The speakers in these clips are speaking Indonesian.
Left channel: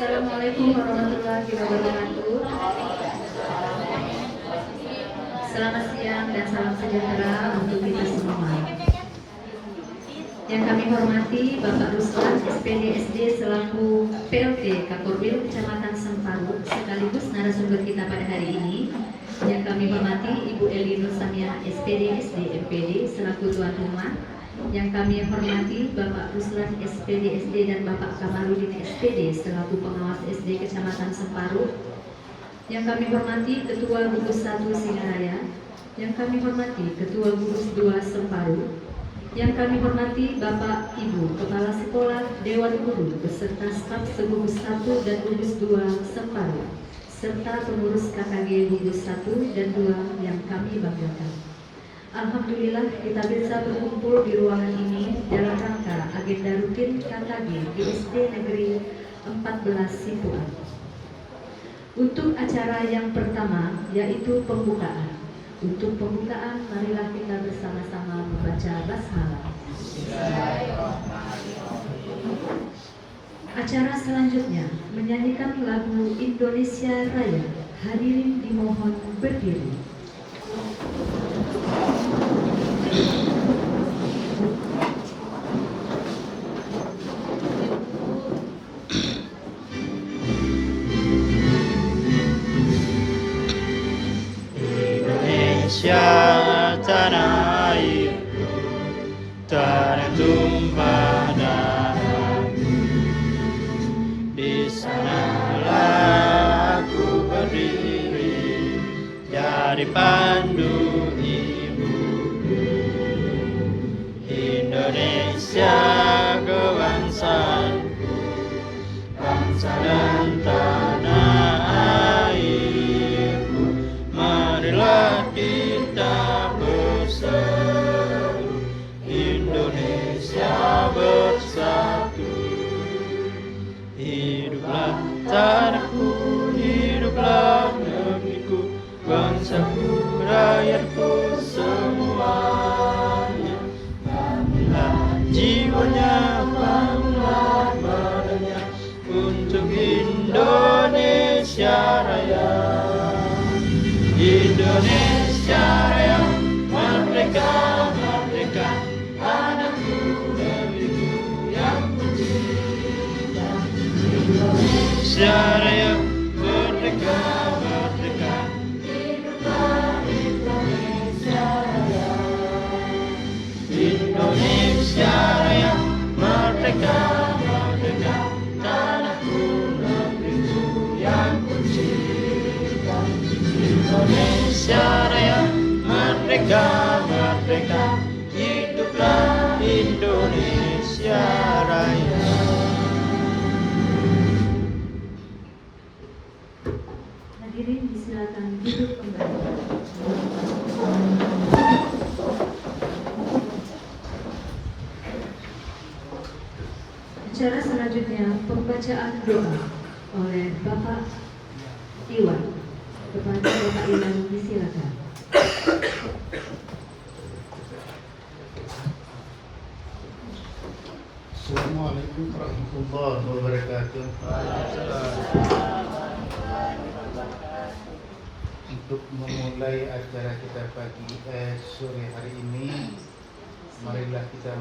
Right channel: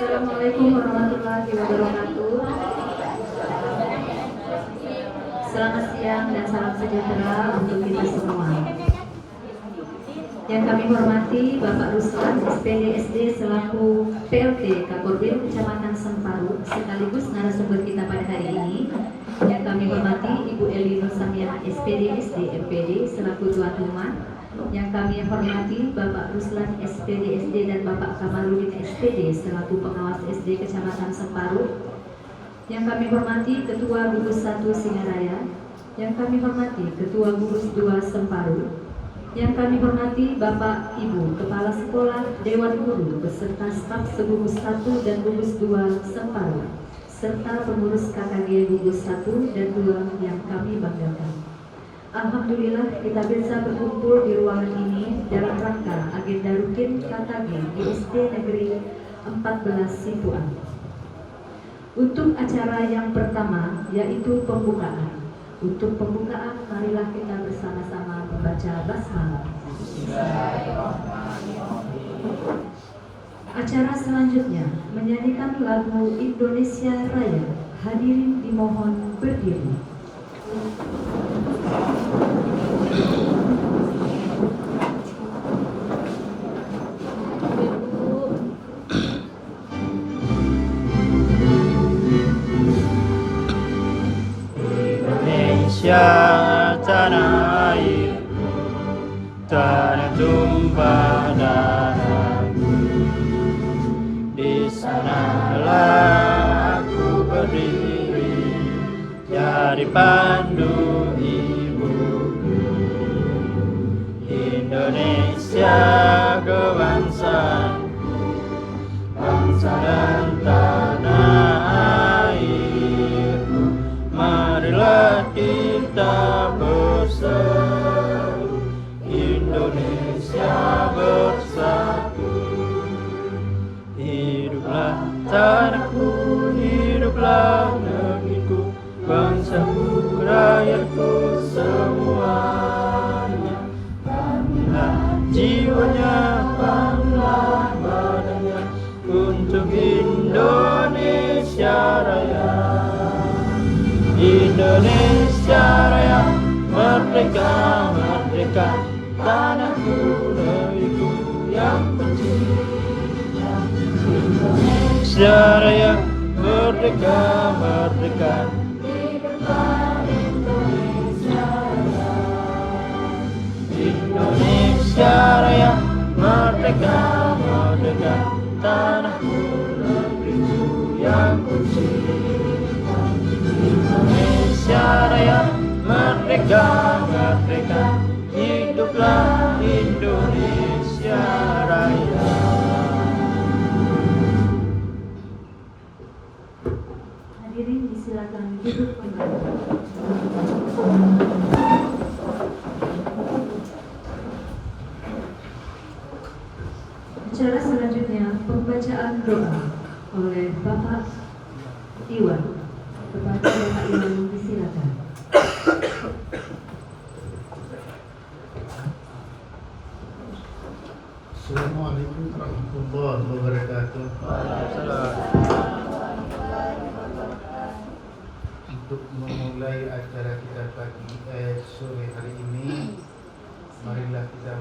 Assalamualaikum warahmatullahi wabarakatuh. Selamat siang dan salam sejahtera untuk kita semua. Yang kami hormati Bapak Ruslan, SPD SD selaku PLT Kakorbin Kecamatan Semparu sekaligus narasumber kita pada hari ini. Yang kami hormati Ibu Eli Nur Samiana SPD SD MPD selaku tuan rumah. Yang kami hormati Bapak Ruslan SPD SD dan Bapak Kamaludin SPD selaku pengawas SD Kecamatan Semparu. Yang kami hormati Ketua Gugus 1 Singaraya. Yang kami hormati Ketua Gugus 2 Semparu. Yang kami hormati Bapak Ibu Kepala Sekolah, Dewan Guru beserta staf segugus 1 dan gugus 2 Semparu serta pengurus KKG gugus 1 dan 2 yang kami banggakan. Alhamdulillah kita bisa berkumpul di ruangan ini dalam rangka agenda rutin KKG di SD Negeri 14 Sipuan. Untuk acara yang pertama yaitu pembukaan. Untuk pembukaan marilah kita bersama-sama membaca basmalah. Acara selanjutnya menyanyikan lagu Indonesia Raya. Hadirin dimohon berdiri. Indonesia tanah airku, tanah tumpah darahku. Di sanalah aku berdiri, jadi pandu ibuku. Indonesia kebangsaanku, bangsa dan tanah airku. Marilah kita bersatu, Indonesia bersatu. Hiduplah tanahku, hiduplah negeriku, bangsaku, rakyatku semuanya. Bangunlah jiwanya, bangunlah badannya untuk Indonesia Raya. Indonesia Raya, merdeka, merdeka, tanahku, negeriku yang tercinta. Indonesia Raya, merdeka, merdeka, hiduplah Indonesia Raya. Indonesia Raya, merdeka, merdeka, tanahku, negeriku yang tercinta. Indonesia Raya, merdeka, merdeka, hiduplah Indonesia Raya. Hadirin disilakan duduk kembali. Acara selanjutnya pembacaan doa oleh Bapak Iwan. Kepada Bapak Iwan disilakan. Assalamualaikum warahmatullahi wabarakatuh. Waalaikumsalam. Untuk memulai acara kita sore hari ini, marilah kita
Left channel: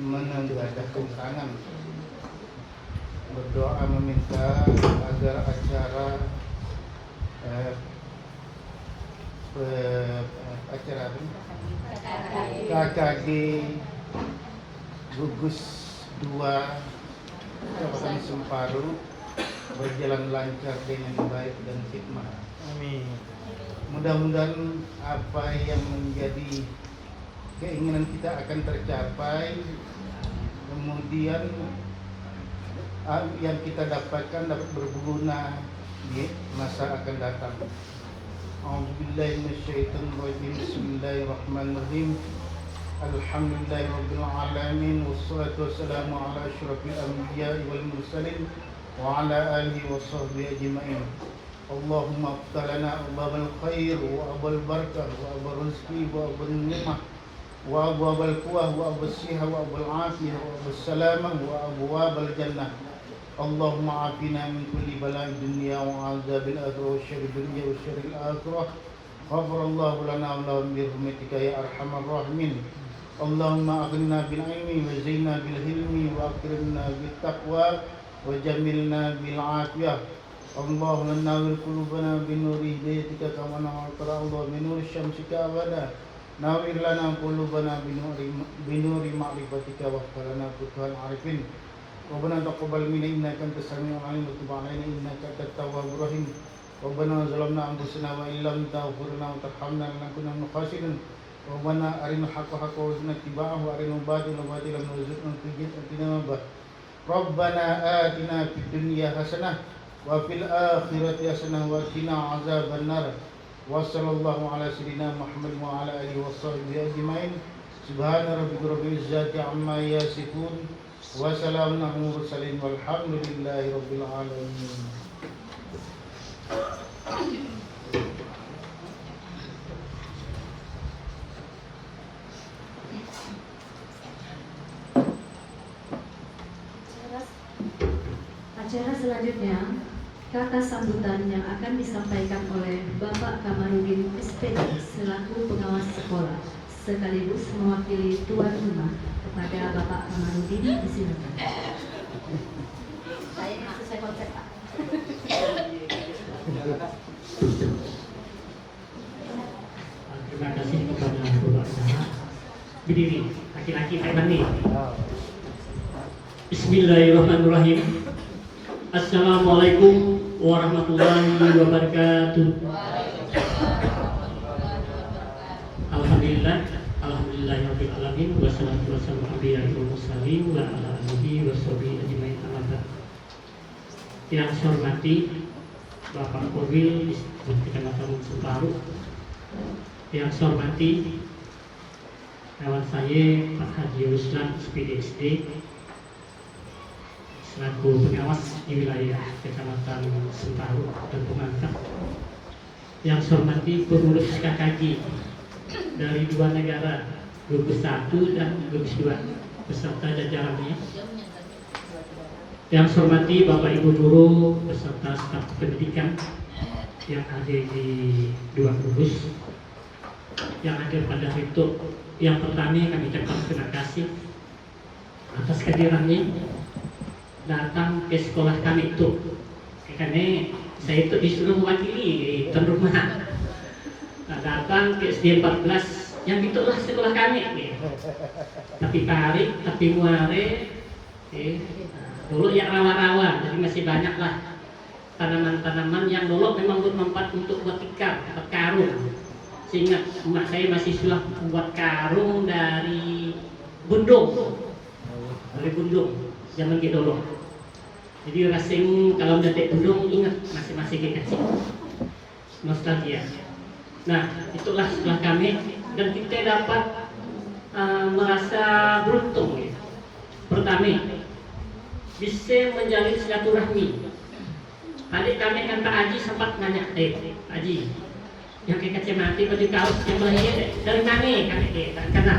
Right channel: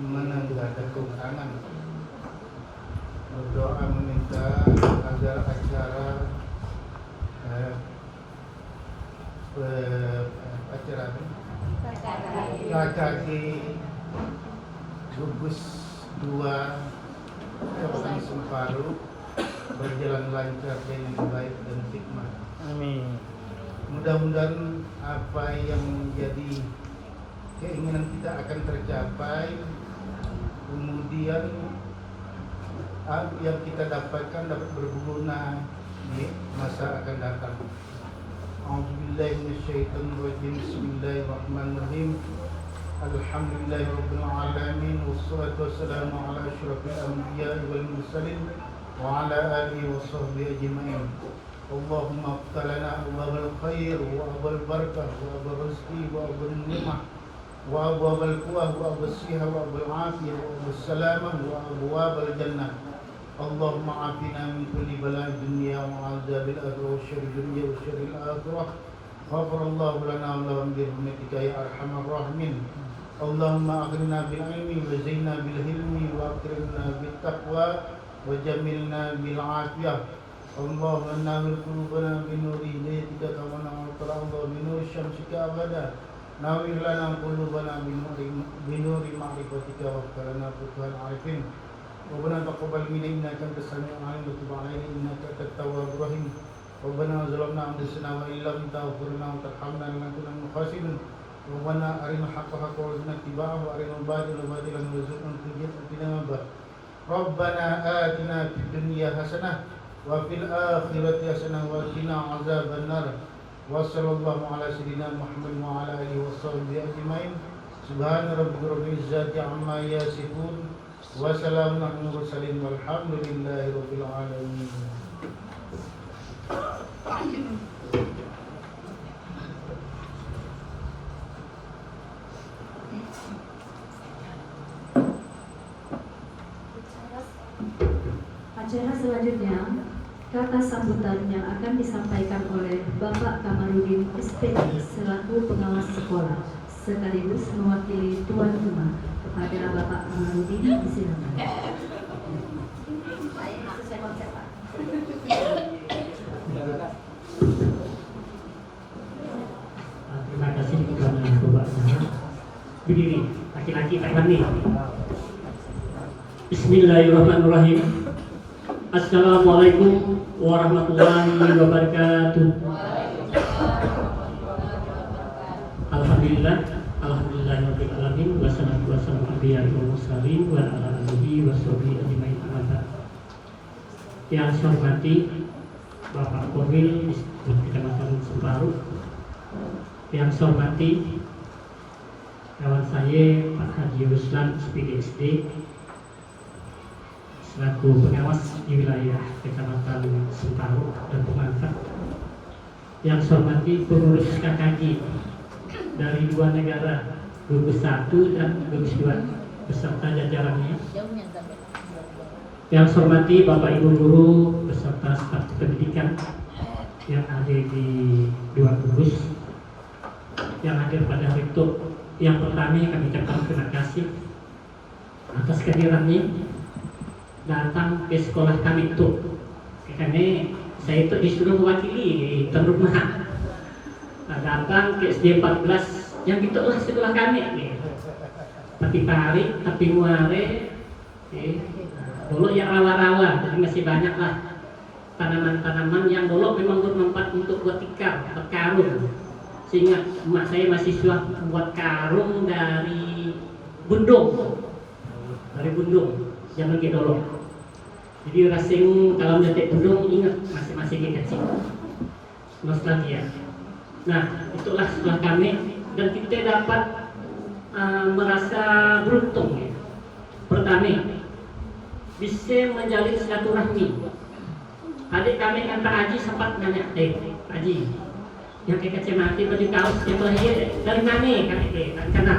mengadakan tangan, berdoa meminta agar acara KKG gugus 2 Kami Semparu berjalan lancar dengan baik dan hikmah. Amin. Mudah-mudahan apa yang menjadi keinginan kita akan tercapai. Kemudian yang kita dapatkan dapat berguna di masa akan datang. A'udzubillahi minasyaitonir rajim. Bismillahirrahmanirrahim. Alhamdulillahirabbil alamin wassalatu wassalamu ala asyrafil anbiya'i wal mursalin wa ala alihi washabbihi ajma'in. Allahumma iftah lana abwabal khair wa abwabal barakah wa abwabal rizqi wa abwabal ni'mah wa abwabal quwwah wa abwabal sihah wa abwabal afiyah wa abwabal salamah wa abwabal jannah. Allahumma afina min kulli bala'i dunya wa azabil akhirah wa syarri dunya wa syarril akhirah. Ghafarallahu lana wa lahum bi rahmatika ya arhamar rahimin. Allahumma aghnina bil ilmi wa zayyinna bil hilmi wa akrimna bit taqwa wa jamilna bil afiyah. Allahumma nawwir qulubana bi nuri hidayatika kama nawwarta Allah bi nuri syamsika abada. Nawwir lana qulubana bi nuri ma'rifatika wa akhlana futuhal arifin. Rabbana taqabbal minna innaka antas samiul alim wa tub 'alaina innaka antat tawwabur rahim. Rabbana zalamna anfusana wa illam taghfir lana wa tarhamna lanakunanna minal khasirin. Rabbana arinal haqqa haqqan warzuqna ittiba'ahu wa arinal batila batilan warzuqna ijtinabah. Rabbana atina fid dunya hasanah wa fil akhirati hasanah wa qina azabannar. Wa sallallahu ala sayyidina Muhammad wa ala alihi washabbihi ajmain. Subhana rabbika rabbil izzati amma yasifun wa salamun alal mursalin walhamdulillahi rabbil alamin. Acara selanjutnya, kata sambutan yang akan disampaikan oleh Bapak Kamarudin SPD selaku pengawas sekolah, sekaligus mewakili tuan rumah. Kepada Bapak Kamarudin, disilakan. Sesuai konsep, Pak. Terima kasih kepada Bapak Sarah. Berdiri, laki-laki Aibani. Bismillahirrahmanirrahim. Assalamualaikum warahmatullahi wabarakatuh. Alhamdulillah, alhamdulillahirabbil alamin wassalatu wassalamu ala mursalin wa ala alihi washabihi ajmain amma ba'd. Yang saya hormati Bapak Korwil Kecamatan Semparu, yang saya hormati kawan saya Pak Haji Ruslan SPD selaku pengawas di wilayah Kecamatan Semparu dan pemantau, yang saya hormati pengurus KKJ dari dua negara, gugus 1 dan gugus 2 beserta jajarannya, yang saya hormati Bapak Ibu guru beserta staf pendidikan yang ada di dua gugus, yang hadir pada hari itu. Yang pertama kami ucapkan terima kasih atas kehadirannya datang ke sekolah kami itu, karena saya itu disuruh mewakili tuan rumah datang ke SD 14 yang itulah sekolah kami. Tapi pari, tapi muare, dulu ya rawa-rawa, jadi masih banyak lah tanaman-tanaman yang dulu memang bermanfaat untuk buat tikar, buat karung. Sehingga emak saya masih suah buat karung dari bundung, zaman kita dulu. Jadi rasing kalau mendetek bundung ingat masih kecil, nostalgia. Nah, itulah setelah kami dan kita dapat merasa beruntung ya. Pertama, bisa menjalin silaturahmi. Tadi kami dengan Pak Haji sempat nanya, Pak Haji, yang kayak kacamata baju kaos yang lahir dari mana kami karena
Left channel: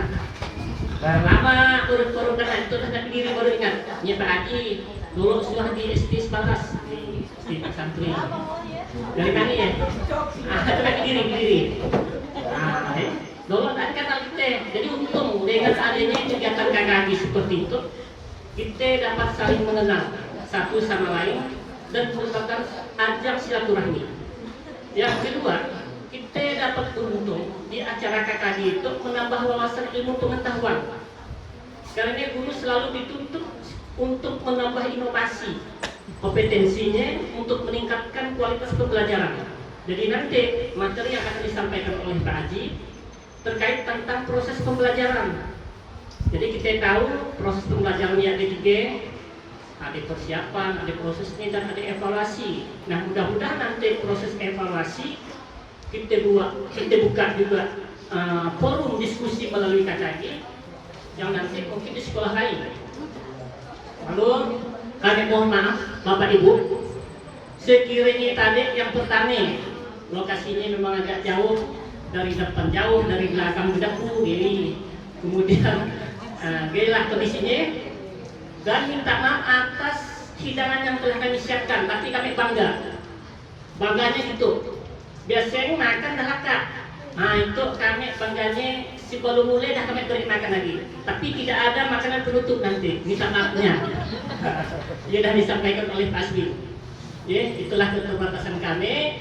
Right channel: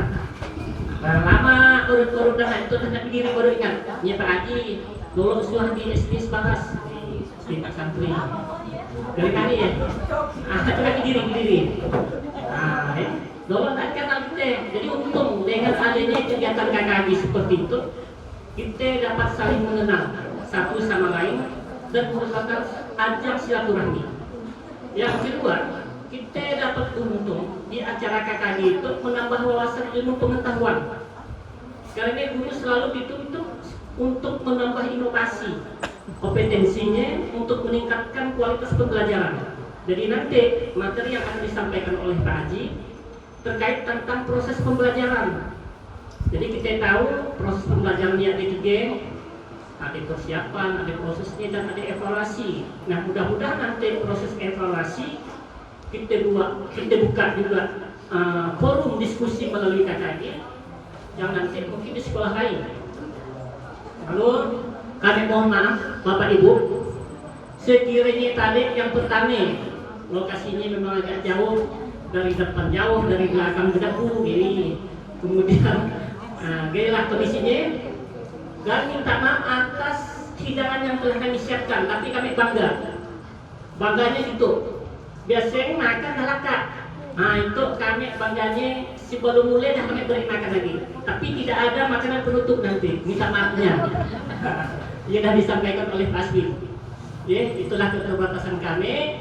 lama urut-urut dah itu dah tapi diri baru ingat. Ya Pak Haji dulu suah di SD Separas di Pak Santri. Dari mana ya? Coba berdiri. Dulu tak kenal kita. Jadi untung dengan adanya kegiatan KKB seperti itu, kita dapat saling mengenal satu sama lain dan merupakan ajang silaturahmi. Yang kedua, kita dapat untung di acara KKB itu menambah wawasan ilmu pengetahuan. Karena guru selalu dituntut untuk menambah inovasi, kompetensinya untuk meningkatkan kualitas pembelajaran. Jadi nanti materi yang akan disampaikan oleh Pak Haji terkait tentang proses pembelajaran. Jadi kita tahu proses pembelajaran yang ada 3, ada persiapan, ada prosesnya, dan ada evaluasi. Nah, mudah-mudahan nanti proses evaluasi kita buka juga forum diskusi melalui KKG yang nanti mungkin di sekolah lain. Lalu kami mohon maaf Bapak Ibu, sekiranya tadi yang pertama lokasinya memang agak jauh, dari depan jauh, dari belakang jauh, gini. Kemudian gailah kondisinya, dan minta maaf atas hidangan yang telah kami siapkan, tapi kami bangganya itu. Biasanya makan dah laka. Nah itu kami bangganya sebelum mulai dah kami beri makan lagi. Tapi tidak ada makanan penutup nanti, minta maafnya. Ia dah disampaikan oleh Pak Asbi. Ya, itulah keterbatasan kami.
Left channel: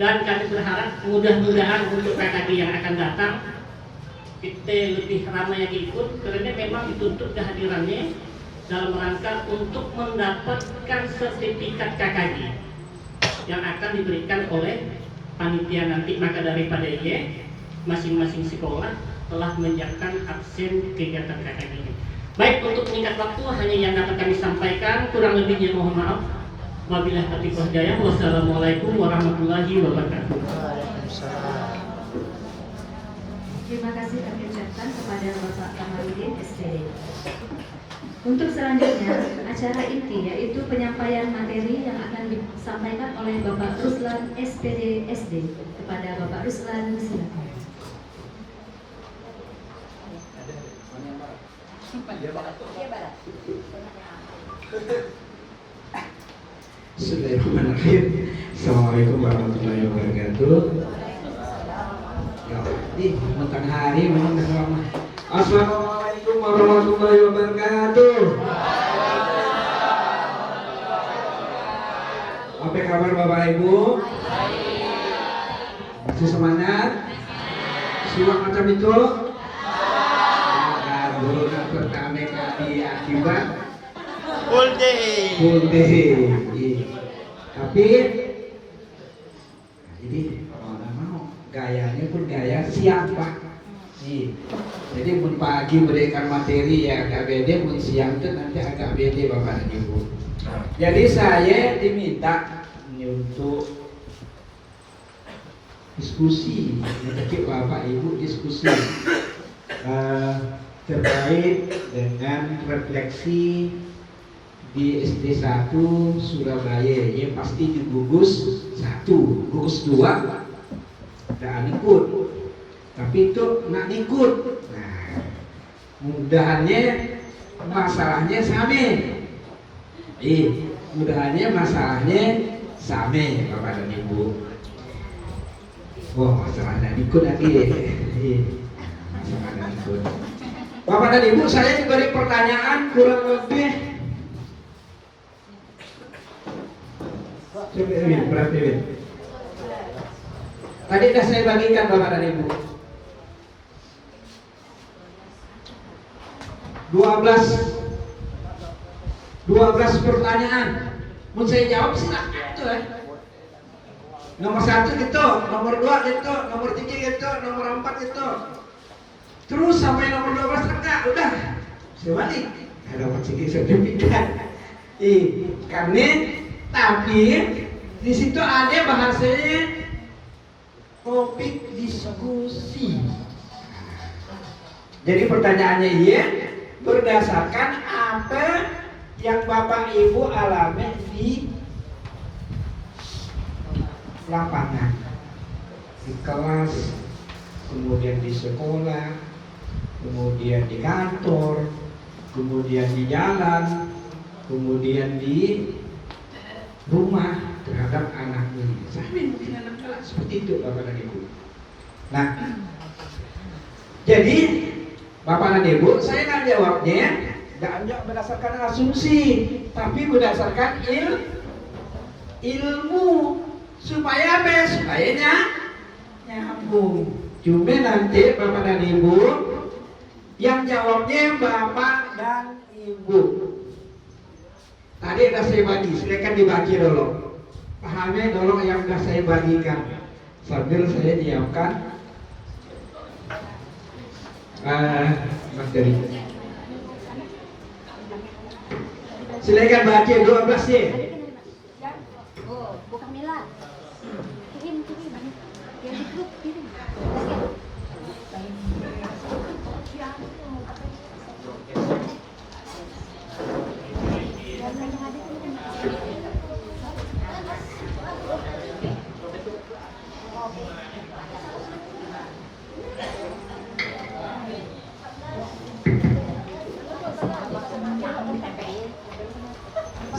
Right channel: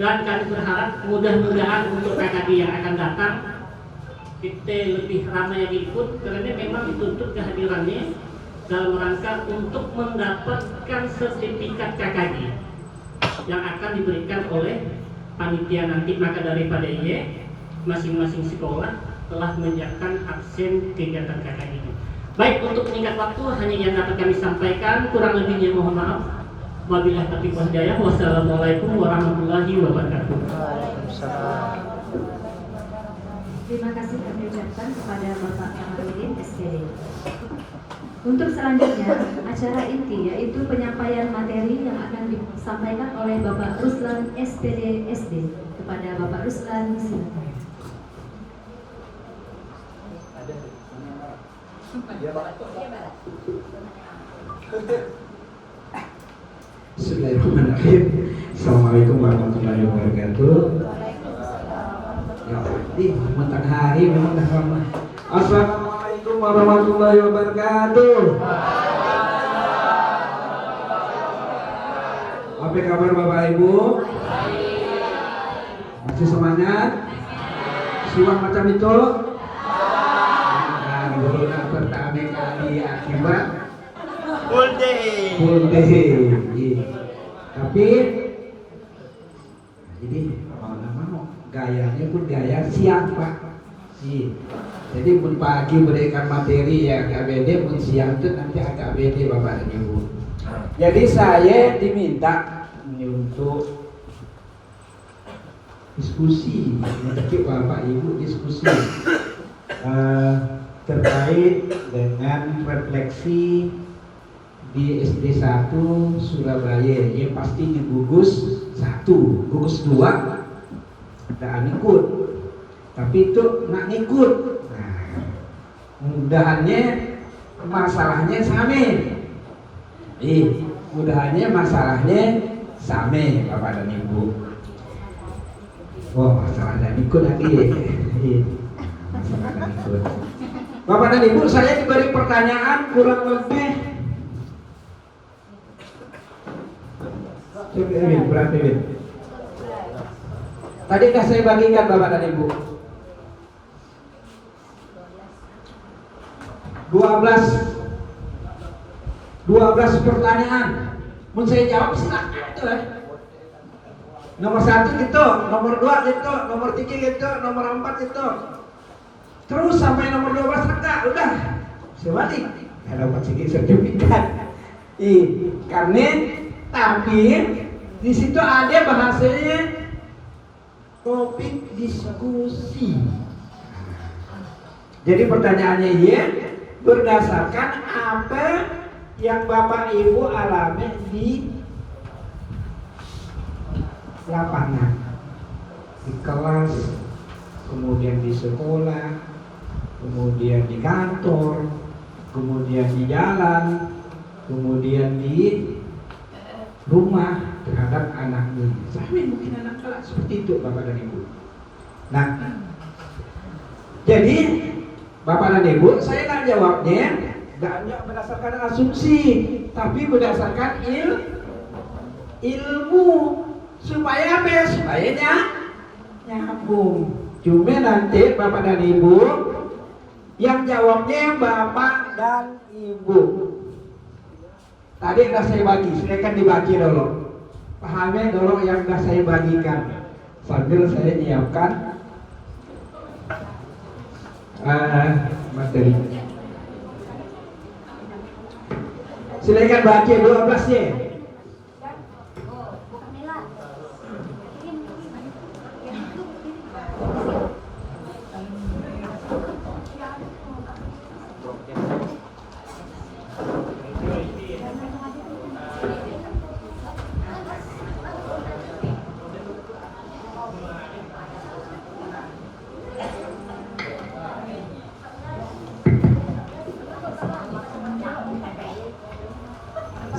Dan kami berharap mudah-mudahan untuk KKD yang akan datang kita lebih ramai lagi ikut, karena memang dituntut kehadirannya dalam rangka untuk mendapatkan sertifikat KKD yang akan diberikan oleh panitia nanti. Maka daripada ia masing-masing sekolah telah menyiapkan absen kegiatan KKD. Baik, untuk meningkat waktu hanya yang dapat kami sampaikan, kurang lebihnya mohon maaf. Wabillahi taufiq wal hidayah. Wassalamualaikum warahmatullahi wabarakatuh. Waalaikumsalam. Terima kasih kami ucapkan kepada Bapak Kamaludin SPD. Untuk selanjutnya, acara inti yaitu penyampaian materi yang akan disampaikan oleh Bapak Ruslan SPD SD. Kepada Bapak Ruslan, silakan. Bismillahirrahmanirrahim. Assalamualaikum warahmatullahi wabarakatuh. Ya, di matahari memang dah lama. Assalamualaikum warahmatullahi wabarakatuh. Apa kabar Bapak Ibu? Masih semangat? Siwak macam itu? Nah, bulan pertama kali akibat Full day. full day. Tapi jadi mau gayanya pun gaya siang Pak. Jadi pun pagi berikan materi yang agak beda, pun siang itu nanti agak beda Bapak dan Ibu. Jadi saya diminta untuk diskusi, mungkin Bapak Ibu diskusi terkait dengan refleksi di SD 1 Surabaya. Yang pasti di gugus 1, gugus 2 tidak ikut, tapi itu nak ikut. Nah, mudahannya masalahnya sama. Mudahannya masalahnya sama Bapak dan Ibu. Oh, masalah dan ikut lagi. Masalah dan ikut. Bapak dan Ibu, saya diberi pertanyaan kurang lebih berarti tadi sudah saya bagikan Bapak dan Ibu 12 pertanyaan. Mau saya jawab silakan. Nomor 1 gitu, nomor 2 gitu, nomor 3 gitu, nomor 4 gitu. Terus sampai nomor 12 enggak, udah. Saya balik. Kalau masih sertifikat. Karena tapi di situ ada bahasanya topik diskusi. Jadi pertanyaannya berdasarkan apa yang Bapak Ibu alami di lapangan, di kelas, kemudian di sekolah, kemudian di kantor, kemudian di jalan, kemudian di rumah terhadap anak ini. Saya mungkin anak kelas seperti itu Bapak dan Ibu. Nah, jadi Bapak dan Ibu, saya akan jawabnya tidak hanya berdasarkan asumsi, tapi berdasarkan ilmu. Supaya apa? Supaya nyambung. Cuma nanti Bapak dan Ibu yang jawabnya Bapak dan Ibu. Tadi udah saya bagi, silakan dibagi dulu. Pahami dulu yang udah saya bagikan. Sambil saya nyiapkan materi. Silakan baca 12-nya.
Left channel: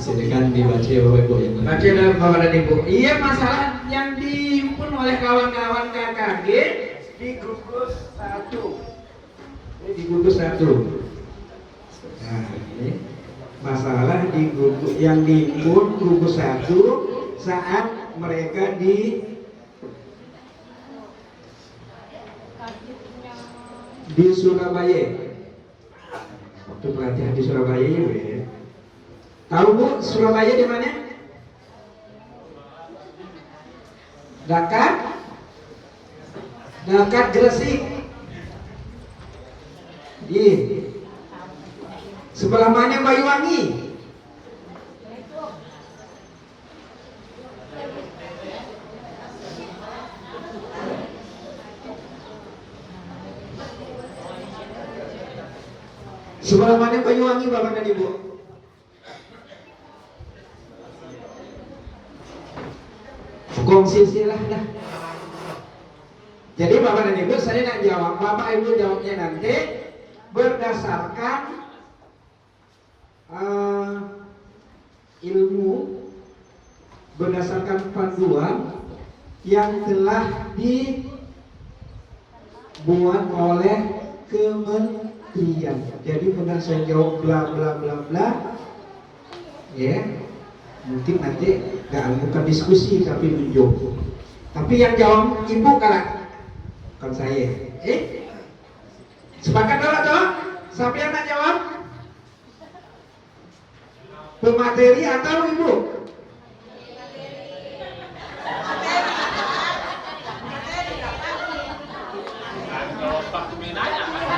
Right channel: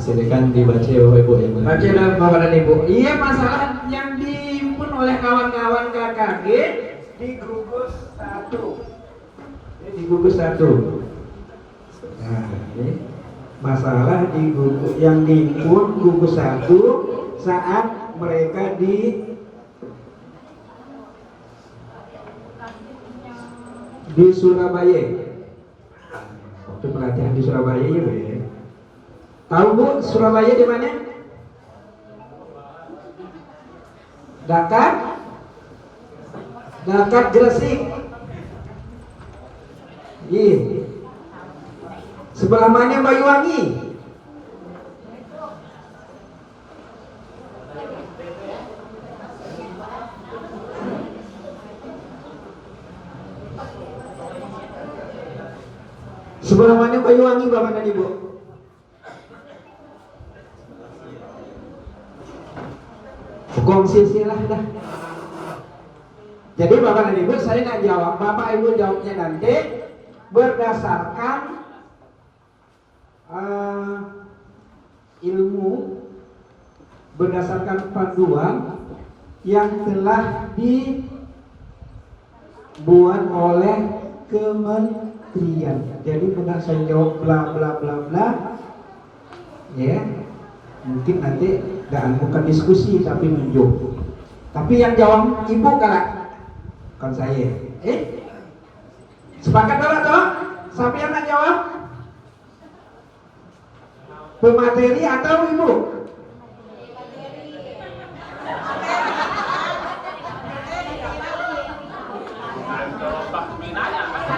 Silakan dibaca Bapak Ibu yang Baca dalam Bapak dan Ibu. Iya, masalah yang dihimpun oleh kawan-kawan KKG di gugus 1. Ini di gugus 1. Nah, ini masalah di gugus yang dihimpun gugus 1 saat mereka di Surabaya. Waktu pelatihan di Surabaya ya, Bu ya. Tahu Bu, Surabaya di mana? Dekat Gresik. Iya. Sebelah mana Banyuwangi? Sebelah mana Banyuwangi Bapak dan Ibu? Kongsi silah dah. Jadi Bapak dan Ibu saya nak jawab, Bapak Ibu jawabnya nanti berdasarkan ilmu, berdasarkan panduan yang telah dibuat oleh kementerian. Jadi benar saya jawab bla bla bla bla, ya. Mungkin nanti bukan diskusi tapi nunjuk. Tapi yang jawab Ibu bukan saya. Sepakat dulu toh? Siapa yang nak jawab? Pemateri atau Ibu?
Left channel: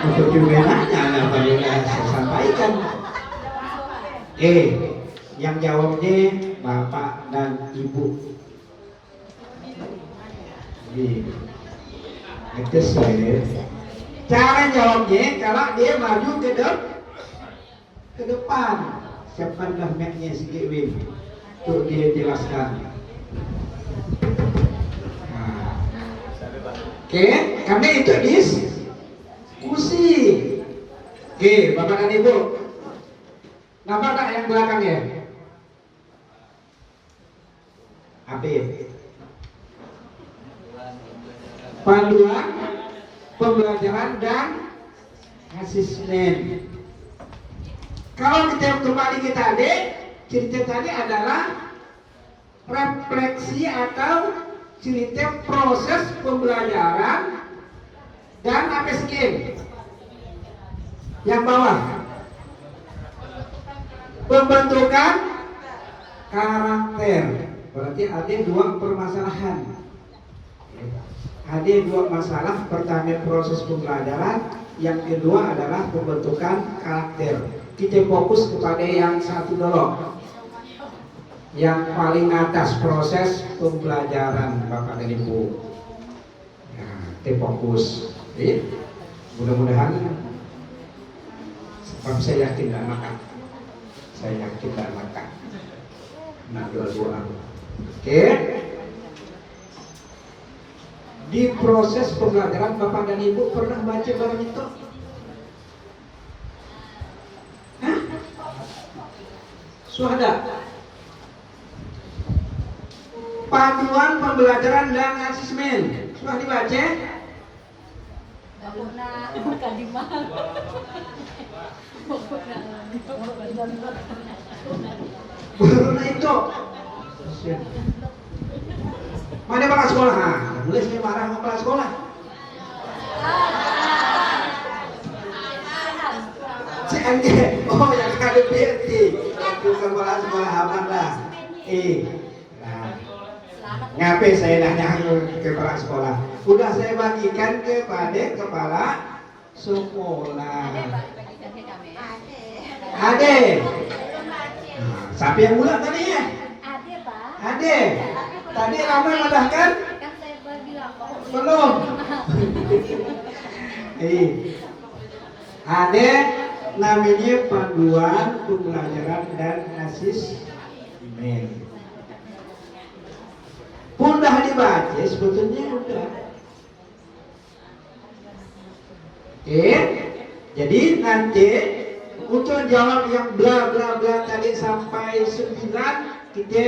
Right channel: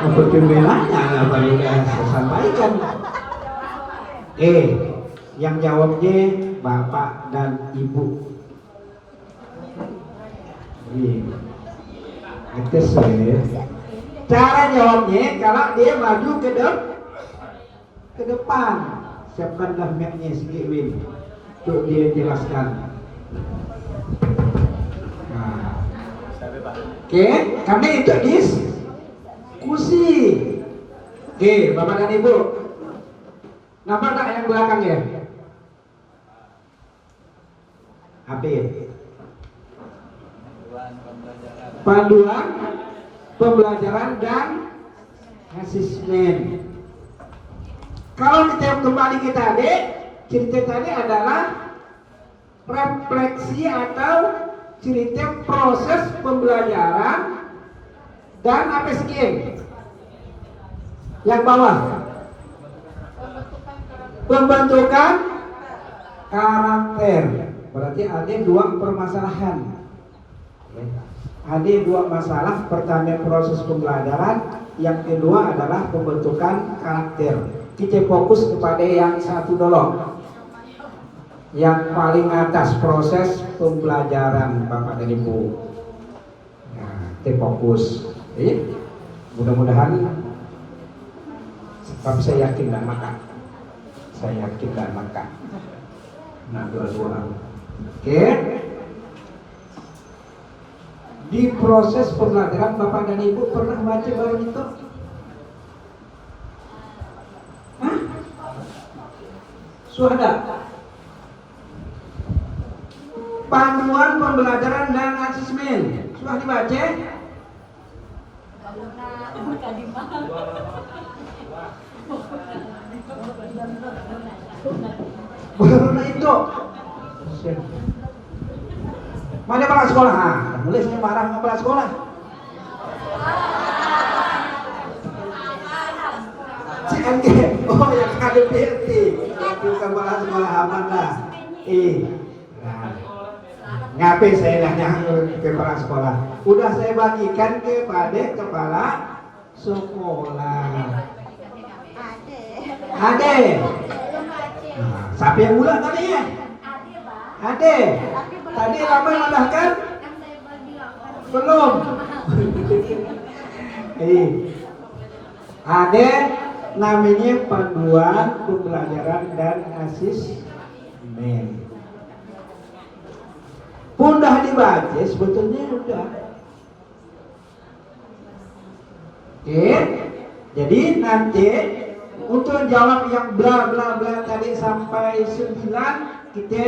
Untuk pembelanya apa yang saya sampaikan? Yang jawabnya Bapak dan Ibu. Itu saya. Cara jawabnya kalau dia maju ke depan, siapkanlah mic-nya sikit Win untuk dia jelaskan. Nah. Oke, kami itu diskusi. Bapak dan Ibu, nampak tak yang belakangnya? Panduan pembelajaran dan asesmen. Kalau kita kembali ke tadi, cerita tadi adalah refleksi atau cerita proses pembelajaran dan APSG. Yang bawah pembentukan karakter. Berarti ada dua permasalahan. Ada dua masalah. Pertama proses pembelajaran, yang kedua adalah pembentukan karakter. Kita fokus kepada yang satu dulu, yang paling atas, proses pembelajaran Bapak dan Ibu. Nah, kita fokus. Mudah-mudahan, sebab saya yakin dan maka. Nah, dua-dua. Oke. Di proses pembelajaran Bapak dan Ibu pernah baca barang itu? Hah? Sudah. Panduan pembelajaran dan asesmen sudah dibaca? Baru itu. Mana para sekolah? Mulai saya marah sama para sekolah. MG. Oh yang ada BT. Itu sekolah aman lah. Nah, ngapain saya nanya ke kepala sekolah? Udah saya bagikan kepada kepala sekolah. Ade. Nah, siapa yang ulang tadi ya? Ade. Tadi lama malah kan? Belum. Ade namanya panduan pembelajaran dan asesmen. Mudah dibaca sebetulnya udah. Jadi nanti untuk jawab yang bla bla bla tadi sampai 9 kita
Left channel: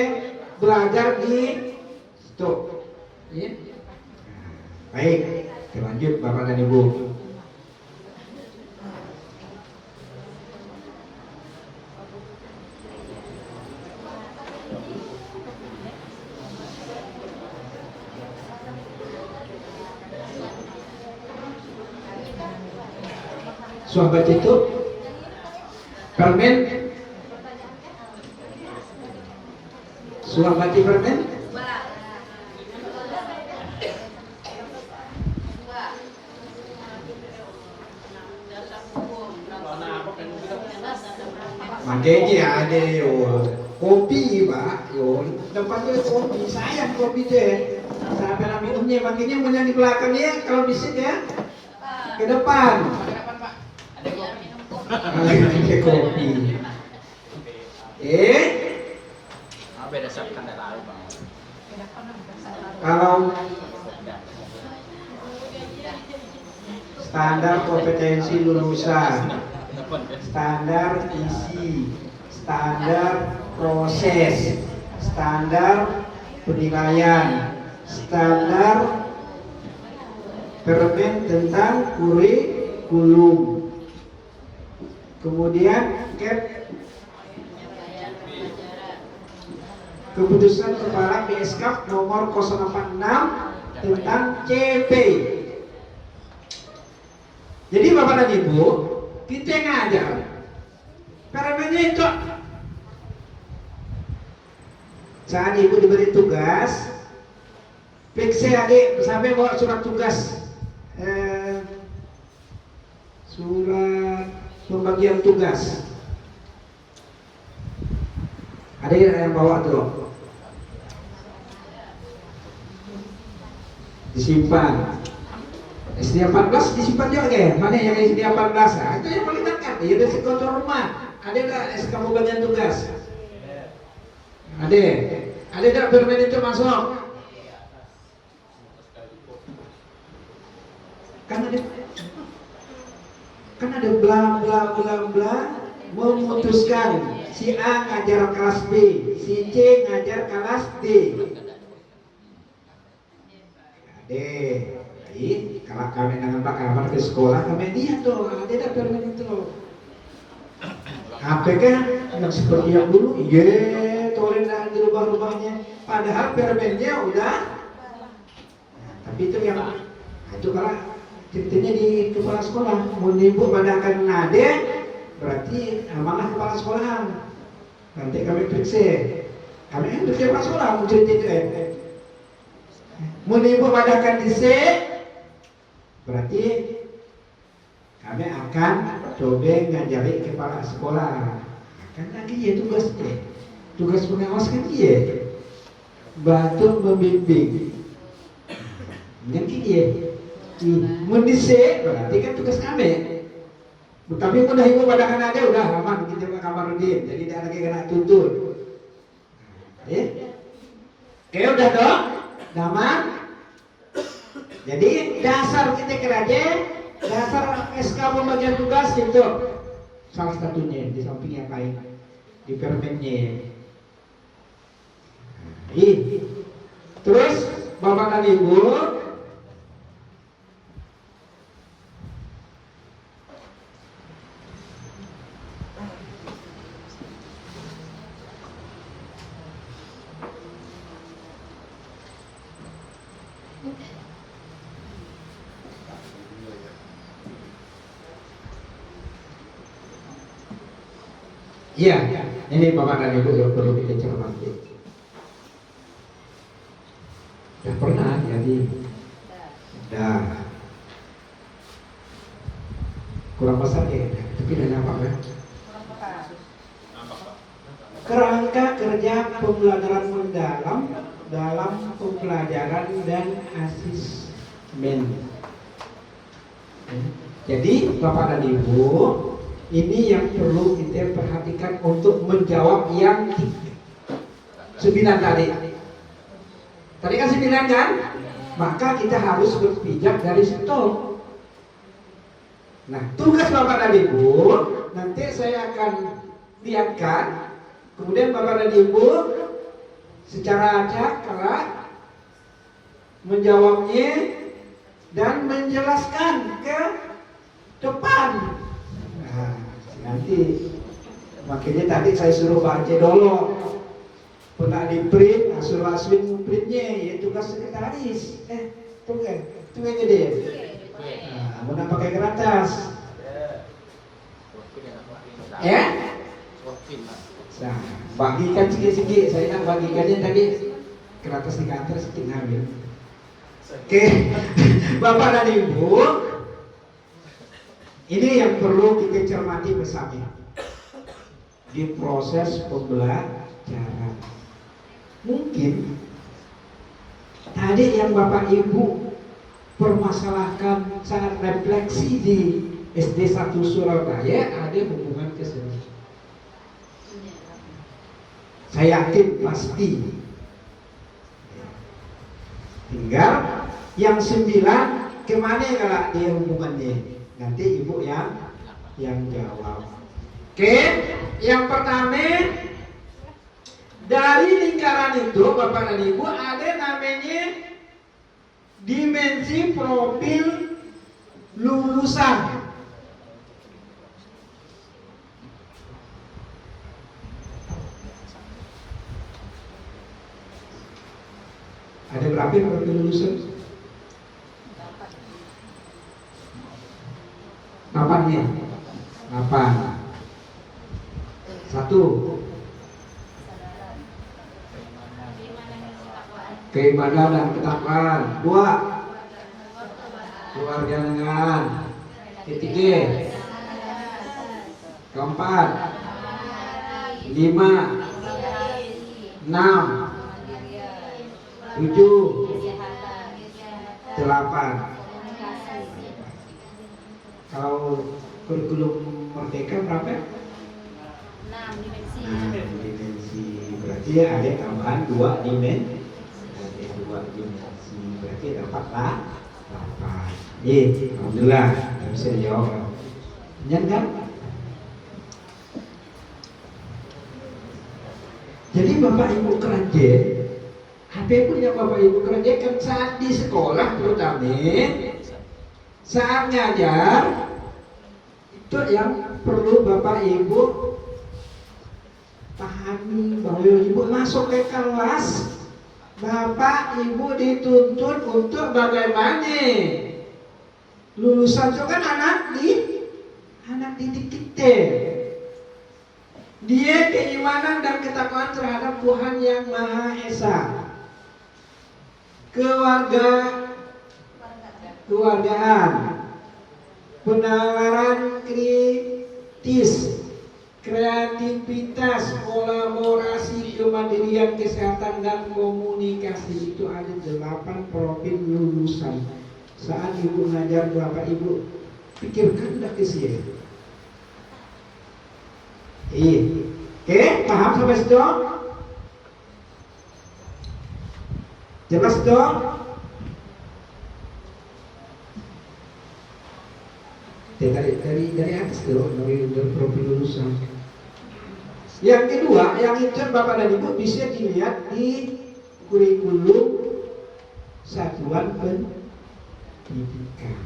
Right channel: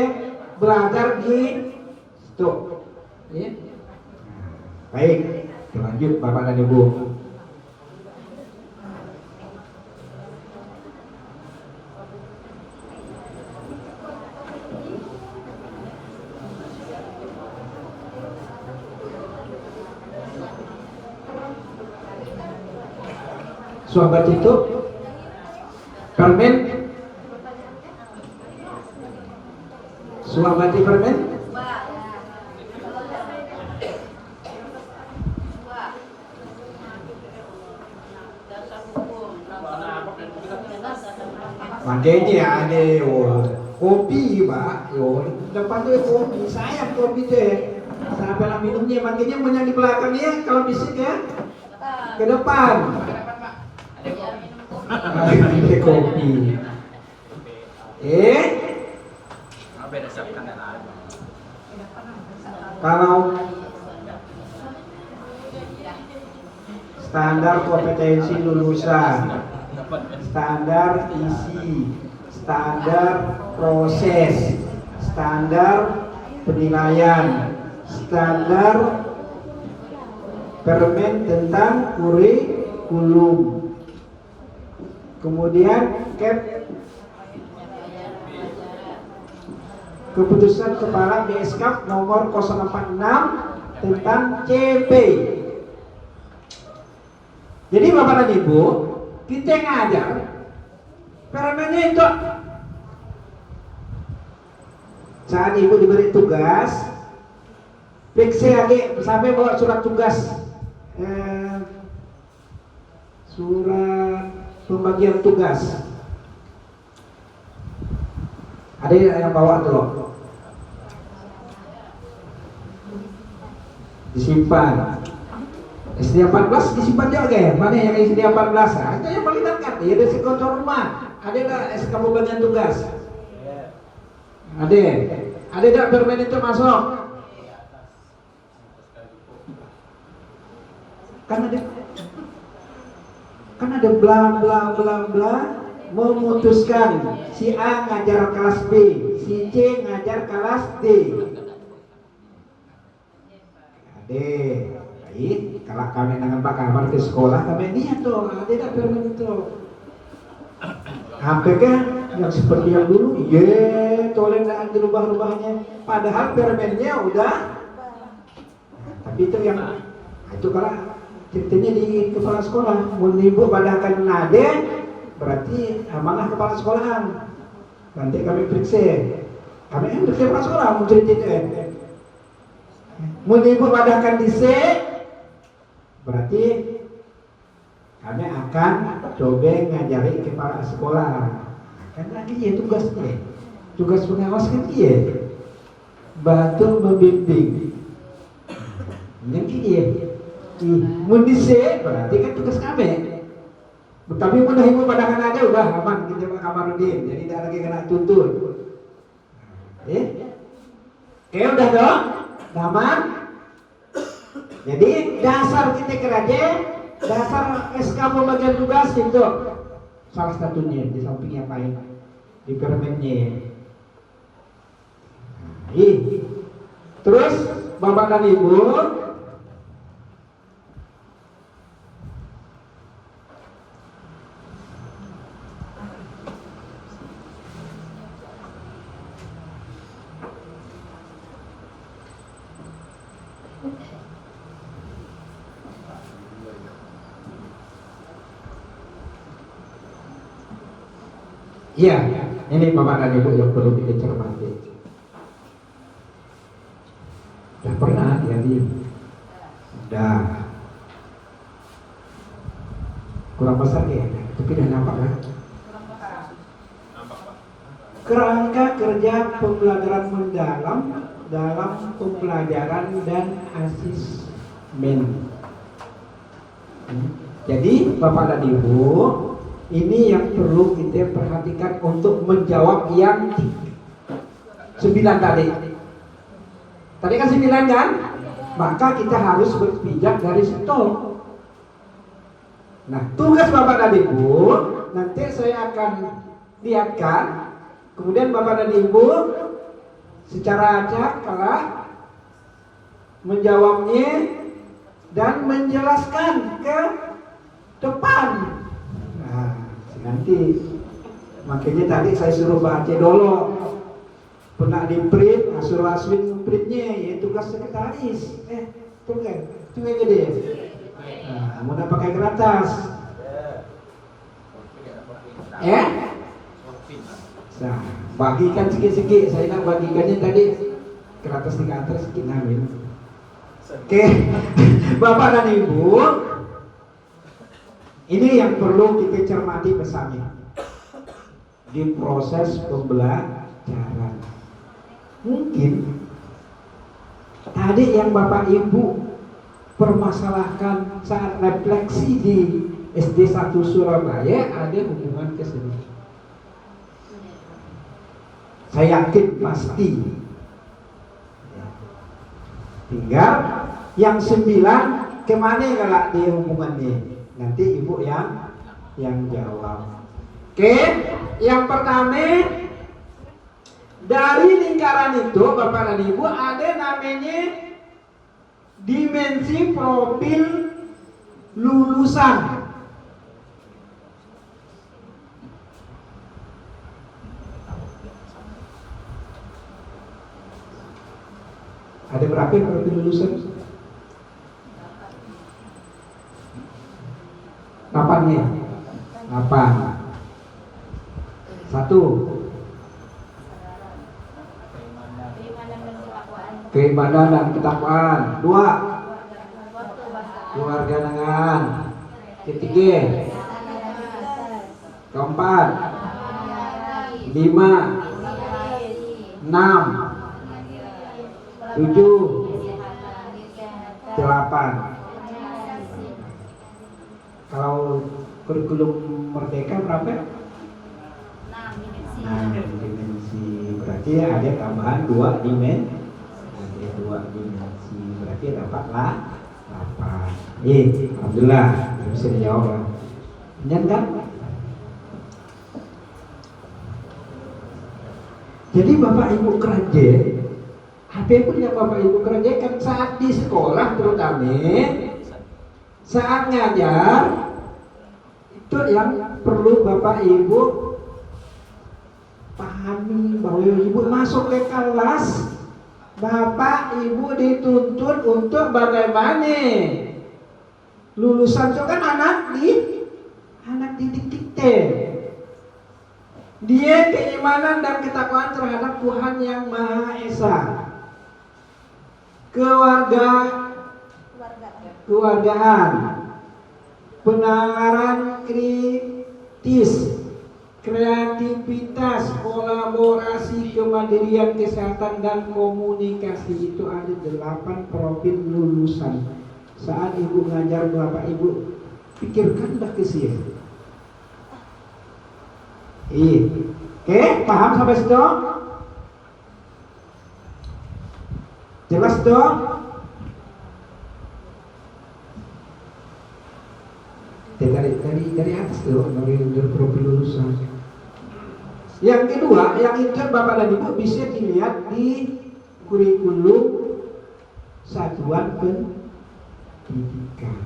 belajar di situ. Baik, kita lanjut Bapak dan Ibu. Sahabat itu permen, sahabat permen, makanya ada kopi Pak, tempat itu kopi, sayang kopi deh. Saya bilang minumnya, makanya mau yang di belakang ya, kalau bisa ya ke depan. Ada kopi. Kalau standar kompetensi lulusan, standar isi, standar proses, standar penilaian, standar permen tentang kurikulum. Kemudian keputusan kepala BSK nomor 046 tentang CP. Jadi Bapak dan Ibu, kita ngajar permennya itu. Saat Ibu diberi tugas, periksa adik sampai bawa surat tugas, surat pembagian tugas. Ada yang bawa tuh, disimpan. SD 14 disimpan juga ya? Mana yang SD 14? Itu yang paling dekat. Ya dari sekolah rumah. Ada nggak SK pembagian tugas? Ada nggak permen itu masuk? Kan ada bla bla bla bla memutuskan si A ngajar kelas B, si C ngajar kelas D. Baik, kalau kami dengan Pak Kamar ke sekolah kami lihat tuh, ada permen itu. Apakah yang seperti yang dulu? Iya, toleran dirubah-rubahnya. Padahal permennya udah. Tapi itu yang itu karena ceritanya di kepala sekolah. Mau ibu pada akan nade, berarti amanah kepala sekolahan. Nanti kami periksa. Kami kan periksa kepala sekolah mau cerita itu. Mau ibu pada akan di C, berarti kami akan coba ngajari kepala sekolah. Kan lagi ya tugasnya, tugas pengawas kan dia bantu membimbing. Yang dia mundise berarti kan tugas kami. Tapi mudah ibu pada kan ada udah aman kita Pak Kamarudin, jadi tidak lagi kena tuntut. Oke udah dong, aman. Jadi dasar kita kerja, dasar SK pembagian tugas itu salah satunya di samping yang lain di permennya. Terus Bapak dan Ibu, Iya, ini Bapak dan Ibu yang perlu kita cermati. Udah pernah jadi, udah kurang besar ya, tapi udah nampak kan? Kerangka kerja pembelajaran mendalam dalam pembelajaran dan asesmen. Jadi Bapak dan Ibu, ini yang perlu kita perhatikan untuk menjawab yang 9 tadi. Tadi kan 9 kan? Maka kita harus berpijak dari situ. Nah, tugas Bapak dan Ibu nanti saya akan lihatkan. Kemudian Bapak dan Ibu secara acak menjawabnya dan menjelaskan ke depan. Nah, nanti makanya tadi saya suruh baca dulu. Pernah di print, suruh asli printnya, ya tugas sekretaris. Tunggu aja deh. Nah, mudah pakai kertas. Ya? Nah, bagikan sikit-sikit. Saya nak bagikannya tadi kertas di kantor sedikit ngambil. Oke, Bapak dan Ibu, ini yang perlu kita cermati bersama di proses pembelajaran. Mungkin tadi yang Bapak Ibu permasalahkan saat refleksi di SD 1 Surabaya ada hubungan ke sini. Saya yakin pasti. Tinggal yang 9 kemana kalau dia hubungannya? Nanti Ibu yang jawab. Oke, yang pertama dari lingkaran itu Bapak dan Ibu ada namanya dimensi profil lulusan. Ada berapa profil lulusan? 8 ya? 8. 1. Keimanan dan ketakwaan. 2. Kewarganegaraan. 3. 4. 5. 6. 7. 8. Kalau kurikulum merdeka berapa? 6 dimensi. Berarti ada tambahan 2 dimensi. Ada 2 dimensi. Berarti dapatlah 8. Alhamdulillah bisa dijawab. Benar kan? Jadi Bapak Ibu kerja, apa pun yang Bapak Ibu kerjakan saat di sekolah terutama saat ngajar, itu yang perlu Bapak Ibu pahami bahwa Ibu masuk ke kelas, Bapak Ibu dituntut untuk bagaimana lulusan itu kan anak didik kita. Dia keimanan dan ketakwaan terhadap Tuhan yang Maha Esa, kewargaan, penalaran kritis, kreativitas, kolaborasi, kemandirian, kesehatan, dan komunikasi. Itu ada 8 profil lulusan. Saat Ibu ngajar Bapak Ibu, pikirkanlah ke sini. Oke, paham sampai situ? Jelas dong? Dari atas dulu, dari profil lulusan. Yang kedua, yang itu Bapak dan Ibu bisa dilihat di kurikulum satuan pendidikan.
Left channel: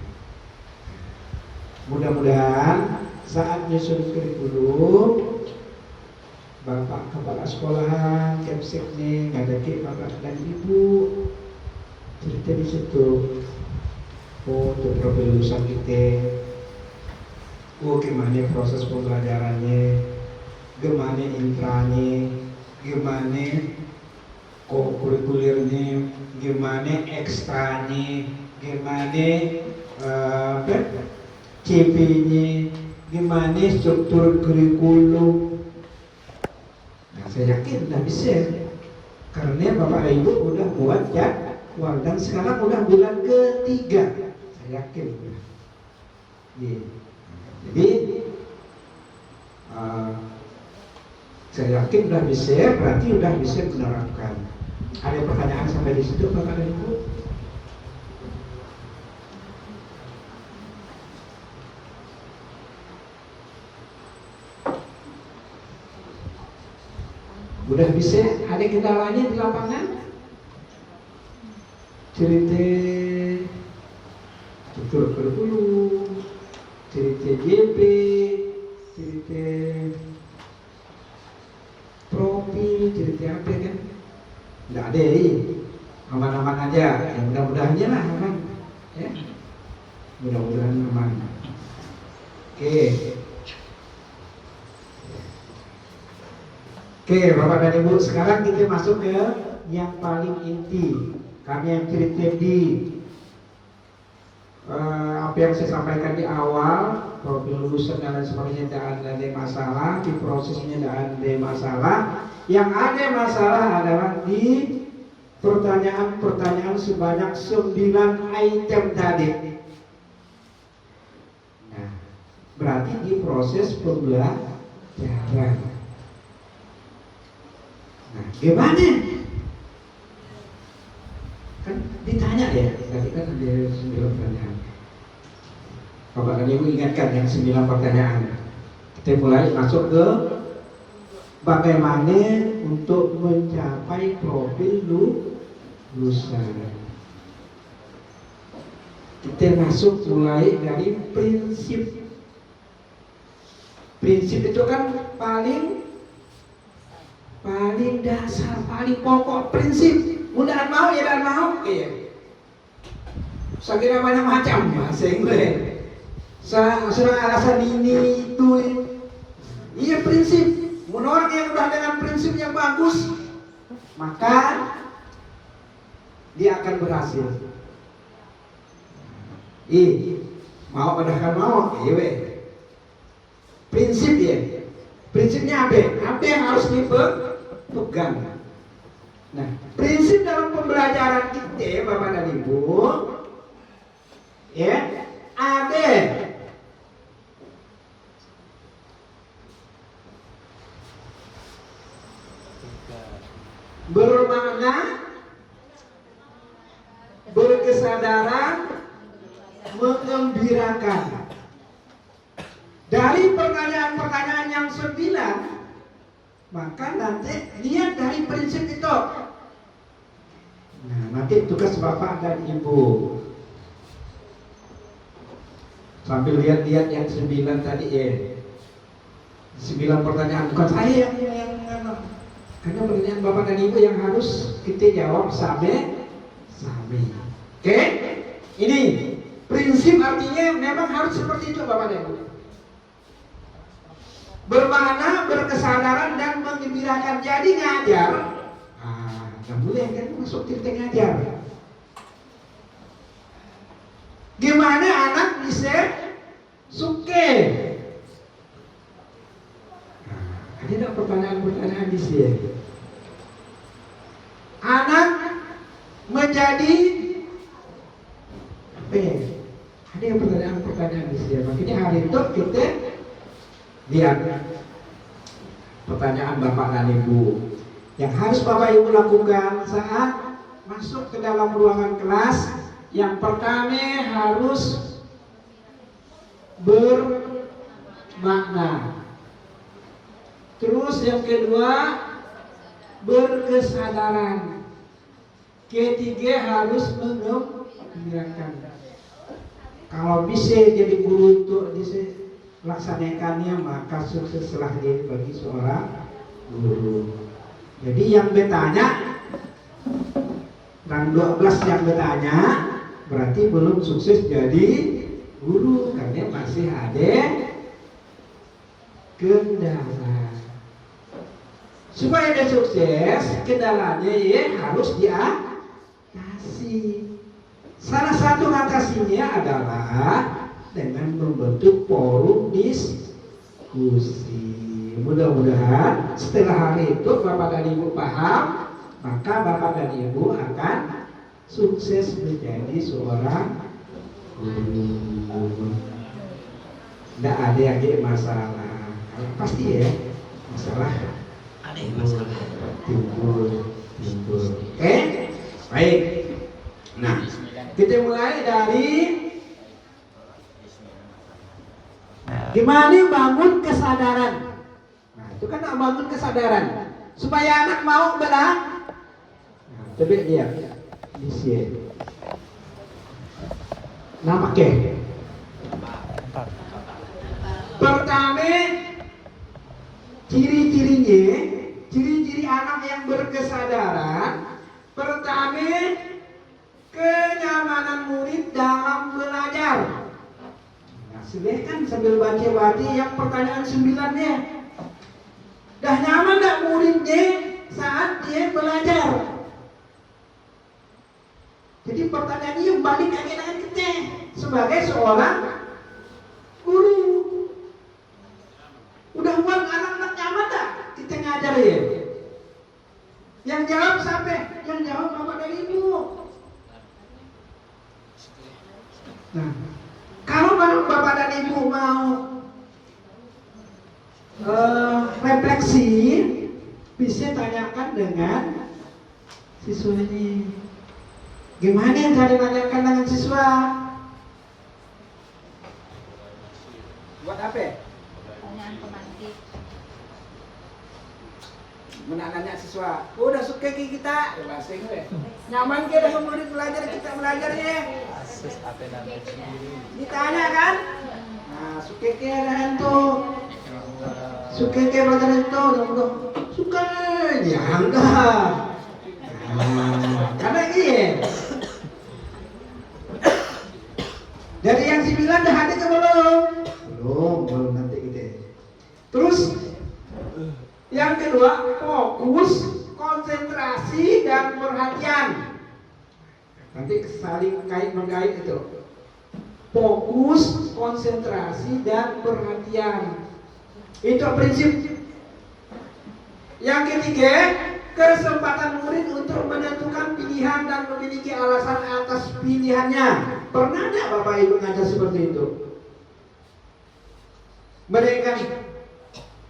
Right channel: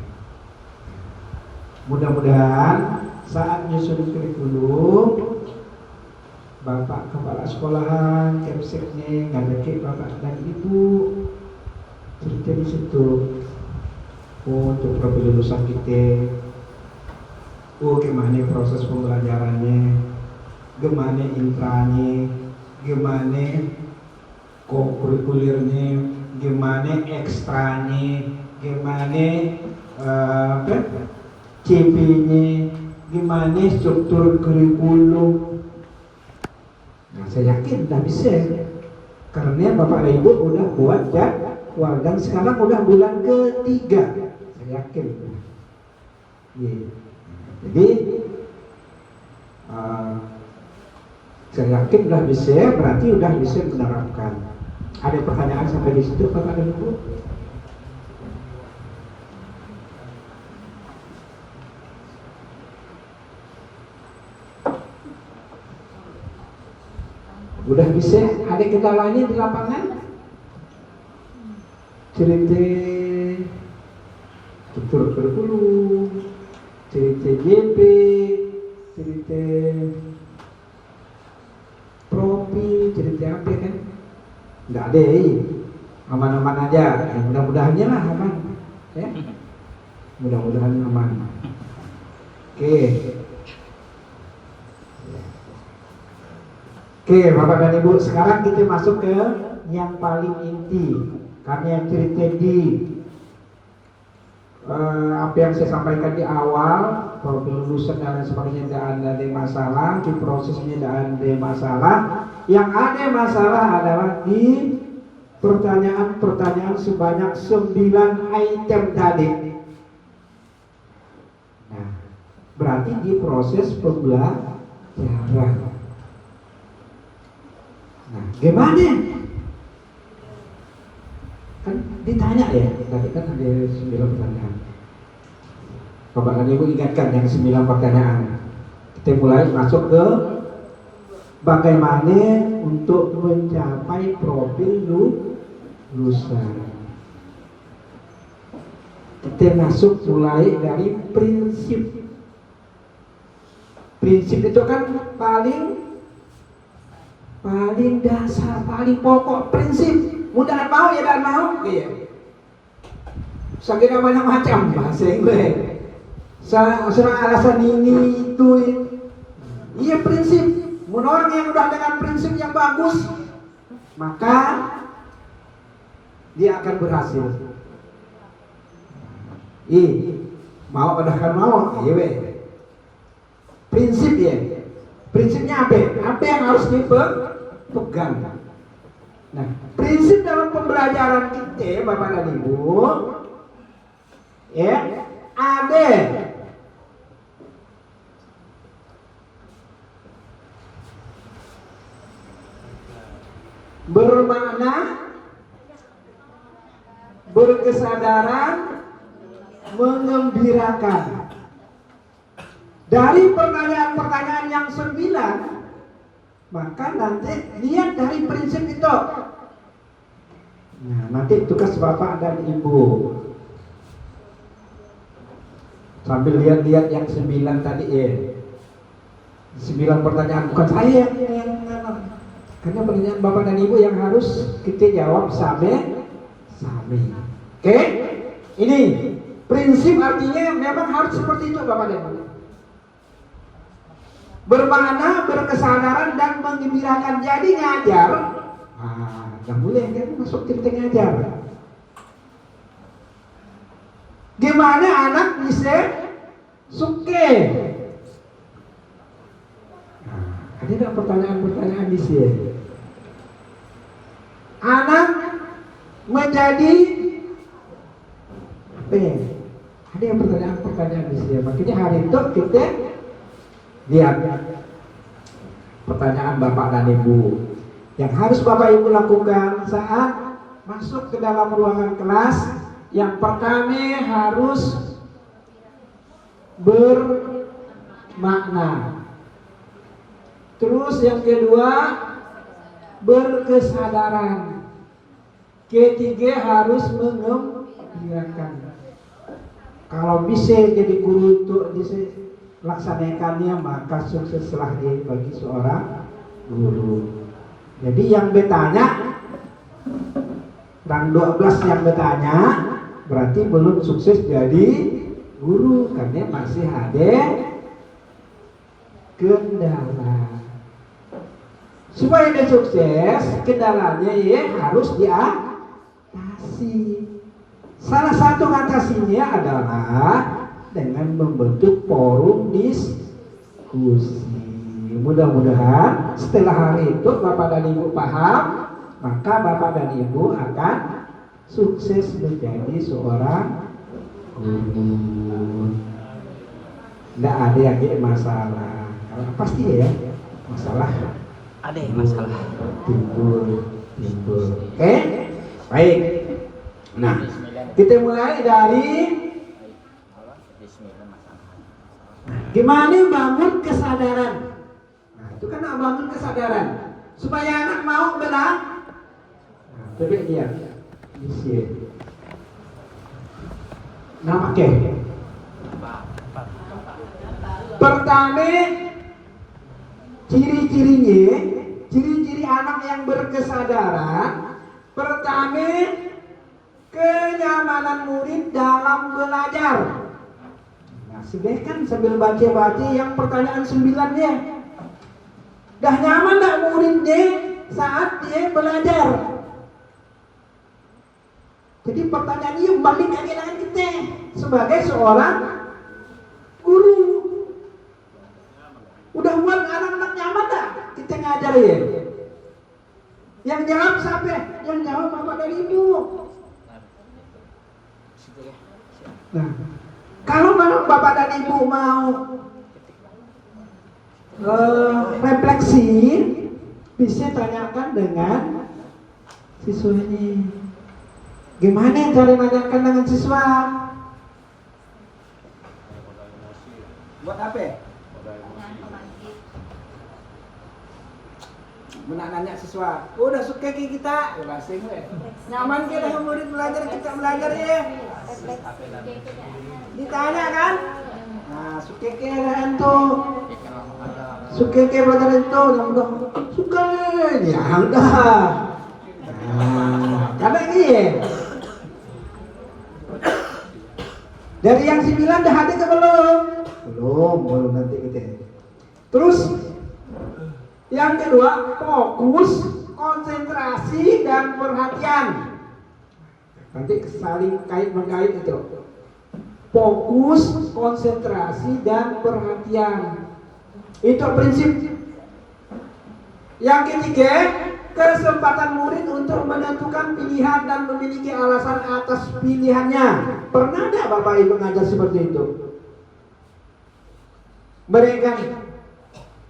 Mudah-mudahan saat nyusun kurikulum, Bapak Kepala Sekolahan, Kemseknya, ngajakin Bapak dan Ibu cerita di situ. Untuk profil lulusan kita, gimana proses pembelajarannya, gimana intranya, gimana kurikulernya, gimana ekstranya, gimana CP-nya, gimana struktur kurikulum. Nah, saya yakin udah bisa, karena Bapak dan Ibu udah buat jadwal dan sekarang udah bulan ketiga, saya yakin. Jadi saya yakin udah bisa, berarti udah bisa menerapkan. Ada pertanyaan sampai di situ, Bapak dan Ibu? Udah bisa, ada kendalanya di lapangan? Cerita struktur kurikulum, cerita JP, cerita profil, cerita apa kan? Nggak ada, aman-aman aja. Ya mudah-mudahannya lah aman, ya. Mudah-mudahan aman. Oke, Bapak dan Ibu, sekarang kita masuk ke yang paling inti. Kami yang cerita di apa yang saya sampaikan di awal, lulusan dan lain sebagainya tidak ada masalah, di prosesnya tidak ada masalah. Yang ada masalah adalah di pertanyaan-pertanyaan sebanyak 9 item tadi. Nah, berarti di proses pembelajaran. Nah, gimana? Kan ditanya ya, tadi kan ada 9 pertanyaan. Bapak dan Ibu ingatkan yang 9 pertanyaan. Kita mulai masuk ke bagaimana untuk mencapai profil lulusan. Kita masuk mulai dari prinsip. Prinsip itu kan paling dasar, paling pokok prinsip. Udah mau ya dan mau, iya. Sakitnya banyak macam bahasa Inggris. Serang alasan ini itu. Iya prinsip. Orang yang udah dengan prinsip yang bagus, maka dia akan berhasil. Mau udah kan mau, iya. Prinsip ya. Prinsipnya apa? Apa yang harus dipegang? Nah, prinsip dalam pembelajaran kita, Bapak dan Ibu, ya, ada bermakna, berkesadaran, mengembirakan. Dari pertanyaan-pertanyaan yang 9, maka nanti lihat dari prinsip itu. Nah, nanti tugas Bapak dan Ibu sambil lihat-lihat yang 9 tadi ya. 9 pertanyaan, bukan saya yang karena pertanyaan Bapak dan Ibu yang harus kita jawab same. Oke? Ini prinsip artinya memang harus seperti itu Bapak dan Ibu. Bermakna, berkesadaran dan menggembirakan. Jadi ngajar, nggak boleh kan masuk titik ngajar. Gimana anak bisa suke? Ada nggak pertanyaan-pertanyaan di sini? Anak menjadi ada yang pertanyaan-pertanyaan di sini. Makanya hari itu kita lihat pertanyaan Bapak dan Ibu yang harus Bapak Ibu lakukan saat masuk ke dalam ruangan kelas. Yang pertama harus bermakna. Terus yang kedua berkesadaran. Ketiga harus mengembirakan. Kalau bisa jadi guru untuk laksanakannya, maka sukseslah dia bagi seorang guru. Jadi yang bertanya, dan 12 yang bertanya berarti belum sukses jadi guru karena masih ada kendala. Supaya dia sukses, kendalanya ya harus diatasi. Salah satu atasinya adalah dengan membentuk forum diskusi. Mudah-mudahan setelah hari itu Bapak dan Ibu paham, maka Bapak dan Ibu akan sukses menjadi seorang guru. Tidak ada yang jadi masalah, karena pasti ya masalah. Ada masalah. Timbul. Oke, baik. Nah, kita mulai dari gimana bangun kesadaran. Nah, itu kan bangun kesadaran supaya anak mau benar. Coba dia di sini. Nampak ke? Pertama, ciri-ciri anak yang berkesadaran. Pertama, kenyamanan murid dalam belajar. Nah, sudah kan sambil baca-baca yang pertanyaan 9-nya. Dah nyaman tak muridnya saat dia belajar? Jadi pertanyaan ini balik lagi dengan kita sebagai seorang guru. Udah buat anak-anak nyaman tak kita ngajar ya? Yang jawab siapa? Yang jawab Bapak dan Ibu. Nah, kalau Bapak dan Ibu mau refleksi, bisa tanyakan dengan siswa ini. Gimana cara nanyakan dengan siswa? Buat apa? Menanya siswa, udah suka ke kita? Ya bahasa Inggris. Nyaman ke dah murid belajar, kita belajar ya? Ditanya kan? Nah, suka ke dah tu? Suka ke belajar itu? Suka, ya udah. Karena ini dari yang 9 dah ada ke belum? Belum nanti kita. Terus yang kedua, fokus, konsentrasi dan perhatian. Nanti saling kait mengkait itu. Fokus, konsentrasi dan perhatian. Itu prinsip. Yang ketiga, kesempatan murid untuk menentukan pilihan dan memiliki alasan atas pilihannya. Pernah tidak Bapak Ibu ngajar seperti itu? Mereka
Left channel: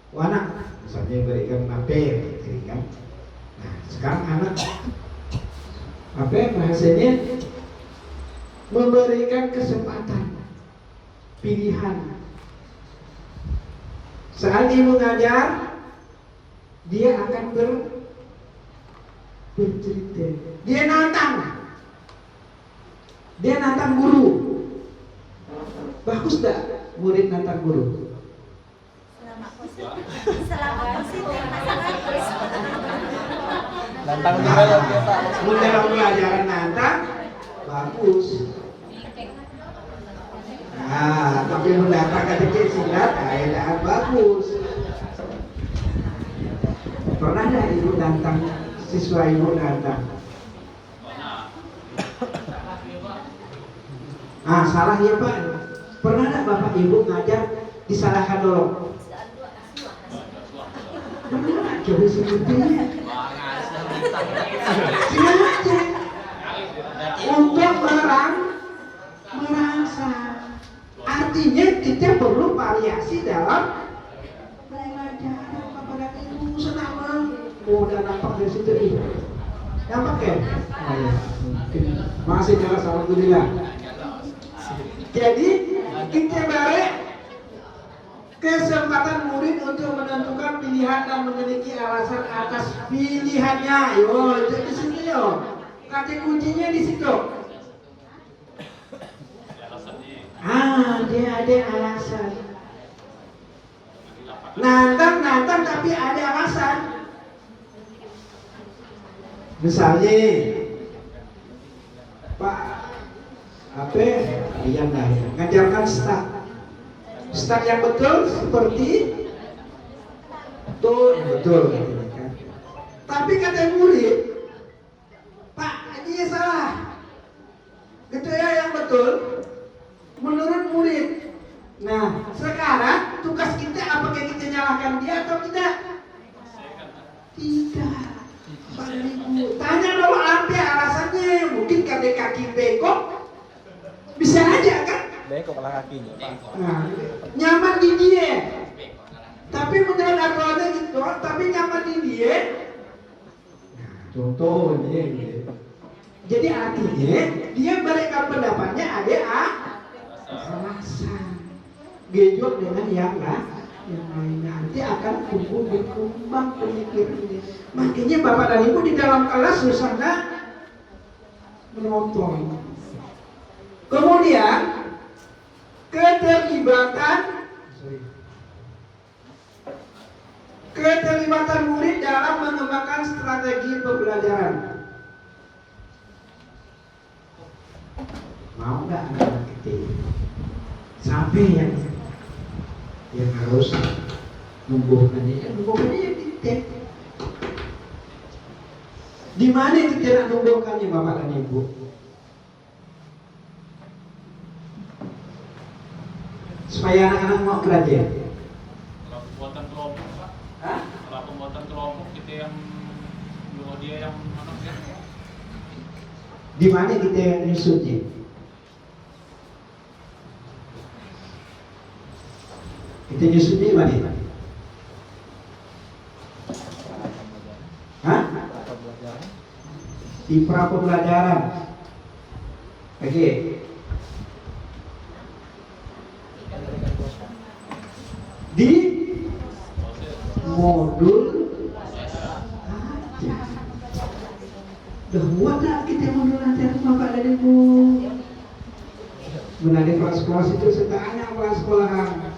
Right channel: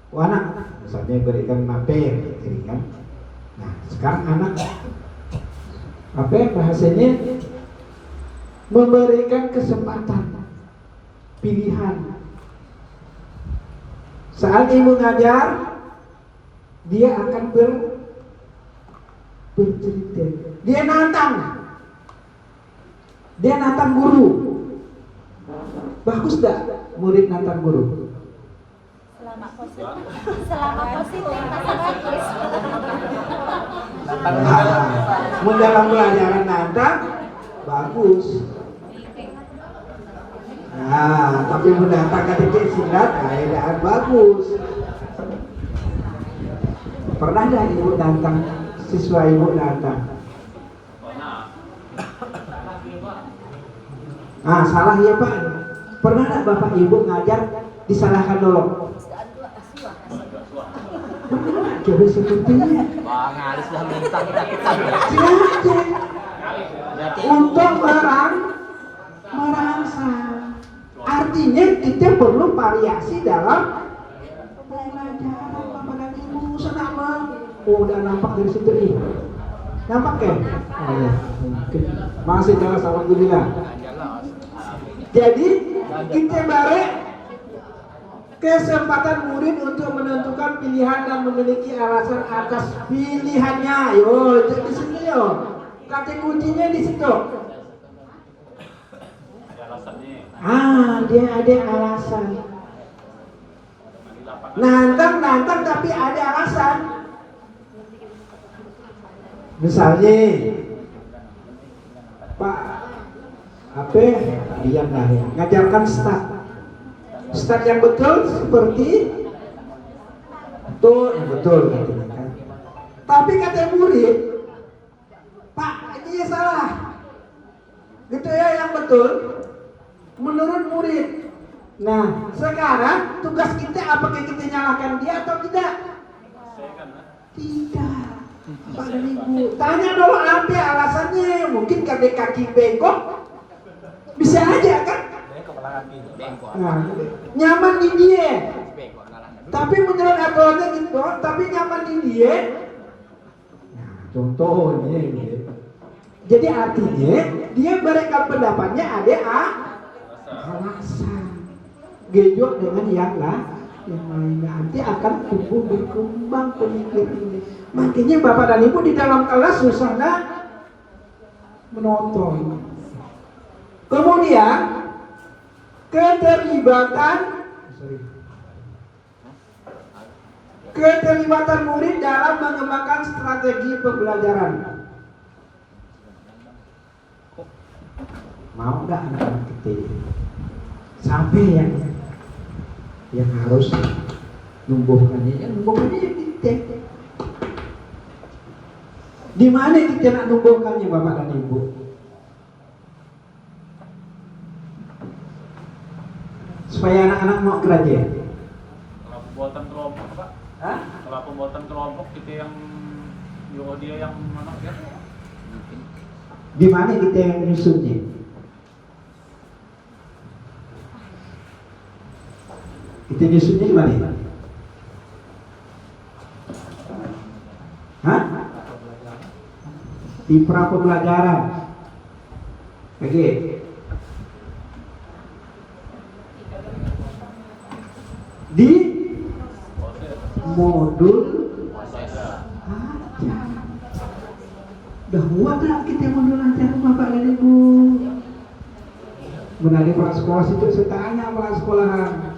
anak, misalnya berikan materi, kan? Nah, sekarang anak apa bahasanya memberikan kesempatan pilihan. Saat ibu ngajar, dia akan bercerita. Dia nantang guru. Bagus dah murid nantang guru. Selama positif. Mau dalam pelajaran nantang bagus. Nah, tapi mendatang ketika silat, keadaan bagus. Pernah dah ibu nantang siswa ibu nantang? Nah, salah ya Pak. Pernah tak Bapak Ibu ngajar disalahkan dulu? Jadi sepertinya untuk merangsang. Artinya kita perlu variasi dalam pelajaran Bapak dan Ibu. Senang mau. Oh, udah nampak dari situ nih. Nampak ya? Oh, ya. Masih jalan sama Alhamdulillah. Jadi kita balik kesempatan murid untuk menentukan pilihan dan memiliki alasan atas pilihannya. Yo, itu di situ yo. Kata kuncinya di situ. Dia ada alasan. Nantang tapi ada alasan. Misalnya, Pak, apa yang lahir ngajarkan start yang betul seperti itu betul katanya kan. Tapi kata murid, Pak, ini salah. Gitu ya yang betul. Menurut murid. Nah, sekarang tugas kita apakah kita nyalakan dia atau tidak? Tidak. Pak Ibu, tanya dulu apa alasannya. Mungkin karena kaki bengkok. Bisa aja kan? Nah, nyaman di dia. Tapi menurut aturannya gitu, tapi nyaman di dia. Nah, contohnya gitu. Jadi artinya dia berikan pendapatnya ada alasan. Gejot dengan yang lainnya, nanti akan tumbuh berkembang pemikirannya. Makanya Bapak dan Ibu di dalam kelas susah menonton. Kemudian keterlibatan murid dalam mengembangkan strategi pembelajaran. Mau nggak anak-anak kita sampai yang harus numbuhkannya ya kita. Di mana kita nak numbuhkannya Bapak dan Ibu? Supaya anak-anak mau belajar. Kalau pembuatan kelompok Pak, kalau pembuatan kelompok kita yang nyuruh dia yang mana ya? Di mana kita yang nyusunnya? Kita nyusunnya di mana? Hah? Di pra pembelajaran. Oke. Di modul aja. Dah muat kita modul aja Bapak dan Ibu. Menadi kepala sekolah itu setanya kepala sekolahan.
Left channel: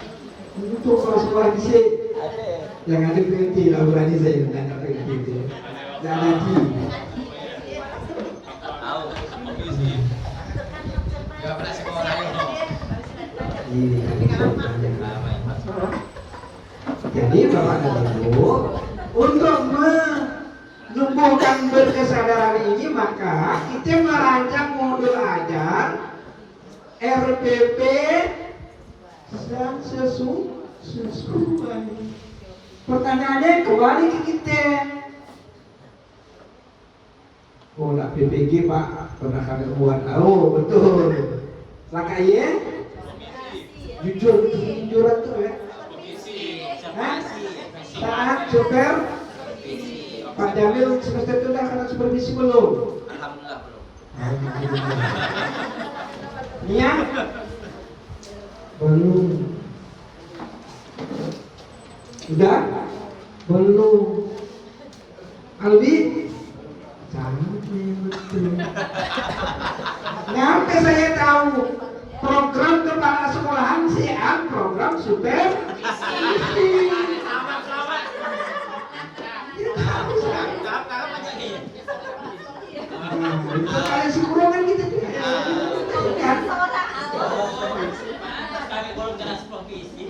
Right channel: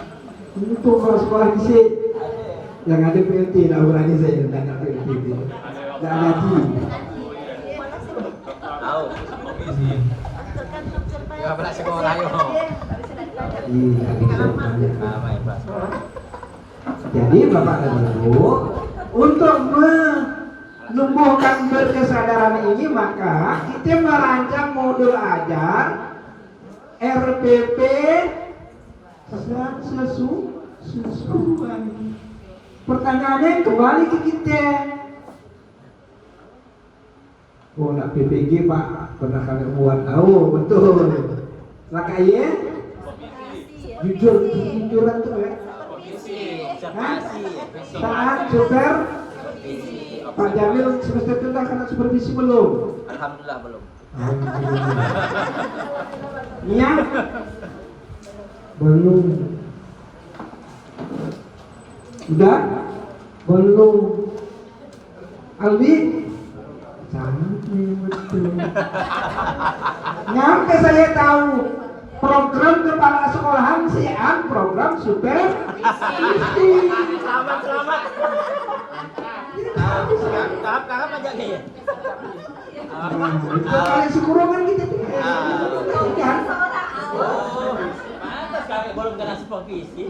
Untuk kepala sekolah bisa yang ada PLT lah berani saya tidak ada PLT itu. Tidak ada tim. Tahu, komisi. Ya pernah sekolah yo. Iya. Jadi Bapak dan Ibu, untuk menumbuhkan berkesadaran ini maka kita merancang modul ajar RPP dan sesuai. Pertanyaannya kembali ke kita. Oh, nak PPG Pak, pernah kalian buat tahu betul. Nak kaya? Jujuran tuh ya. Saat super Pak Jamil semester tengah karena supervisi belum? Alhamdulillah belum. Nia? Belum. Udah? Belum. Albi? Sampai betul. Nyampe saya tahu program kepala sekolahan siang program super. Kakak pajak nih. Itu kali sekurongan gitu. Kami belum kena supervisi.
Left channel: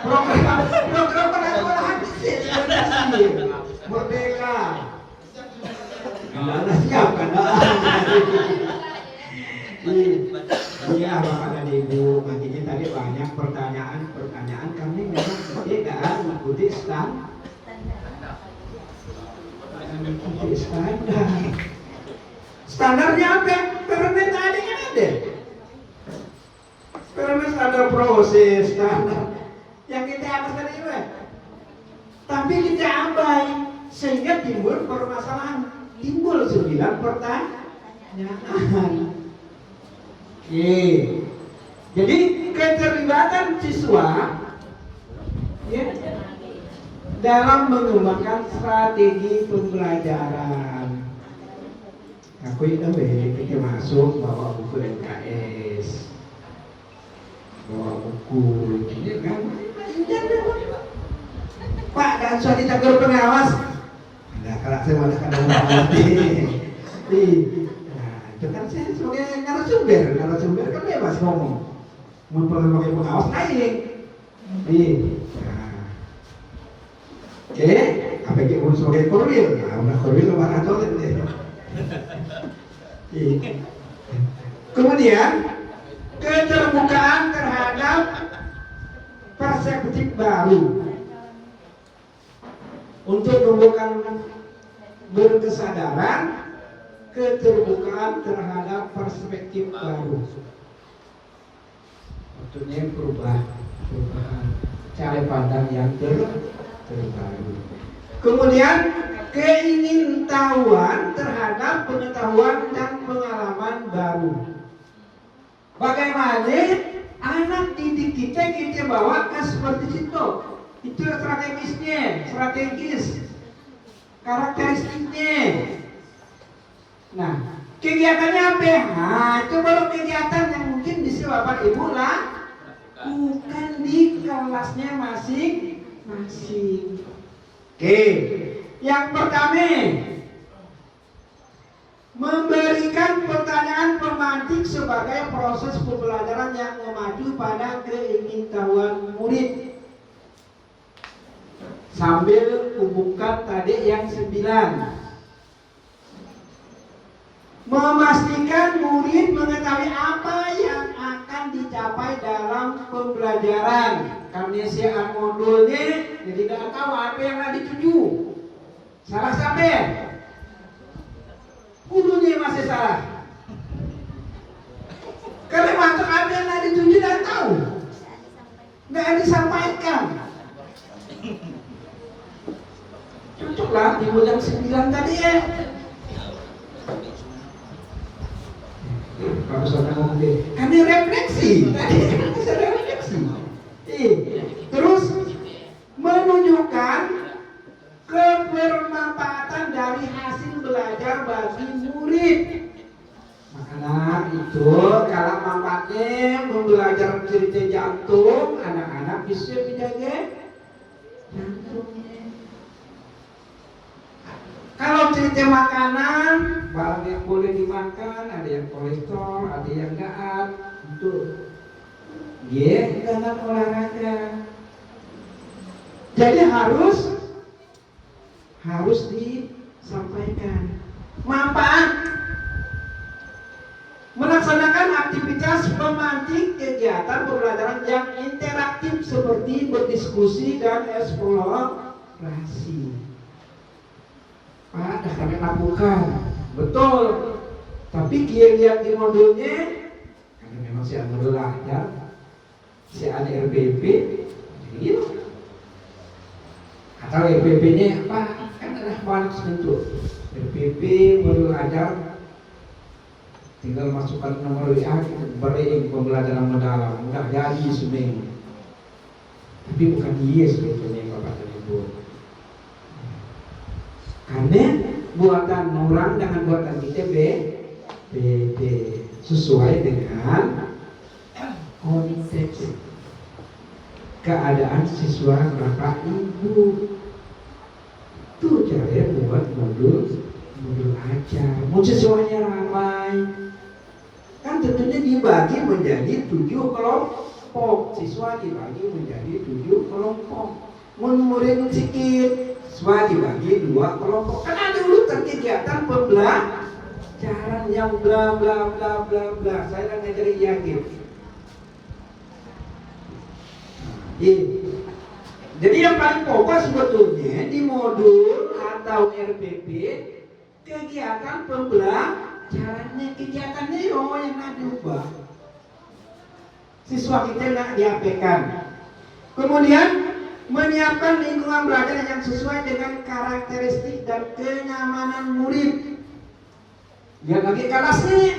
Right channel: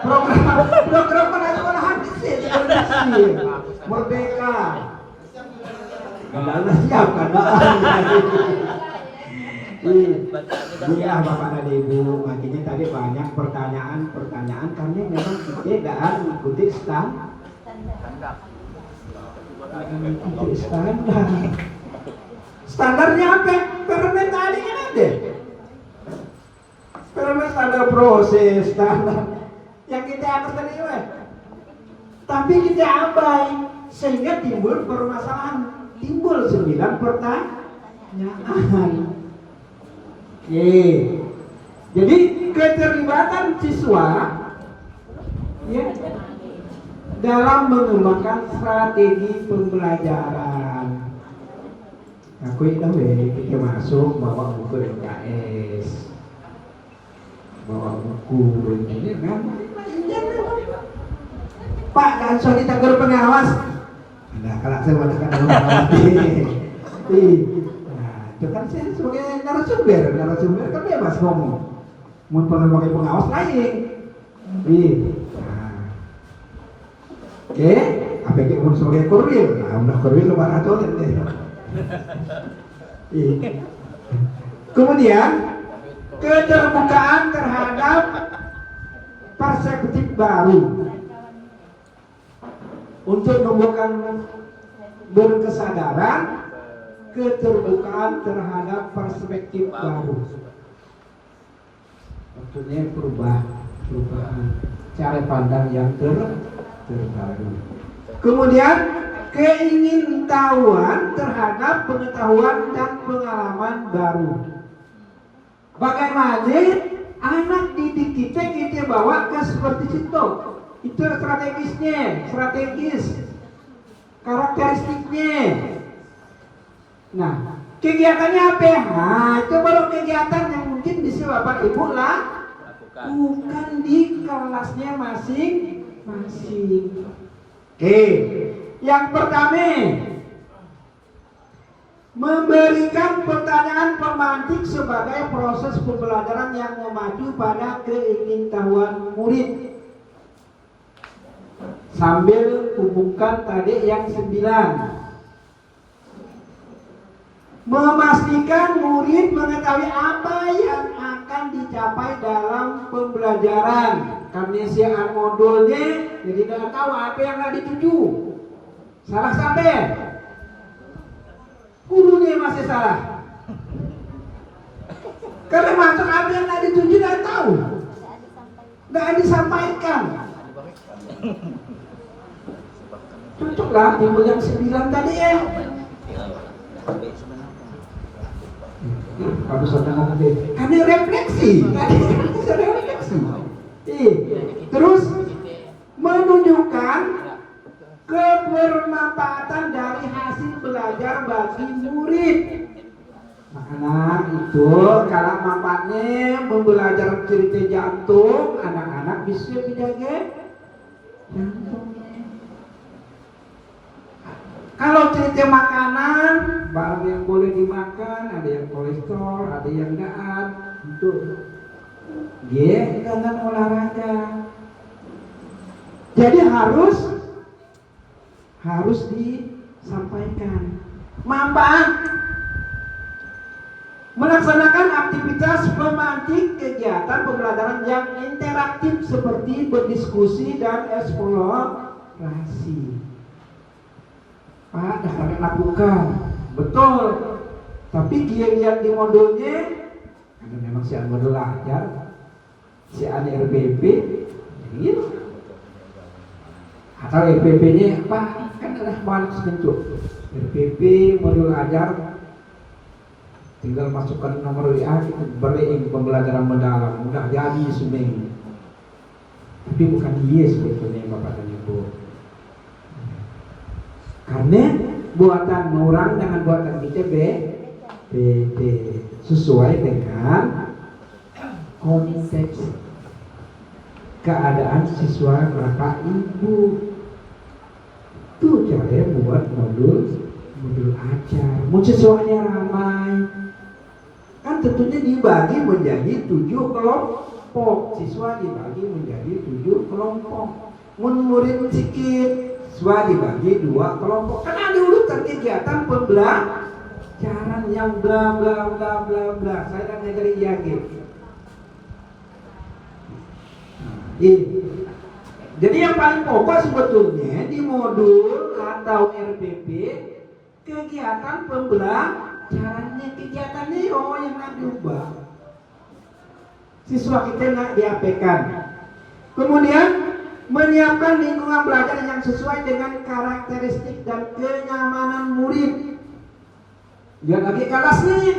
Program pada sekolahan sih Merdeka. Kalau siap kan? Iya Bapak dan Ibu, makanya tadi banyak pertanyaan kami memang kita tidak mengikuti standar. Standarnya apa? Karena tadi kan ada. Karena standar proses, standar yang kita akan terima. Tapi kita abai sehingga timbul permasalahan, timbul 9 pertanyaan. Jadi keterlibatan siswa ya, dalam mengembangkan strategi pembelajaran. Aku itu kita masuk bawa buku LKS, bawa buku ini kan. Pak kan sorry campur pengawas. Nah, kalau saya mengatakan pengawas itu kan saya sebagai narasumber kan bebas ngomong. Mau sebagai pengawas lain. Nah. Oke, apa yang unsur Korwil? Nah, udah Korwil lebar atau deh. Kemudian keterbukaan terhadap perspektif baru untuk menumbuhkan berkesadaran, keterbukaan terhadap perspektif baru. Tentunya perubahan cara pandang yang terbaru. Kemudian keingintahuan terhadap pengetahuan dan pengalaman baru. Bagaimana anak didik kita bawa ke seperti itu. Itu strategis, karakteristiknya. Nah, kegiatannya apa? Nah, itu baru kegiatan yang mungkin bisa Bapak Ibu lah bukan di kelasnya masing-masing. Oke, yang pertama, memberikan pertanyaan pemantik sebagai proses pembelajaran yang memacu pada keingintahuan murid. Sambil hubungkan tadi yang 9. Memastikan murid mengetahui apa yang akan dicapai dalam pembelajaran. Karena siaran modulnya jadi tidak tahu apa yang akan dituju. Salah sampai hulunya masih salah. Karena masuk apa yang akan dituju tidak tahu, tidak disampaikan. Cocoklah timbul yang 9 tadi ya. Kamu sudah ngomong deh. Kami refleksi. Terus menunjukkan kebermanfaatan dari hasil belajar bagi murid. Makanya itu kalau manfaatnya membelajar cerita jantung, anak-anak bisa menjaga jantungnya. Kalau cerita makanan, barang yang boleh dimakan, ada yang kolesterol, ada yang enggak, itu dengan olahraga. Jadi harus disampaikan manfaat. Melaksanakan aktivitas pemantik kegiatan pembelajaran yang interaktif seperti berdiskusi dan eksplorasi. Pak, dah kami lakukan, betul. Tapi dia lihat di modulnya, ada memang si modul ajar, si RBP, gitu. Atau RBP-nya apa? Kan ada balik sebentuk. RBP modul ajar, tinggal masukkan nomor WA, kita beri pembelajaran mendalam, udah jadi seminggu. Tapi bukan dia sebetulnya Bapak dan Ibu. Karena buatan orang dengan buatan kita sesuai dengan konteks keadaan siswa Bapak Ibu. Itu cara buat modul ajar. Mau siswanya ramai, kan tentunya dibagi menjadi 7 kelompok. Siswa dibagi menjadi 7 kelompok. Murid sedikit, siswa dibagi 2 kelompok. Kan ada urutan kegiatan pembelajaran yang bla bla bla bla bla. Saya ngajari yakin. Jadi yang paling pokok sebetulnya di modul atau RPP kegiatan pembelajarannya, kegiatannya yang nak diubah. Siswa kita nak diapekan. Kemudian menyiapkan lingkungan belajar yang sesuai dengan karakteristik dan kenyamanan murid. Yang lagi kelasnya,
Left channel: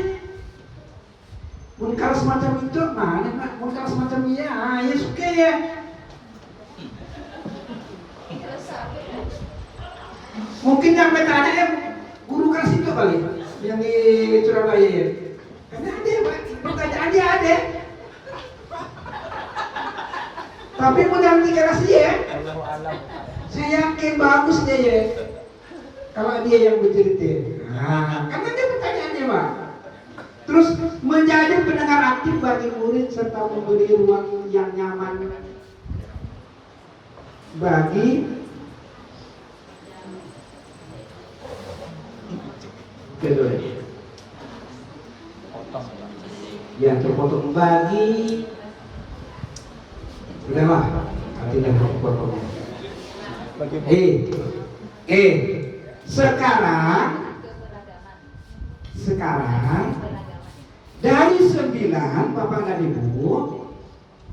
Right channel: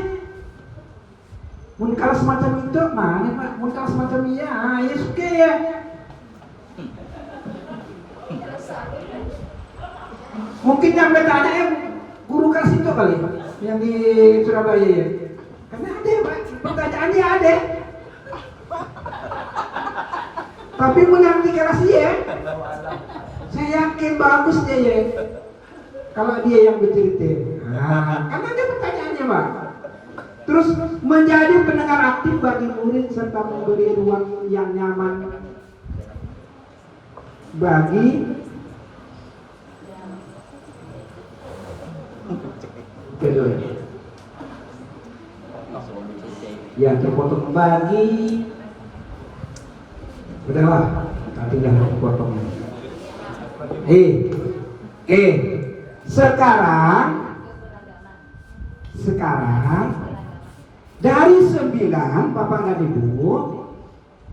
mun kelas semacam itu mana Pak? Mun kelas semacam ya suka ya. Mungkin yang bertanya guru kelas itu kali yang di Surabaya ya. Karena ada Pak, pertanyaannya ada. Tapi mulai di kelas dia, saya yakin bagus dia ya. Kalau dia yang bercerita, karena dia pertanyaannya Pak. Terus menjadi pendengar aktif bagi murid serta memberi ruang yang nyaman bagi kedua. Ya, terpotong bagi. Udahlah, nanti dah potongnya. Sekarang dari 9 Bapak dan Ibu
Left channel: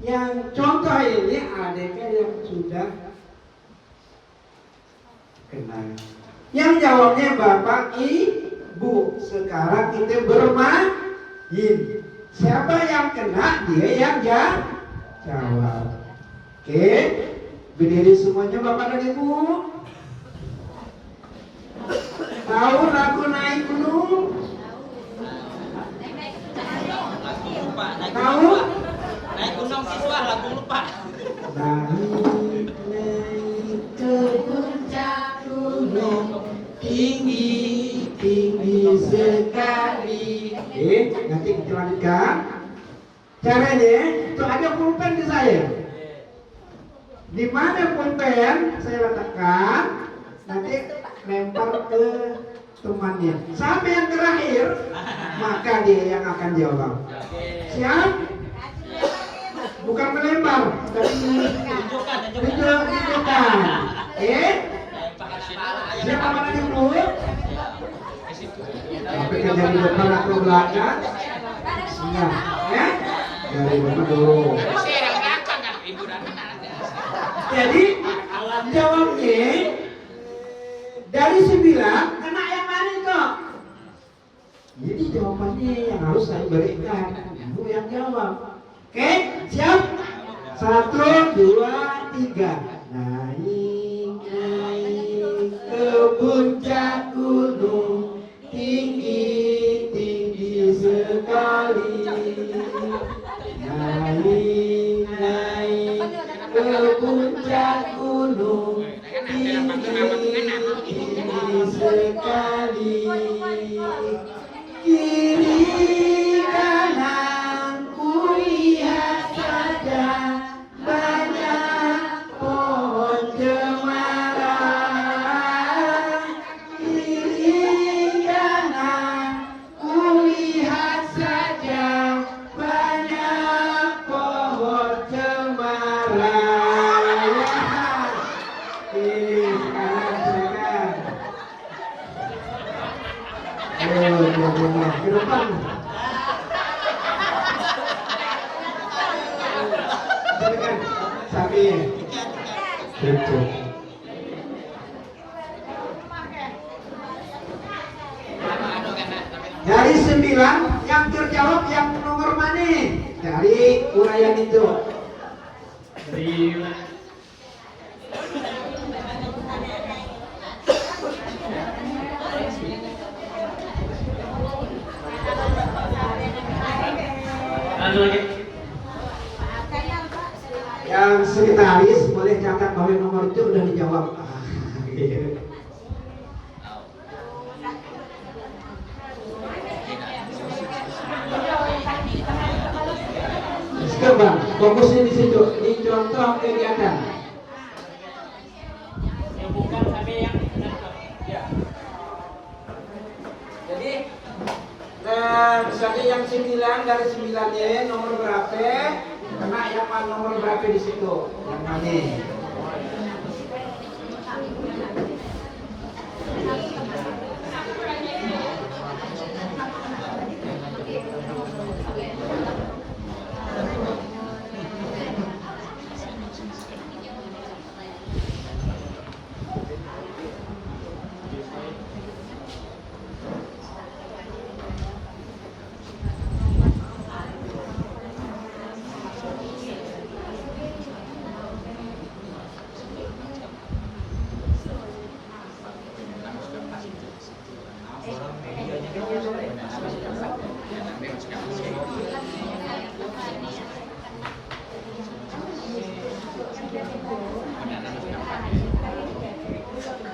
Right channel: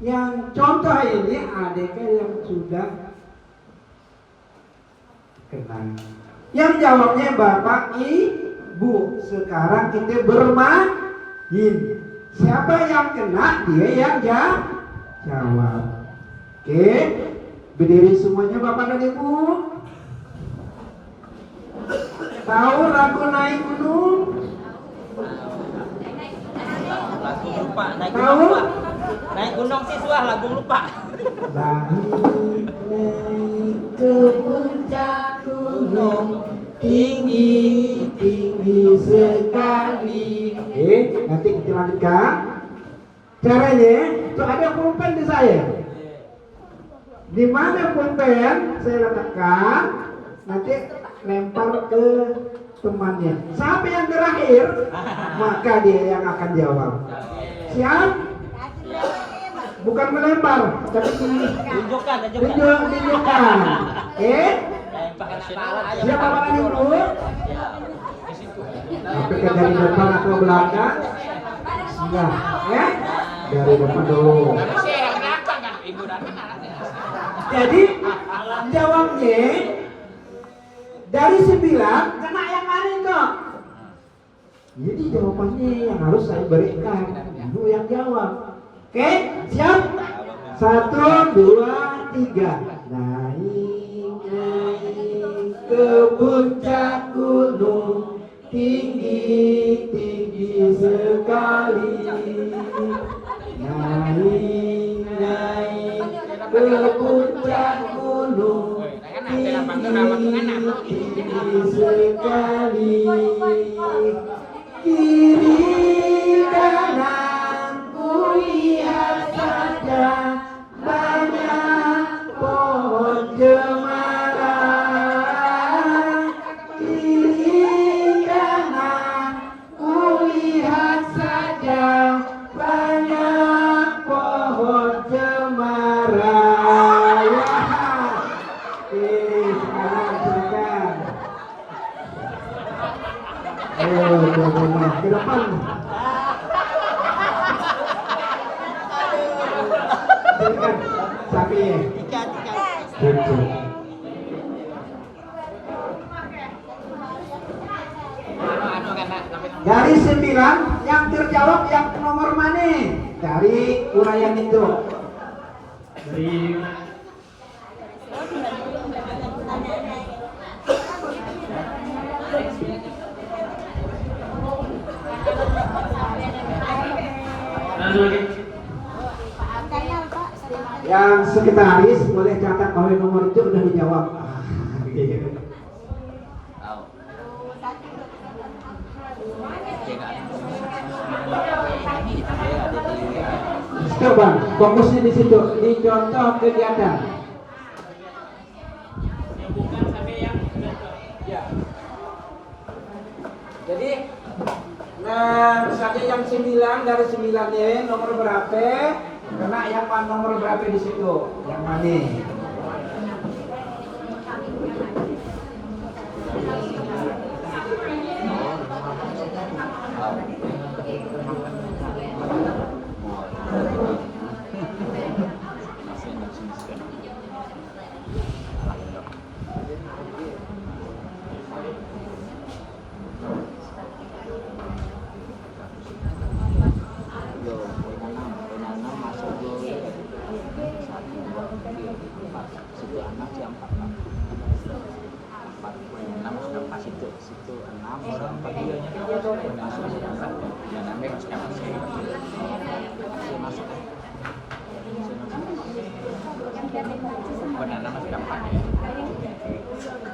yang contoh ini ADK yang sudah kenal. Yang jawabnya Bapak Ibu. Sekarang kita bermain. Siapa yang kena dia yang jawab. Oke, berdiri semuanya Bapak dan Ibu. Tahu lagu naik gunung? Tahu? Naik gunung siswa lagu lupa. Naik ke puncak gunung tinggi sekali. Nanti kita lanjutkan. Caranya itu ada pulpen di saya. Di mana pulpen saya letakkan, nanti lempar ke temannya. Siapa yang terakhir, maka dia yang akan jawab. Siap? Bukan melempar, tapi tunjukkan. Siapa Bapak dulu? Sampai ke dari depan atau belakang? Siap, ya? Dari depan dulu. Jadi jawabnya dari 9 kena yang mana itu? Jadi jawabannya yang harus saya berikan. Kamu yang jawab. Oke, siap? 1, 2, 3. Naik ke puncak gunung tinggi sekali. Naik ke puncak gunung tinggi sekali. Kiri kanan kulihat saja banyak pohon cemara. Kiri kanan kulihat saja banyak pohon cemara. Ke depan. Silakan. Sapinya. Betul. Dari 9 yang terjawab yang nomor mana? Dari uraian itu. Dari yang sekretaris boleh catat bahwa nomor itu udah dijawab. Coba fokusnya di situ, di contoh kegiatan. Yang bukan sampai yang Jadi, nah misalnya yang 9 dari 9-nya nomor berapa? Kena yang nomor berapa di situ? Yang mana?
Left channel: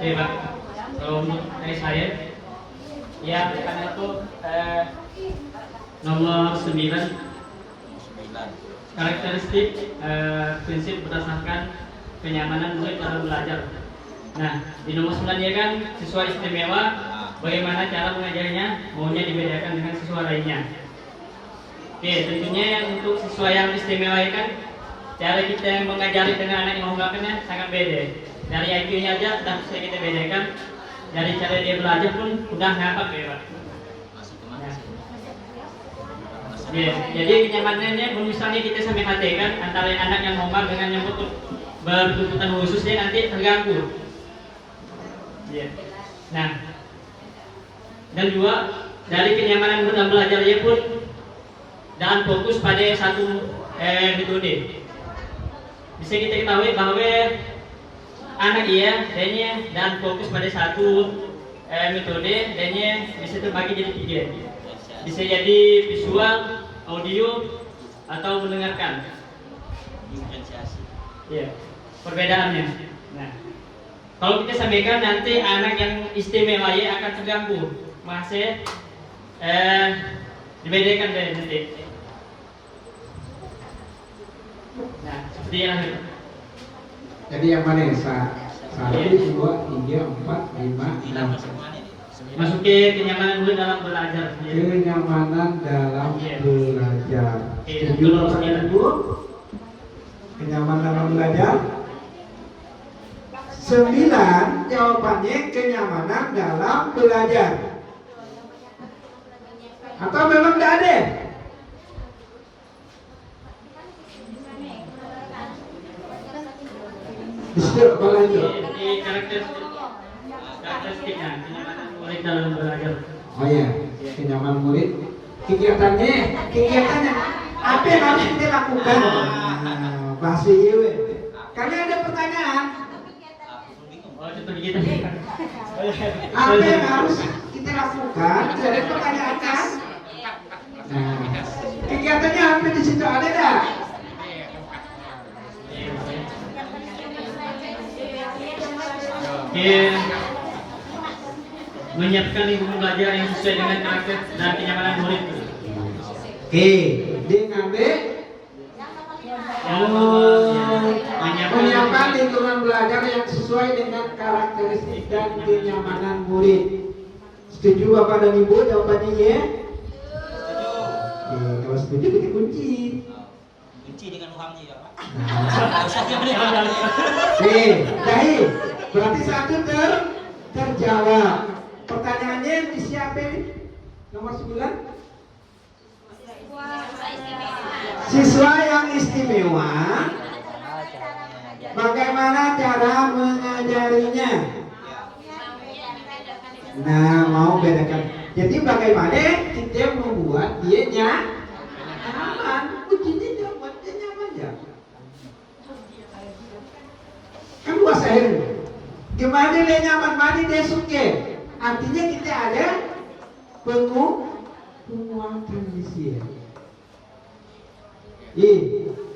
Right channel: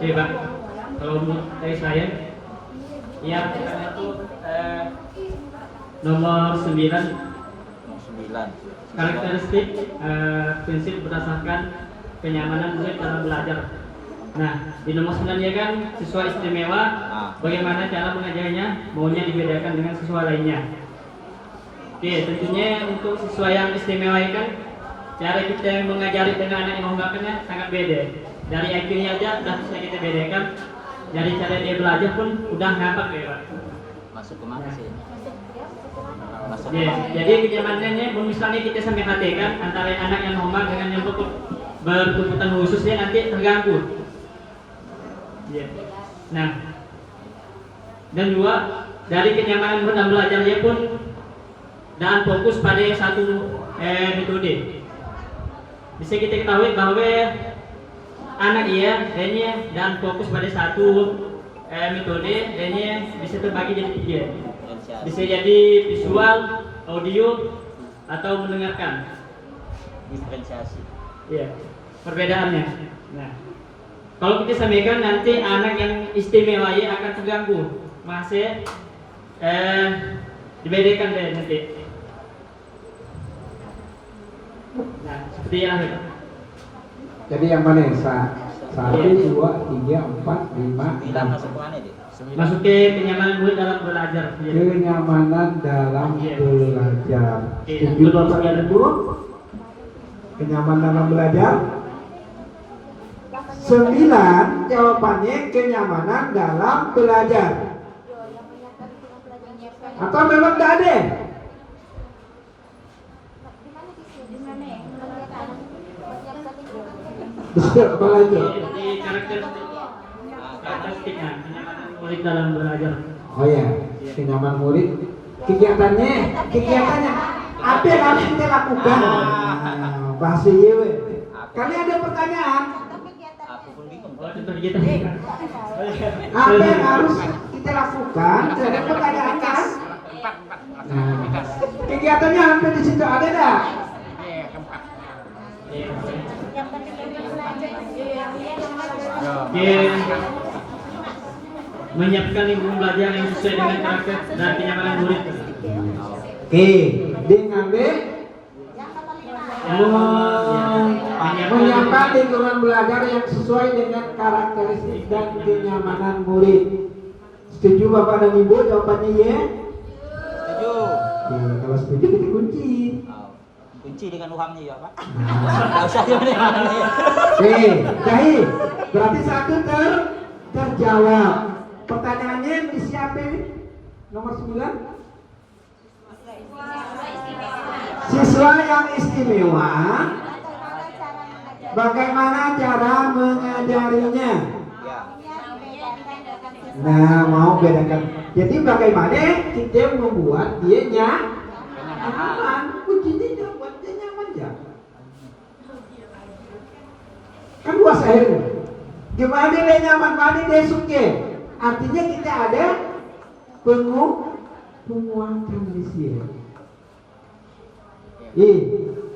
Iya Pak, kalau menurut dari saya, ya pertanyaan itu nomor 9 karakteristik prinsip berdasarkan kenyamanan murid dalam belajar. Nah, di nomor 9 ya kan siswa istimewa, bagaimana cara mengajarnya, maunya dibedakan dengan siswa lainnya. Oke, tentunya untuk siswa yang istimewa ya kan, cara kita mengajari dengan anak yang homeworknya sangat beda. Dari IQ-nya aja sudah bisa kita bedakan, dari cara dia belajar pun udah nampak ya Pak. Masuk ke mana sih? Ya, jadi kenyamanannya, misalnya kita sampai kan antara anak yang homework dengan yang berkebutuhan khususnya nanti terganggu. Ya. Nah, dan juga dari kenyamanan dalam belajarnya pun dan fokus pada satu metode. Bisa kita ketahui bahwa anak dia dan fokus pada satu metode, dan bisa terbagi jadi 3. Bisa jadi visual, audio, atau mendengarkan. Diferensiasi. Ya, perbedaannya. Nah, kalau kita sampaikan nanti anak yang istimewa ya akan terganggu, masih dibedakan deh nanti. Nah, seperti yang itu. Jadi yang mana ya? 1, 2, 3, 4, 5, 6. Masuk ke mana dia? Masuk ke kenyamanan murid dalam belajar. Ya. Kenyamanan dalam Iya. belajar. Iya. Setuju Bapak dan Ibu? Kenyamanan dalam belajar. 9 jawabannya kenyamanan dalam belajar. Atau memang tidak ada? Bisa apa lagi? Jadi karakteristiknya kenyamanan murid dalam belajar. Oh ya, kenyamanan murid. Kegiatannya apa yang harus kita lakukan? Nah, bahasa Iwe. Kalian ada pertanyaan? Aku pun bingung. Oh, contoh gitu. Apa yang harus kita lakukan? Ada pertanyaan kan? Nah, kegiatannya apa di situ ada dah? Menyiapkan lingkungan belajar yang sesuai dengan karakter dan kenyamanan murid. Oke, dengan B. Menyiapkan lingkungan belajar yang sesuai dengan karakteristik dan kenyamanan murid. Setuju Bapak dan Ibu? Jawabannya ya? Setuju. Oke, kalau setuju kita kunci. Kunci dengan uangnya ya Pak. Nah. Usah gimana. Oke, baik. Berarti 1 terjawab. Pertanyaannya disiapin nomor 9. Siswa yang istimewa, bagaimana cara mengajarinya? Nah, mau bedakan. Jadi bagaimana kita membuat dia nyaman? Kuncinya buat dia nyaman ya. Kan luas air. Gimana dia nyaman, mana dia suka? Artinya kita ada penguatan di sini.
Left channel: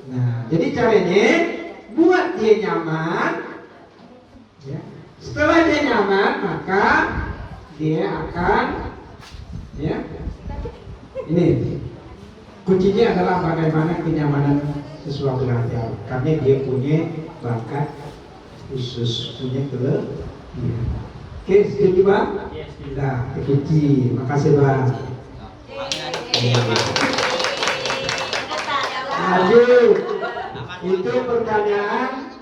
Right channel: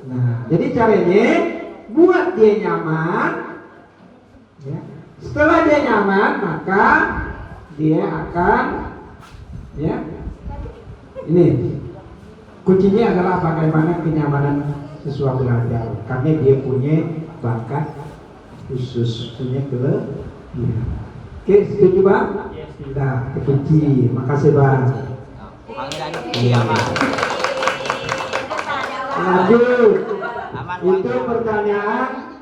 Nah, jadi caranya buat dia nyaman. Ya. Setelah dia nyaman, maka dia akan, ya, ini kuncinya adalah bagaimana kenyamanan siswa belajar. Karena dia punya bakat khusus, punya kelebihan. Oke, setuju Bang? Sudah, terkunci. Makasih Bang. Lanjut. Itu pertanyaan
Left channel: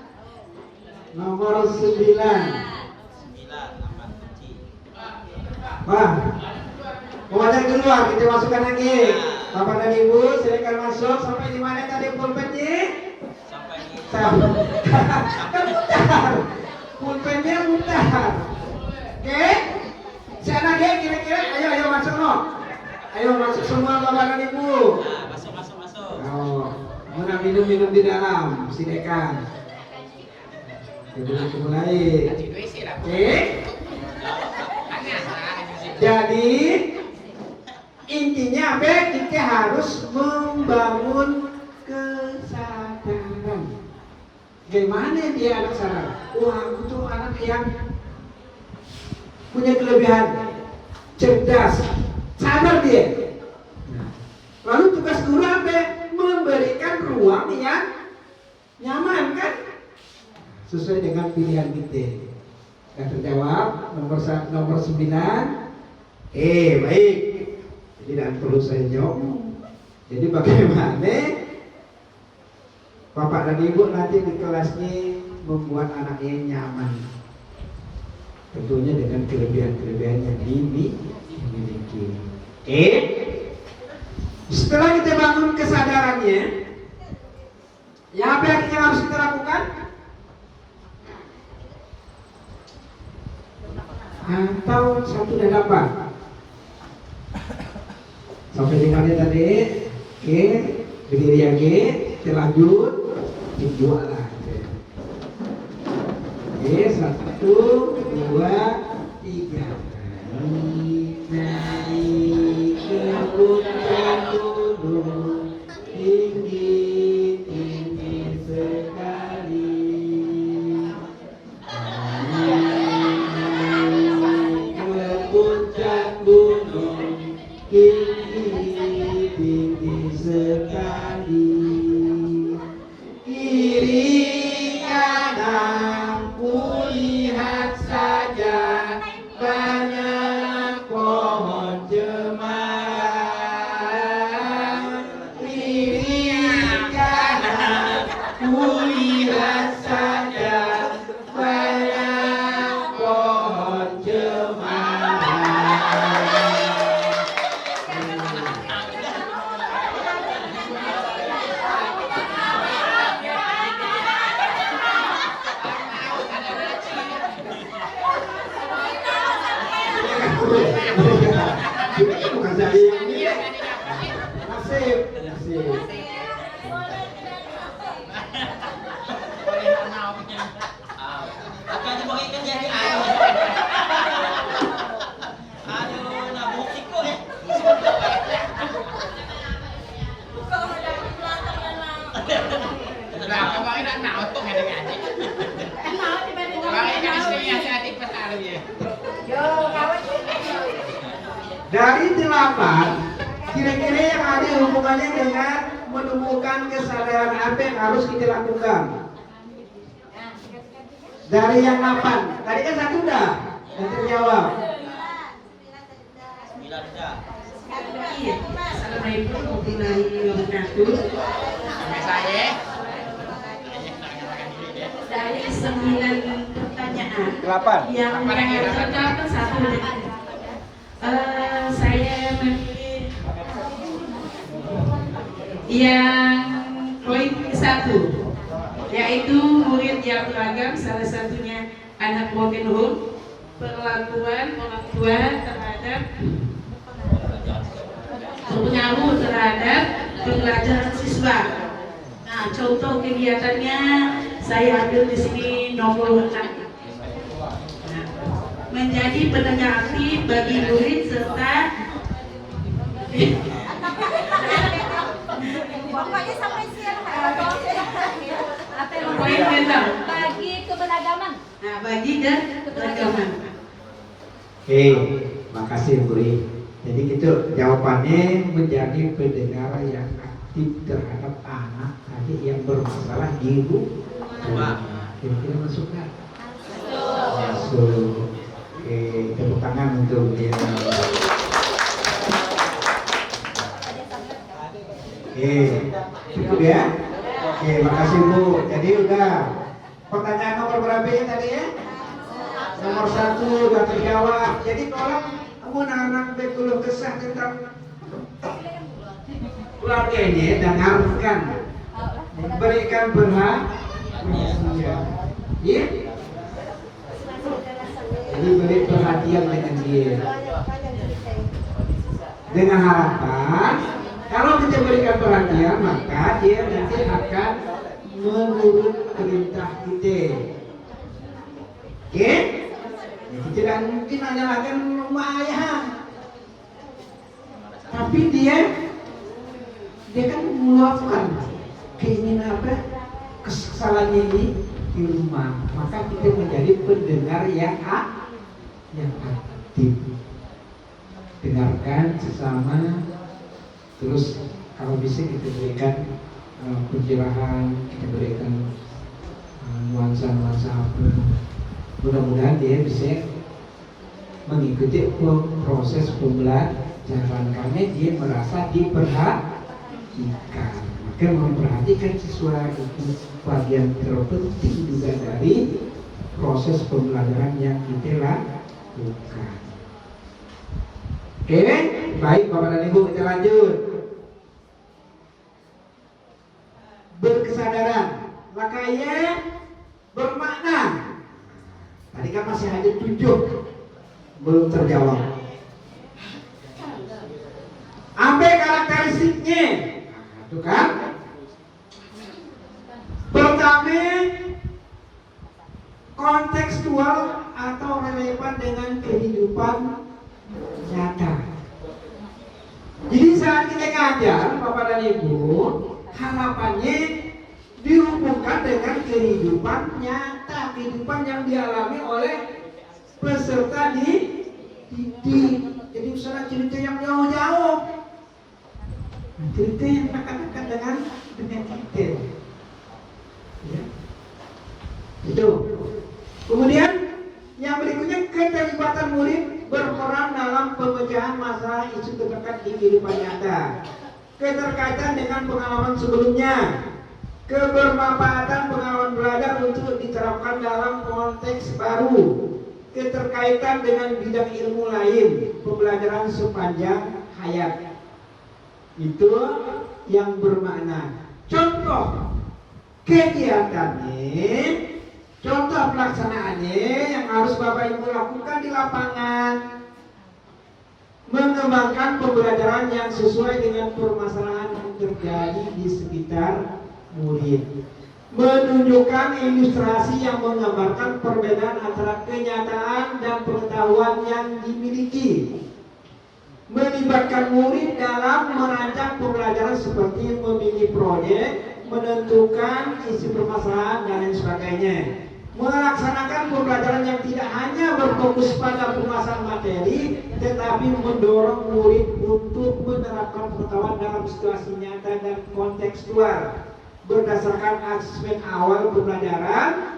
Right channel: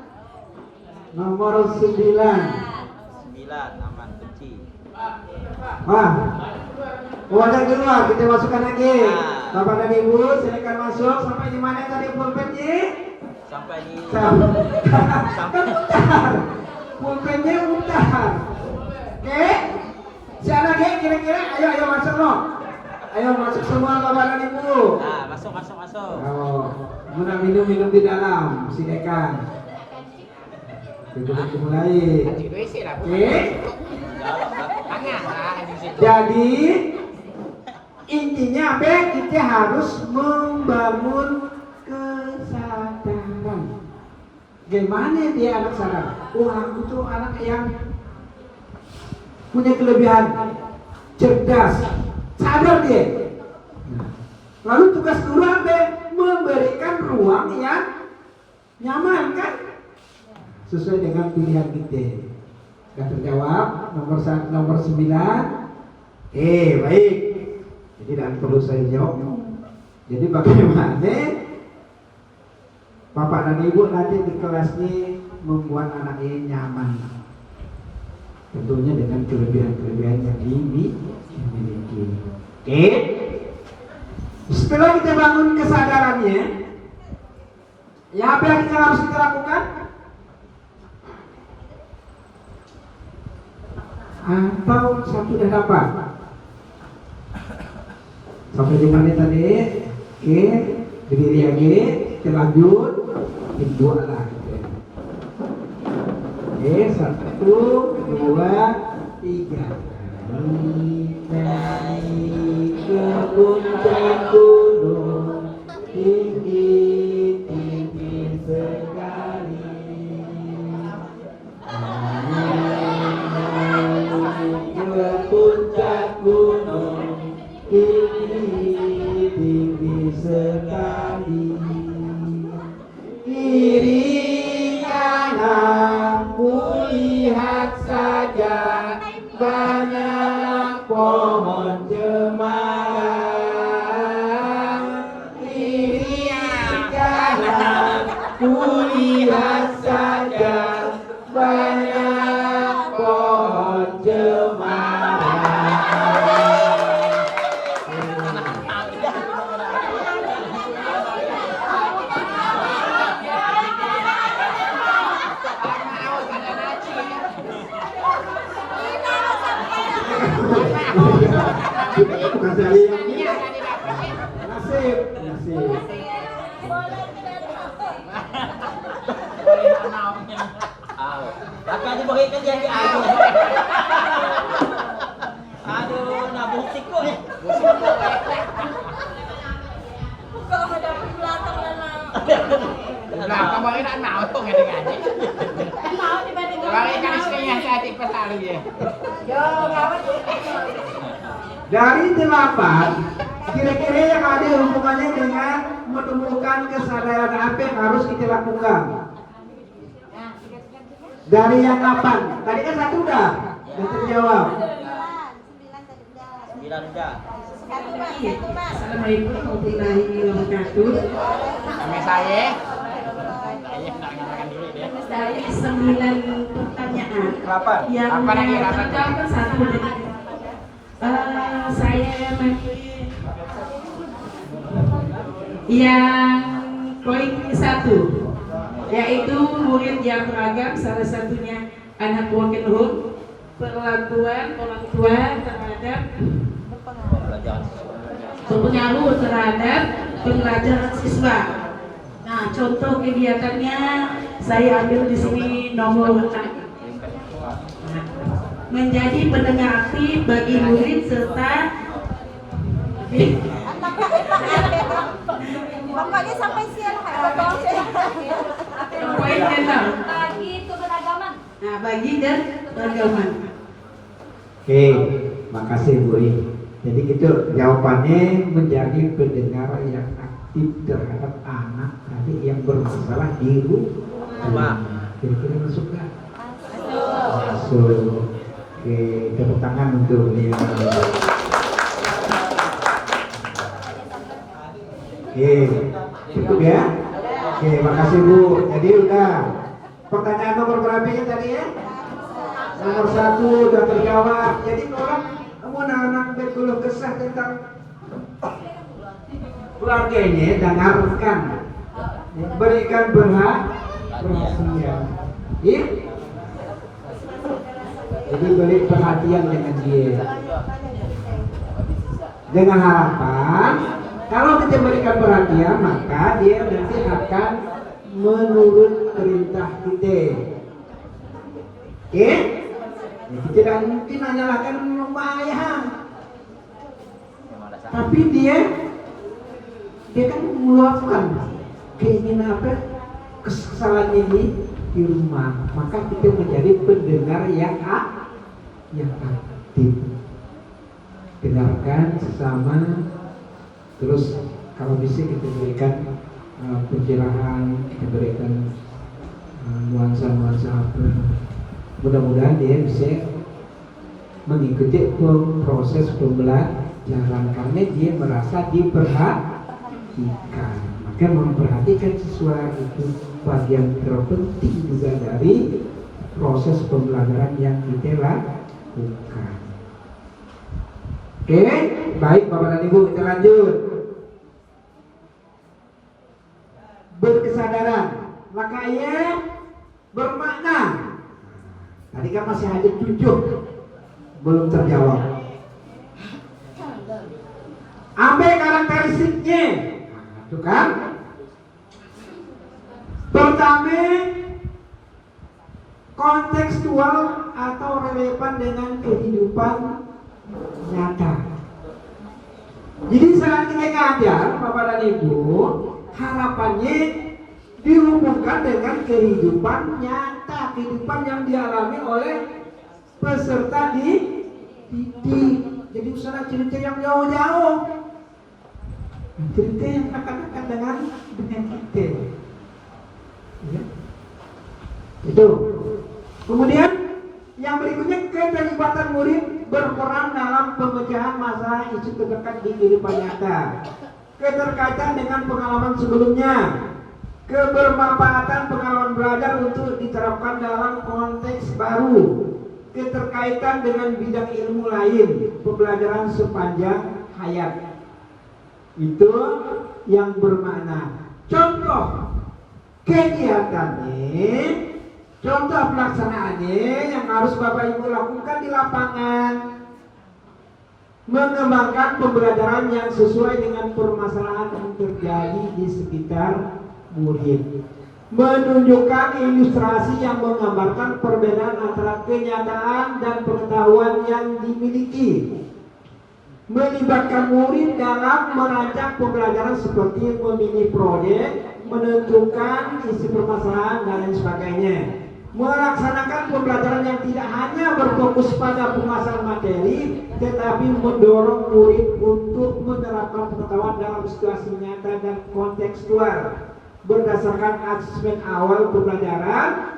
nomor 9. Aman kunci. Wah, uangnya keluar, kita masukkan lagi. Bapak dan Ibu, silakan masuk. Sampai di mana tadi pulpennya? Sampai di Kan mutar. Pulpennya mutar. Oke? Si anak dia kira-kira, ayo masuk no. Ayo masuk semua Bapak dan Ibu. Nah, masuk. Oh, mau minum di dalam, silakan. Kita mulai. Oke? Jadi intinya apa? Kita harus membangun kesadaran. Gimana dia anak sadar? Wah, aku tuh anak yang punya kelebihan, cerdas, sadar dia. Nah, lalu tugas guru apa? Memberikan ruang yang nyaman kan? sesuai dengan pilihan kita. Sudah terjawab nomor 9. Baik. Jadi tidak perlu saya jawab. Jadi bagaimana Bapak dan Ibu nanti di kelasnya membuat anaknya nyaman, tentunya dengan kelebihan-kelebihan yang dimiliki. Setelah kita bangun kesadarannya, ya apa yang harus kita lakukan? Atau satu dan apa? Sampai dengan tadi, berdiri lagi, kita lanjut, kedua lah. 1, 2, 3. Naik ke puncak gunung, tinggi sekali. Naik ke puncak gunung, tinggi sekali. Kiri kanan kulihat saja banyak pohon cemara. Kiri kanan kulihat saja banyak pohon cemara. Bukan saya ini. Nasib. Akan diberikan dia ke aku. Aduh, nak butik kok ni. Nah, kamu ini nak nautung ya kan? Kalau ini istrinya hati pasal dia. Dari 8, kira-kira yang ada hubungannya dengan menemukan kesadaran apa yang harus kita lakukan. Dari yang 8, tadi kan 1 dah, yang terjawab. 9 dah. Assalamualaikum warahmatullahi wabarakatuh. Sama saya. Dari 9 pertanyaan yang terjawab 1. Saya memilih yang poin 1, yaitu murid yang beragam, salah satunya anak Wakenhul, perlakuan orang tua terhadap berpengaruh terhadap pembelajaran siswa. Nah, contoh kegiatannya saya ambil di sini nomor 6. Menjadi pendengar aktif bagi murid serta pokoknya sampai siang poin ke-6 bagi keberagaman. Nah, bagi dan keberagaman. Makasih Bu. Jadi itu jawabannya menjadi pendengar yang aktif terhadap anak tadi yang bermasalah di rumah. Kira-kira masuk nggak? Masuk. Tepuk tangan untuk beliau. Cukup ya? Makasih Bu. Jadi udah pertanyaan nomor berapa ya tadi ya? Nomor 1 udah terjawab. Jadi orang mau anak berkeluh kesah tentang keluarga ini, dengarkan, berikan perhatian. Iya? Jadi beri perhatian dengan dia, dengan harapan kalau kita berikan perhatian maka dia nanti akan menurut perintah kita. Oke? Kita tidak mungkin menyalahkan rumah ayah, tapi dia kan meluapkan keinginan apa kesalahan ini di rumah, maka kita menjadi pendengar yang aktif. Dengarkan sesama, terus kalau bisa kita berikan pencerahan, kita berikan nuansa-nuansa Mudah-mudahan dia bisa mengikuti proses pembelajaran karena dia merasa diperhatikan. Maka memperhatikan siswa itu bagian terpenting juga dari proses pembelajaran yang kita lakukan. Oke, baik Bapak dan Ibu, kita lanjut. Berkesadaran, maka ia bermakna. Tadi kan masih ada 7 belum terjawab. Ambil karakteristiknya, itu kan? Pertama, kontekstual atau relevan dengan kehidupan nyata. Jadi saat kita ngajar, Bapak dan Ibu, harapannya dihubungkan dengan kehidupan nyata, kehidupan yang dialami oleh peserta didik. Jadi usah cerita yang jauh-jauh, cerita yang dekat-dekat dengan kita. Ya. Itu. Kemudian yang berikutnya, keterlibatan murid berperan dalam pemecahan masalah isu terdekat di kehidupan nyata, keterkaitan dengan pengalaman sebelumnya, kebermanfaatan pengalaman belajar untuk diterapkan dalam konteks baru, keterkaitan dengan bidang ilmu lain, pembelajaran sepanjang hayat. Itu yang bermakna. Contoh kegiatannya, contoh pelaksanaannya yang harus Bapak Ibu lakukan di lapangan, mengembangkan pembelajaran yang sesuai dengan permasalahan yang terjadi di sekitar murid, menunjukkan ilustrasi yang menggambarkan perbedaan antara kenyataan dan pengetahuan yang dimiliki, melibatkan murid dalam merancang pembelajaran seperti memilih proyek, menentukan isi permasalahan dan lain sebagainya, melaksanakan pembelajaran yang tidak hanya berfokus pada penguasaan materi, tetapi mendorong murid untuk menerapkan pengetahuan dalam situasi nyata dan kontekstual. Berdasarkan asesmen awal pembelajaran,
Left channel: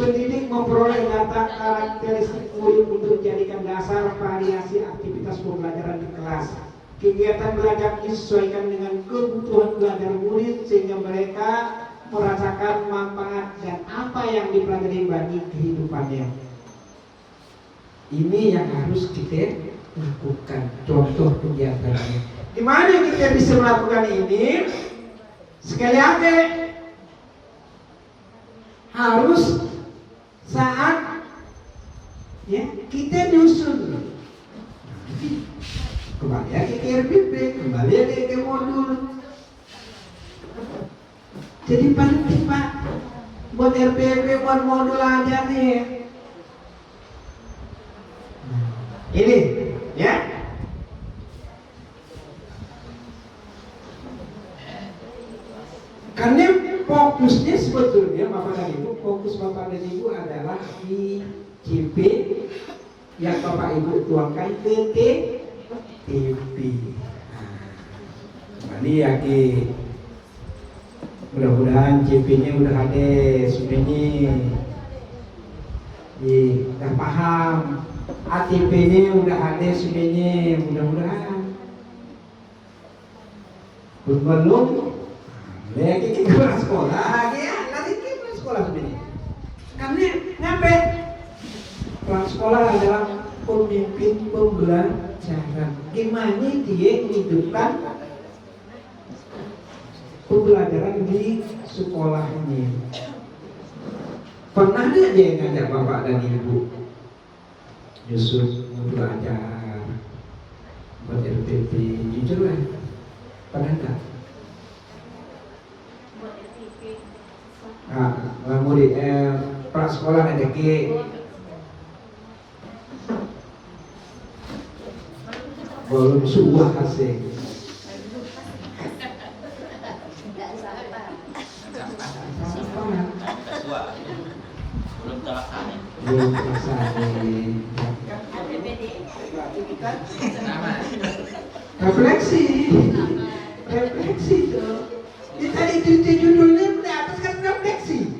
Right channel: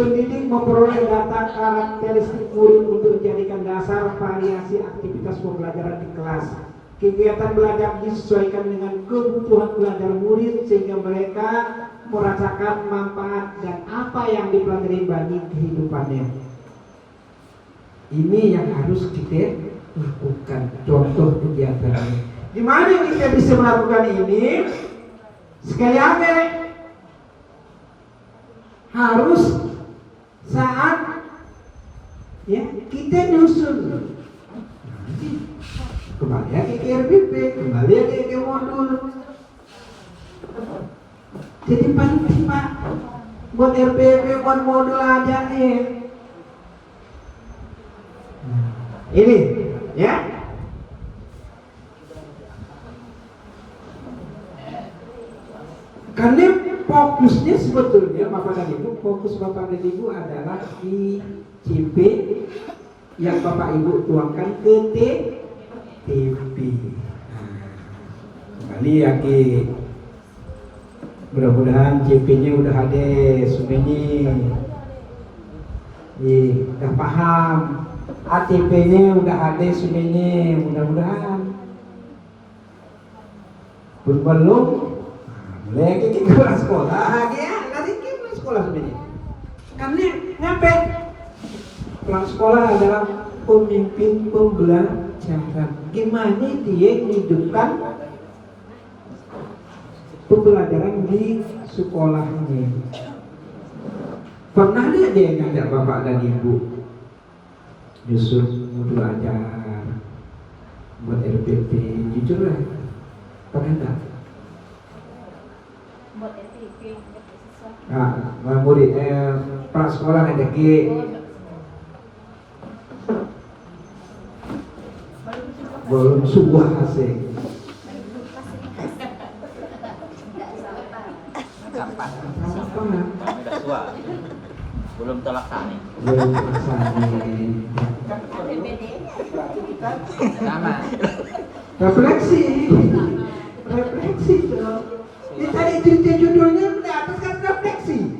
pendidik memperoleh data karakteristik murid untuk dijadikan dasar variasi aktivitas pembelajaran di kelas. Kegiatan belajar disesuaikan dengan kebutuhan belajar murid sehingga mereka merasakan manfaat dan apa yang dipelajari bagi kehidupannya. Ini yang harus kita lakukan. Contoh kegiatannya. Di mana kita bisa melakukan ini? Sekali lagi harus saat ya kita nyusun, kembali lagi ke RPP, kembali lagi ke modul. Jadi paling cepat buat RPP, buat modul aja nih. Ini ya. Karena fokusnya sebetulnya Bapak dan Ibu, fokus Bapak dan Ibu adalah di CP yang Bapak Ibu tuangkan ke TP. Kembali lagi, mudah-mudahan CP-nya udah ada semuanya, udah paham, ATP-nya udah ada semuanya, mudah-mudahan. Belum lagi kita pulang sekolah, ya, nanti kita pulang sekolah sebenarnya. Karena ngapain? Pulang sekolah adalah pemimpin pembelajaran. Gimana dia hidupkan pembelajaran di sekolahnya? Pernah ada dia ngajak Bapak dan Ibu Yusuf mau belajar buat RPP? Jujur lah, pernah enggak? Murid pak sekolah ada ke belum sebuah hasil. Belum terlaksana. Belum terlaksana. Sama. Refleksi itu. Kita itu judulnya di atas kan refleksi.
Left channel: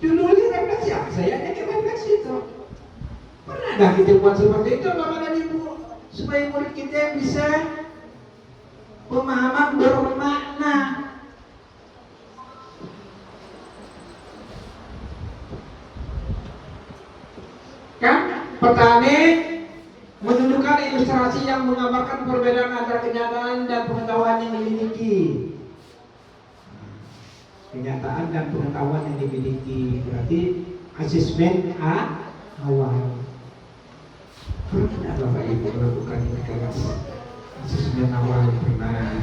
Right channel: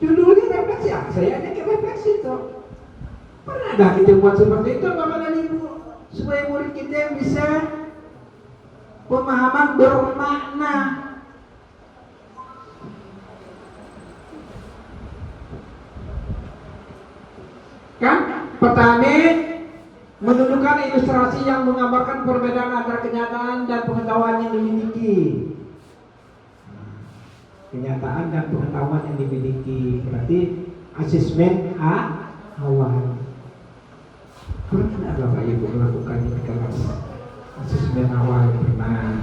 Judulnya refleksi. saya ada refleksi itu. Pernah nggak kita buat seperti itu Bapak dan Ibu supaya murid kita bisa pemahaman bermakna. Kan petani menunjukkan ilustrasi yang menggambarkan perbedaan antara kenyataan dan pengetahuan yang dimiliki. Kenyataan dan pengetahuan yang dimiliki berarti asesmen awal. Pernah Bapak Ibu melakukan perkara asesmen awal pernah,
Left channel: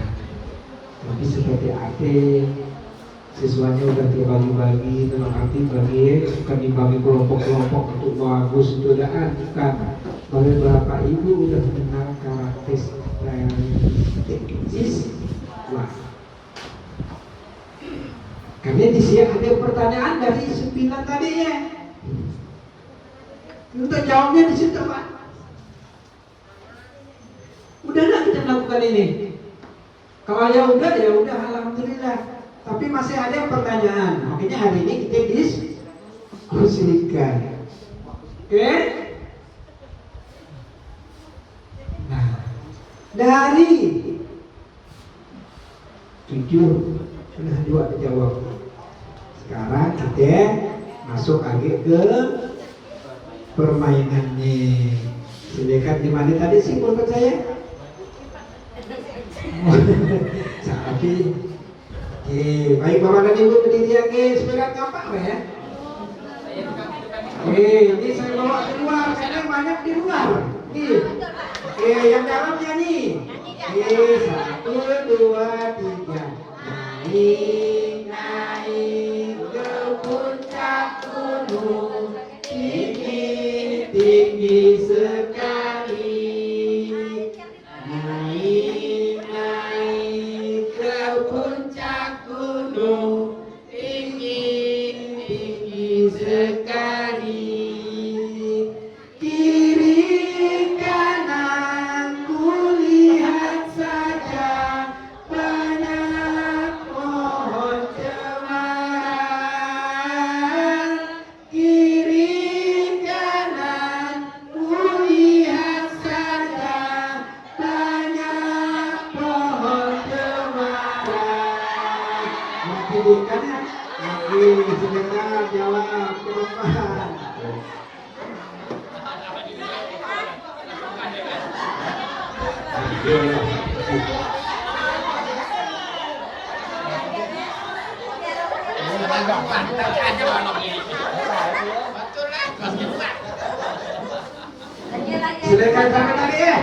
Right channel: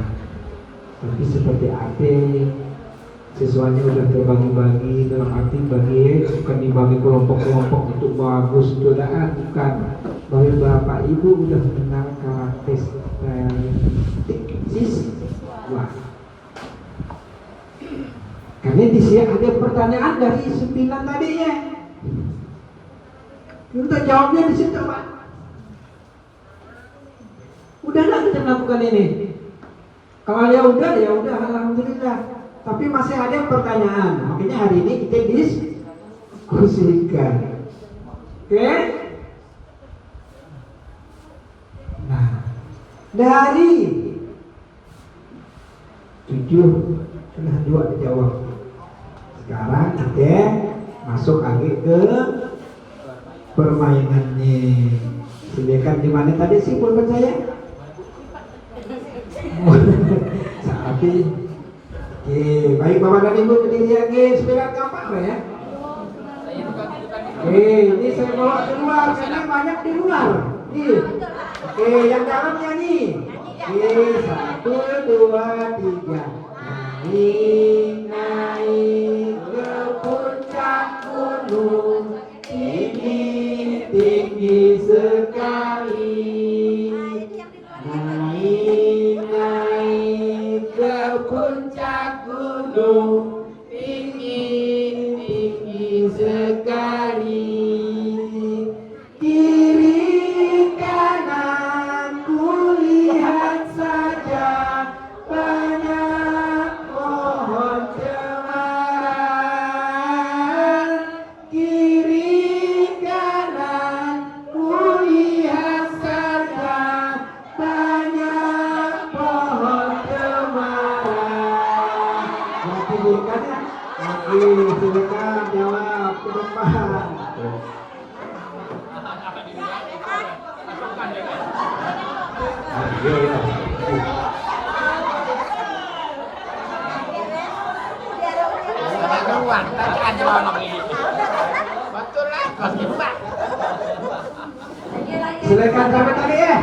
tapi seperti apa siswanya udah terbagi-bagi dalam arti bagi bukan dibagi kelompok-kelompok untuk bagus itu bukan. Bahwa Bapak Ibu udah mengenal karakteristik wah. Karena di sini ada pertanyaan dari 9 tadi ya. Untuk jawabnya di situ Pak. Udahlah kita lakukan ini. Kalau ya udah alhamdulillah. Tapi masih ada pertanyaan. Makanya hari ini kita diskusikan. Oke? Nah, dari 7 sudah 2 dijawab. Sekarang kita masuk lagi ke permainannya. Silakan di mana tadi sih pulpen saya? Tapi baik Bapak dan Ibu berdiri lagi sepeda tampak ya. Ini saya bawa keluar karena banyak di luar. Nih. Yang dalamnya nih. 1, 2, 3. Naik ke puncak gunung, tinggi sekali. Naik ke puncak gunung, tinggi sekali. Kiri kanan kulihat saja banyak pohon cemara. Kiri kanan kulihat saja banyak pohon cemara. Kiri kanan, silakan jawab perubahan. Silakan sampai tadi ya.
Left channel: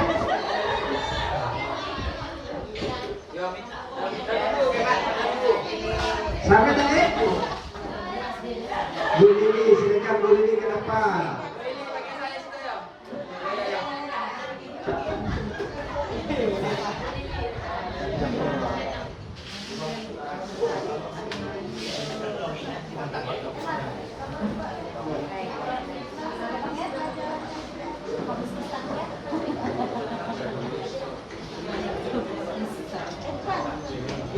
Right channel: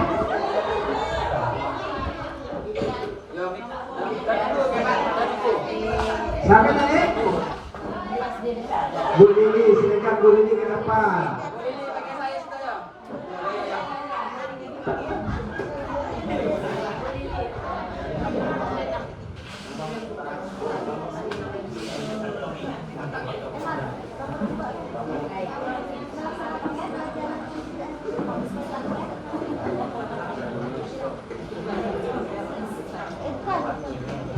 Sampai tadi. Bu Lili, silakan Bu Lili ke depan.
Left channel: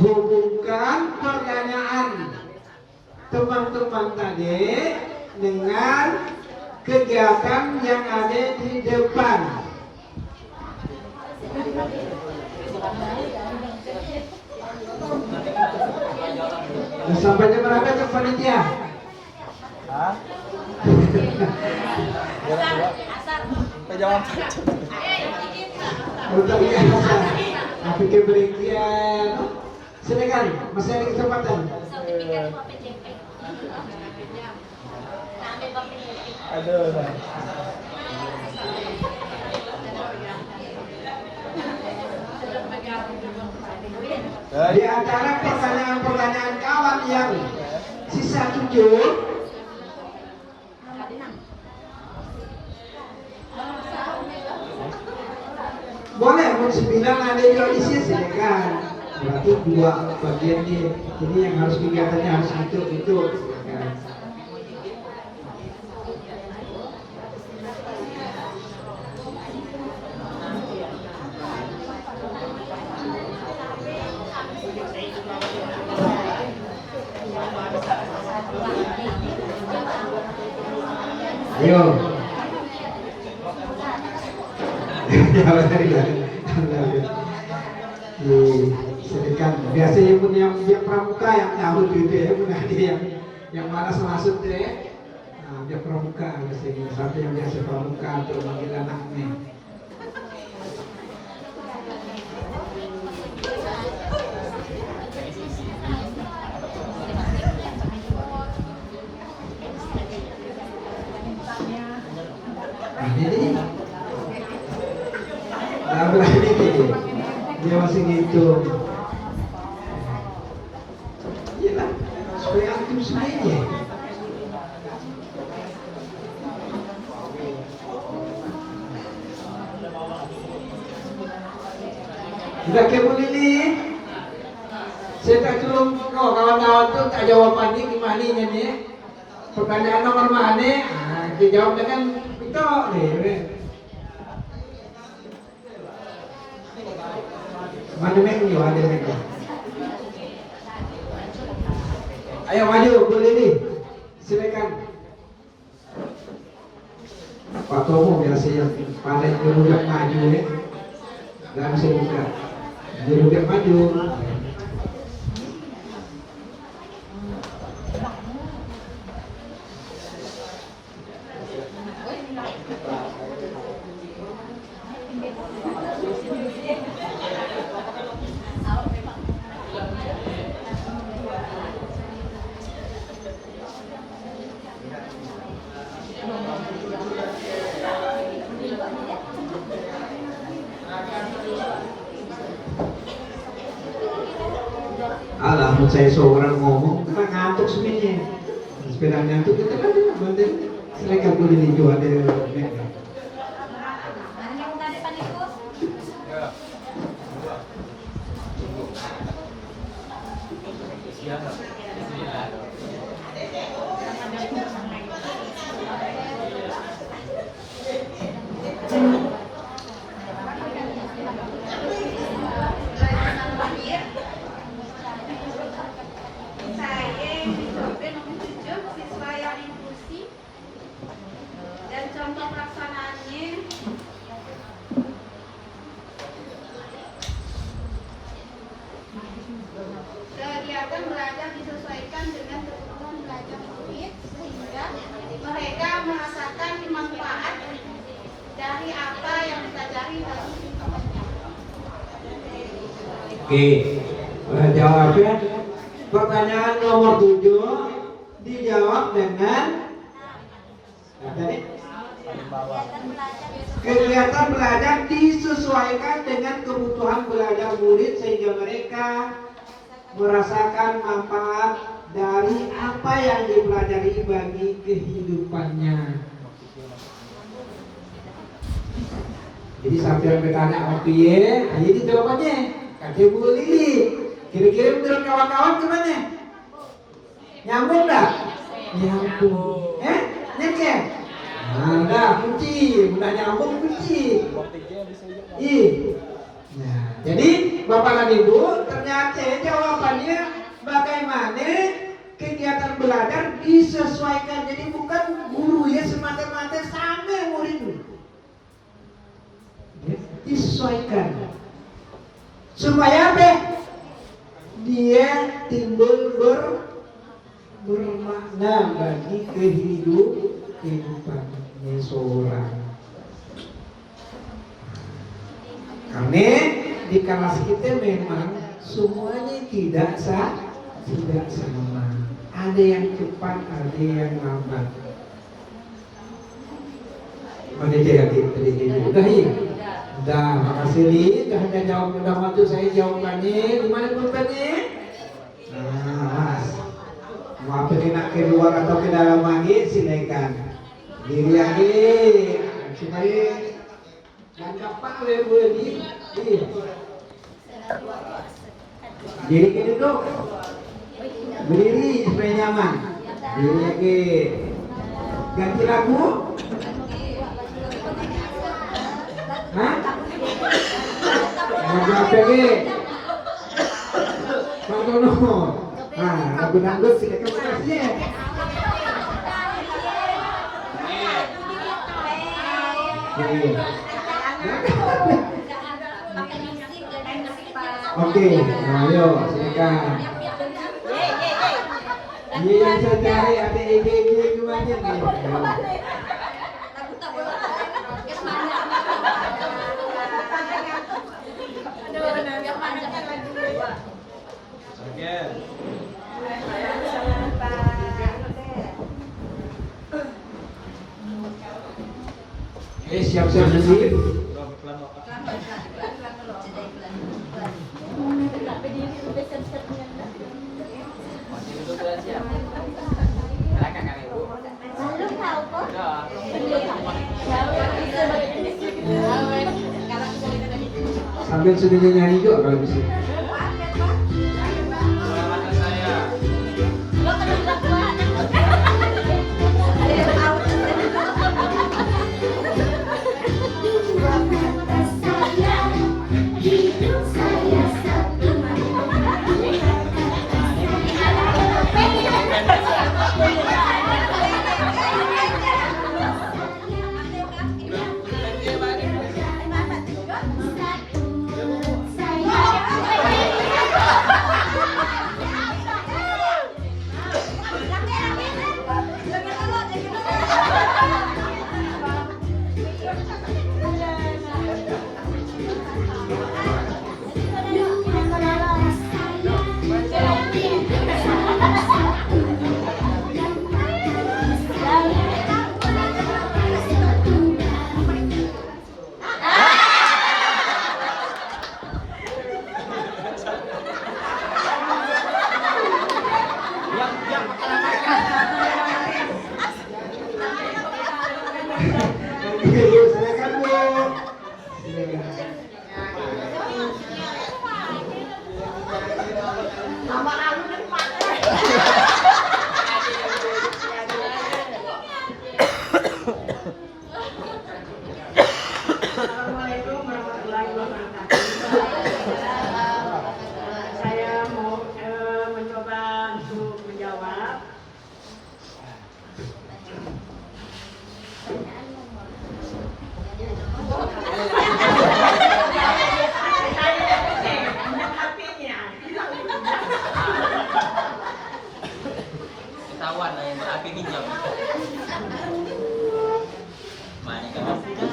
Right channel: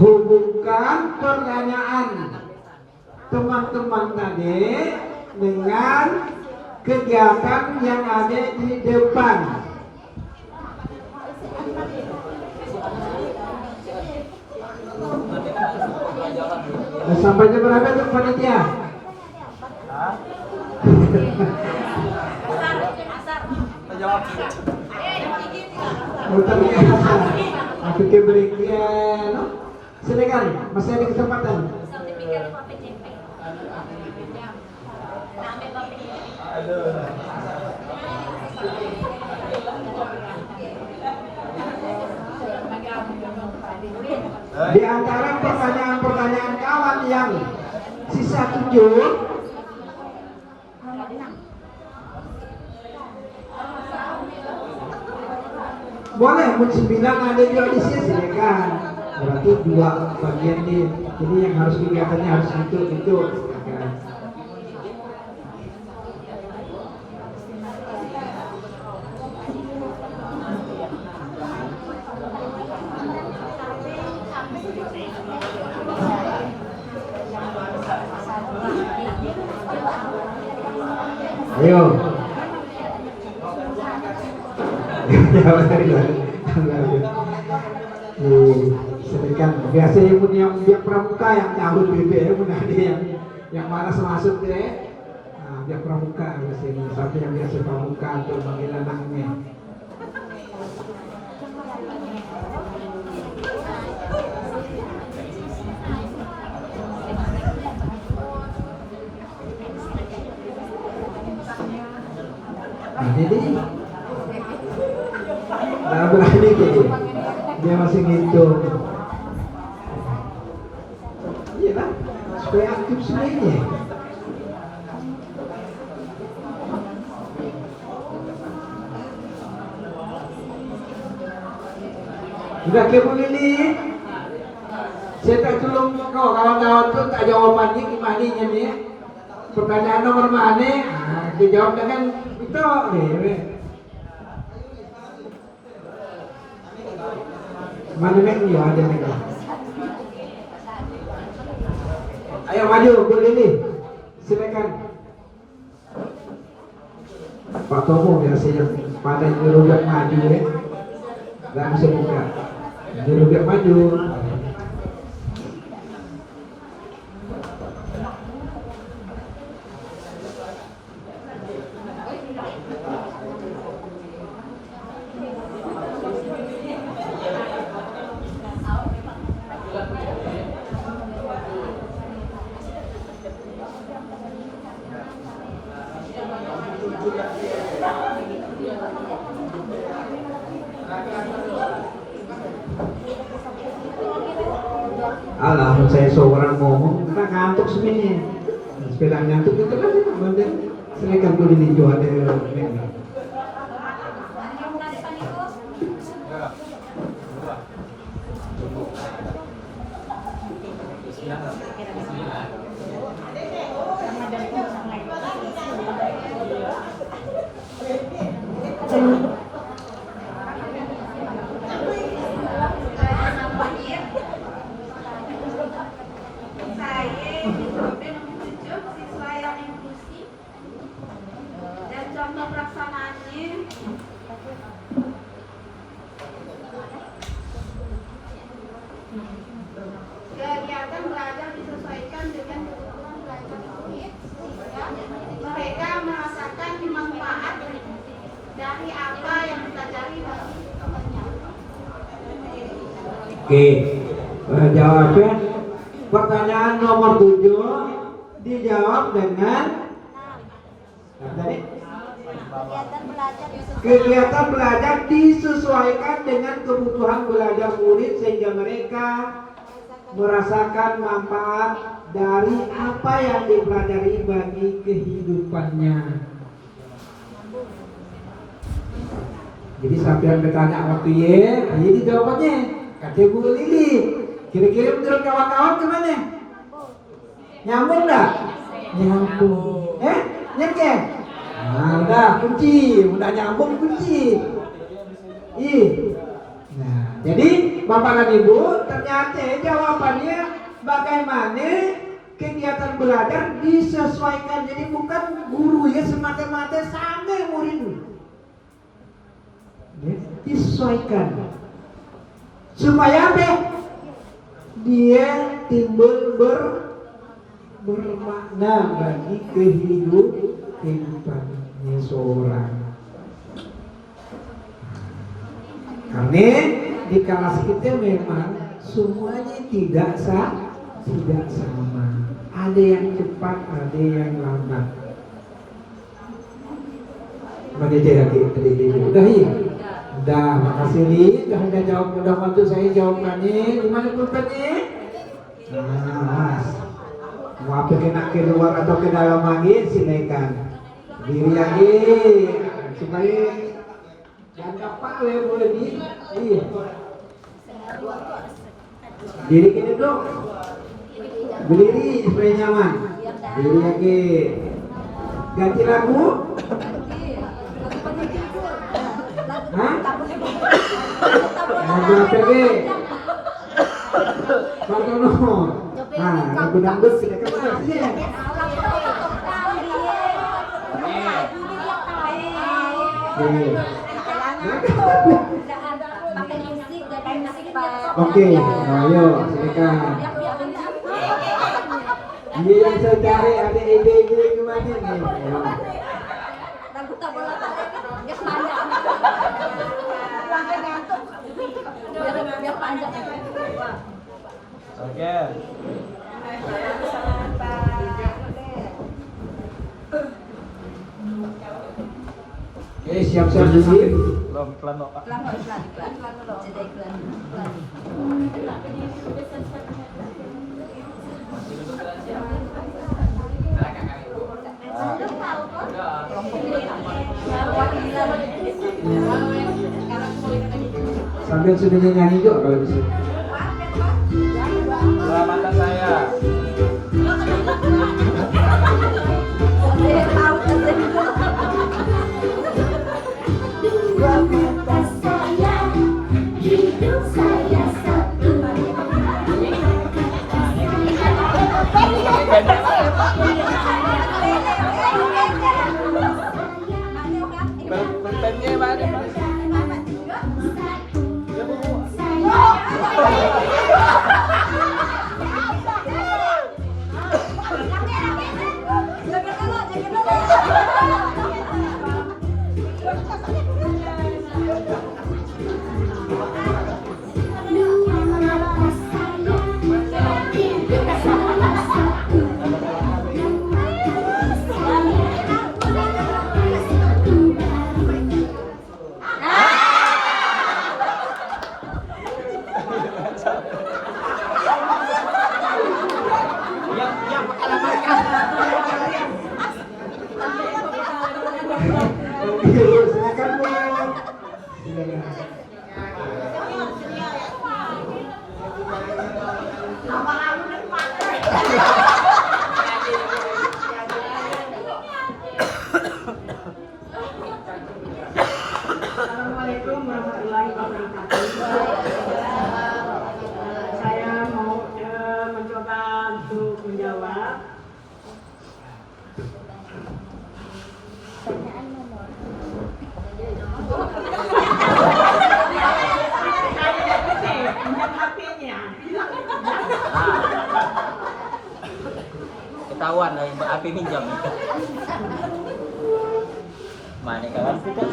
Hubungkan pertanyaan teman-teman tadi dengan kegiatan yang ada di depan. Sampai jam berapa tuh panitia? Aku ke berikian. Silakan, masih ada kesempatan. Di antara pertanyaan-pertanyaan kawan yang sisa 7, boleh, 9 ada di audisi silakan. Berarti 2 bagian nih. Jadi yang harus kegiatannya harus gitu. Ayo. Silakan. Biasa ibu yang dia pramuka yang nyambut gitu ya, bukan ada yang malas masuk deh. Nah, dia pramuka di sini. Sampai yang biasa pramuka untuk manggil anaknya. Nah, ini nah, berani dia masih ngitung. Iya kan? Supaya aktif semuanya. Udah ke Bu Lili. Saya tak tolong kawan-kawan tuh tak jawabannya gimana nih. Pertanyaan nomor mana? Nah, dijawab dengan betul nih. Mana ini ada mereka. Ayo maju Bu Lili. Silakan. Pak Tomo biasanya paling dulu maju ya. Dan bisa buka. Dulu maju. Alah, saya seorang ngomong, kita ngantuk semuanya. Sepeda ngantuk kita kan bener. Silakan dulu dijual ada. Kegiatan belajar disesuaikan dengan kebutuhan belajar murid sehingga mereka merasakan manfaat dari apa yang dipelajari dalam kehidupannya. Oke, jawabnya pertanyaan nomor 7 dijawab dengan kegiatan belajar disesuaikan dengan kebutuhan belajar murid sehingga mereka merasakan manfaat dari apa yang dipelajari bagi kehidupannya. Jadi sampai yang bertanya sama piye, ini jawabannya. Kata Bu Lili, kira-kira menurut kawan-kawan kemana? Nyambung dah? Nyambung. Nyengke? Nah, udah kunci, udah nyambung kunci. Nah, jadi Bapak dan Ibu, ternyata jawabannya bagaimana kegiatan belajar disesuaikan. Jadi bukan guru ya semata-mata sama murid. Ya, disesuaikan. Supaya apa? Dia timbul bermakna bagi kehidupannya seorang. Karena di kelas kita memang semuanya tidak sama. Ada yang cepat, ada yang lambat. Mana jadi udah ya? Udah, makasih Li. Udah jawab, udah bantu saya jawabannya. Gimana pulpennya? Nah, Mas. Mau pergi nak ke luar atau ke dalam lagi, silakan. Diri lagi supaya jangan kapak boleh di. Diri ke duduk. Berdiri supaya nyaman. Diri lagi. Ganti lagu. Hah? Mau berapa lagi? Pak Tono. Nah, lagu dangdut silakan masih. Nih. Pakai musik dan musik Pak. Oke, nah ayo silakan. Ini yang saya cari ada ide-ide gimana nih? Ayo. Lagu tak boleh. Guys panjang. Biar panjang. Oke. Siap-siap dulu. Pelan Pak. Sambil sudah nyanyi juga kalau bisa. Mata saya. Silakan Bu. Assalamualaikum warahmatullahi wabarakatuh. Saya mau mencoba untuk menjawab. Ketahuan lah yang api pinjam. Mana kawan kita?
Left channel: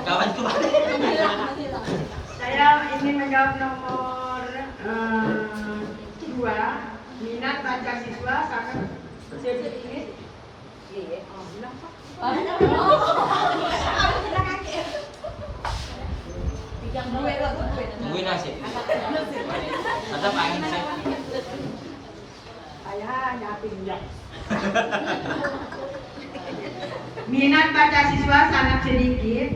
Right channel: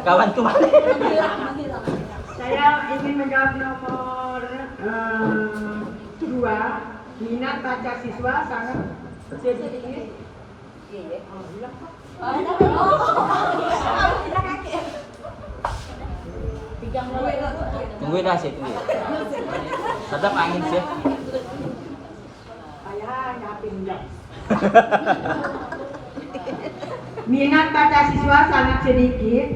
Kawan tuh mana? Saya ingin menjawab nomor 2. Minat baca siswa sangat sedikit. Tungguin lah sih. Ada angin sih. Saya hanya pinjam. Minat baca siswa sangat sedikit.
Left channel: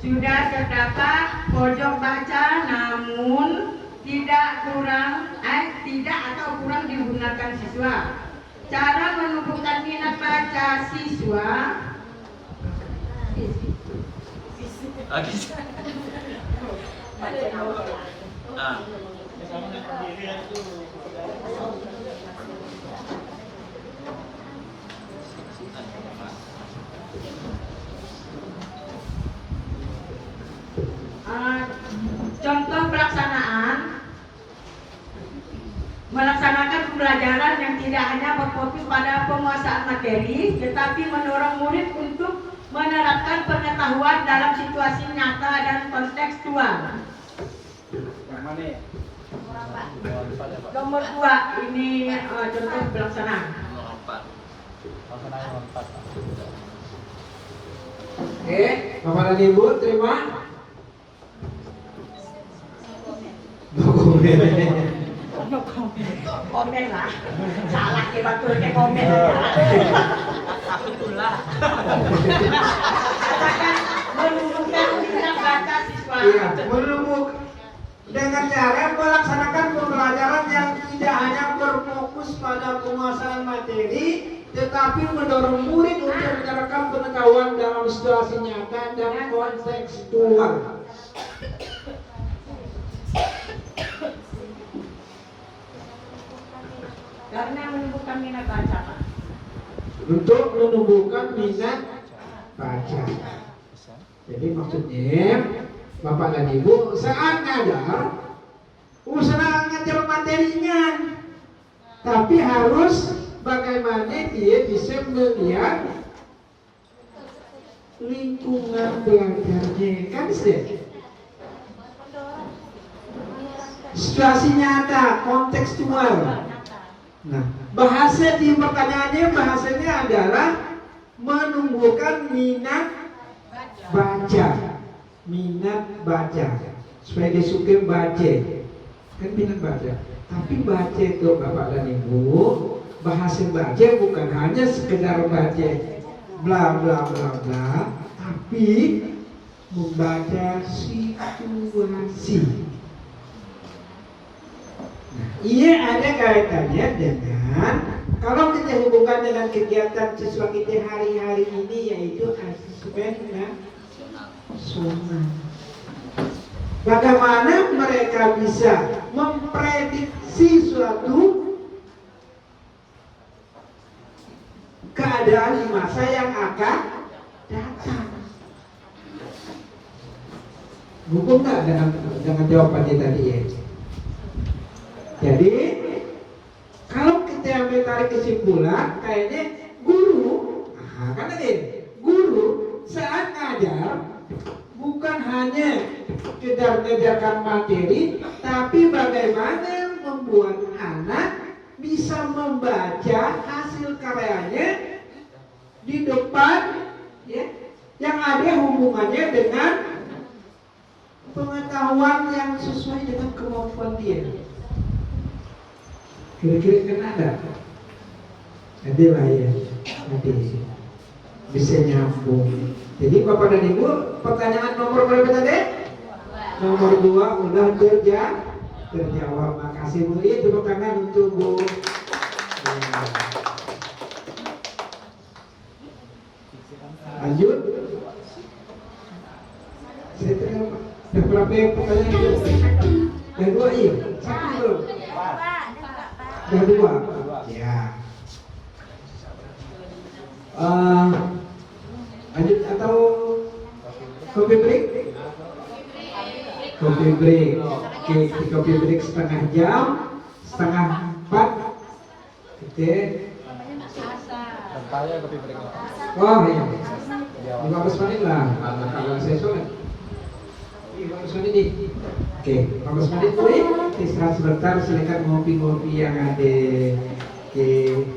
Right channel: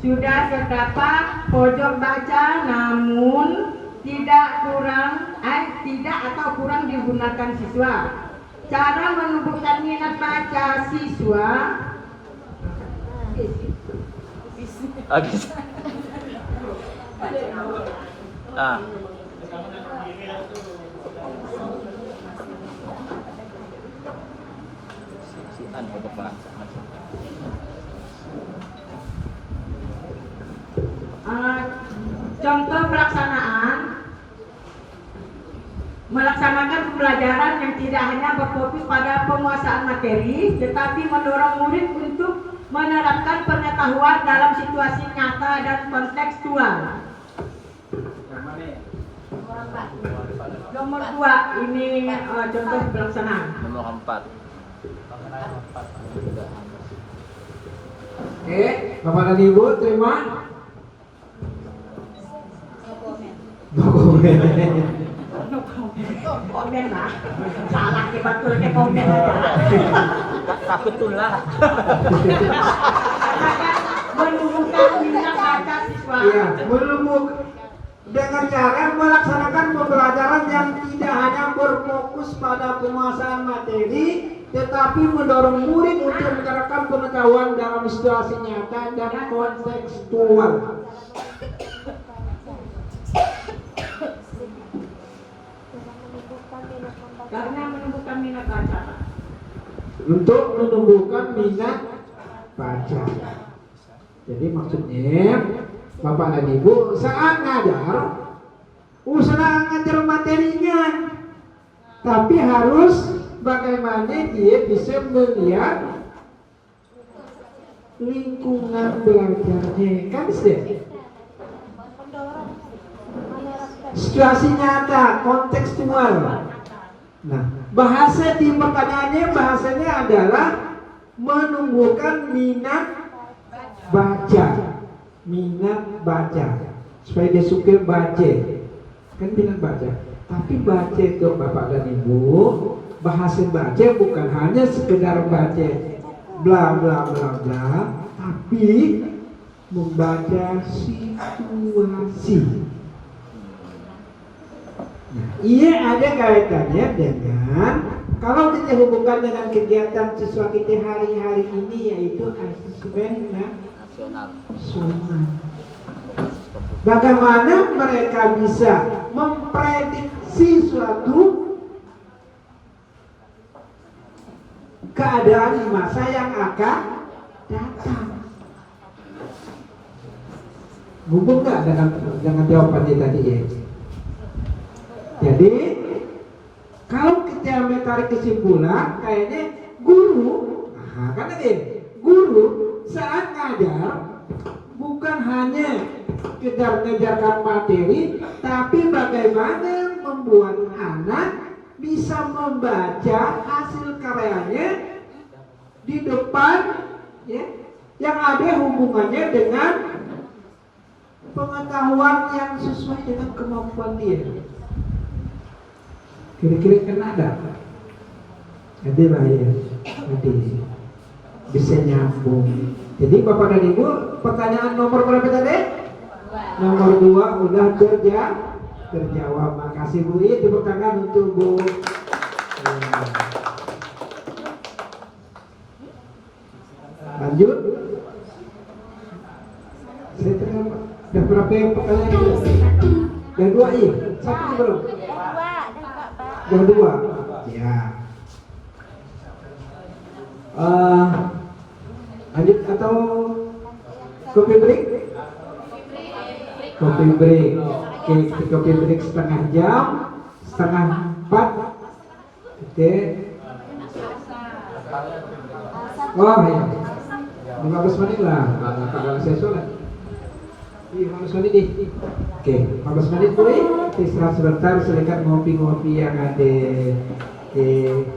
Sudah terdapat pojok baca, namun tidak kurang digunakan siswa. Cara menumbuhkan minat baca siswa. Oke. Ah. Contoh pelaksanaan melaksanakan pembelajaran yang tidak hanya berfokus pada penguasaan materi, tetapi mendorong murid untuk menerapkan pengetahuan dalam situasi nyata dan kontekstual. Nomor 2 ini contoh pelaksanaan. Nomor 4. Oke, Bapak dan Ibu terima. Komen lah, salah dibatulnya komen. Betul lah. Menumbuhkan minat baca siswa. Iya, menumbuh dengan cara melaksanakan pembelajaran yang tidak hanya berfokus pada penguasaan materi, tetapi mendorong murid untuk menerapkan pengetahuan dalam situasi nyata dan kontekstual. Karena menumbuhkan minat baca, Pak. Untuk menumbuhkan minat baca. Jadi maksudnya Bapak dan Ibu saat ngajar usaha ngajar materinya, tapi harus bagaimana dia bisa melihat lingkungan belajarnya, kan sih? Situasi nyata, kontekstual. Nah, bahasa di pertanyaannya bahasanya adalah menumbuhkan minat baca, supaya dia suka baca, kan minat baca. Tapi baca itu Bapak dan Ibu, bahasa baca bukan hanya sekedar baca bla bla bla bla, tapi membaca situasi. Nah, ini ada kaitannya dengan kalau kita hubungkan dengan kegiatan siswa kita hari-hari ini, yaitu asesmen nasional. Bagaimana mereka bisa memprediksi suatu keadaan di masa yang akan datang. Hubung nggak dengan jawaban kita tadi ya? Jadi kalau kita menarik kesimpulan, kayaknya guru, karena guru saat ngajar bukan hanya kejar-kejarkan materi, tapi bagaimana membuat anak bisa membaca hasil karyanya di depan, ya, yang ada hubungannya dengan pengetahuan yang sesuai dengan kemampuan dia. Kira-kira kan ada. Jadi lah ya, nanti bisa nyambung. Jadi Bapak dan Ibu, pertanyaan nomor berapa tadi? Nomor 2 udah terjawab. Makasih Bu. Tepuk tangan untuk Bu. Lanjut. Saya terima. Ada berapa yang pertanyaan? Yang 2 iya. Satu belum. Yang 2. Ya. Lanjut atau kopi break? Kopi break. Oke, kopi break setengah jam, setengah 4. Oke. Oh iya. 15 menit lah. Kalau saya sholat. 15 menit nih. Oke, 15 menit tuh. Istirahat sebentar, silakan ngopi-ngopi yang ada. Oke.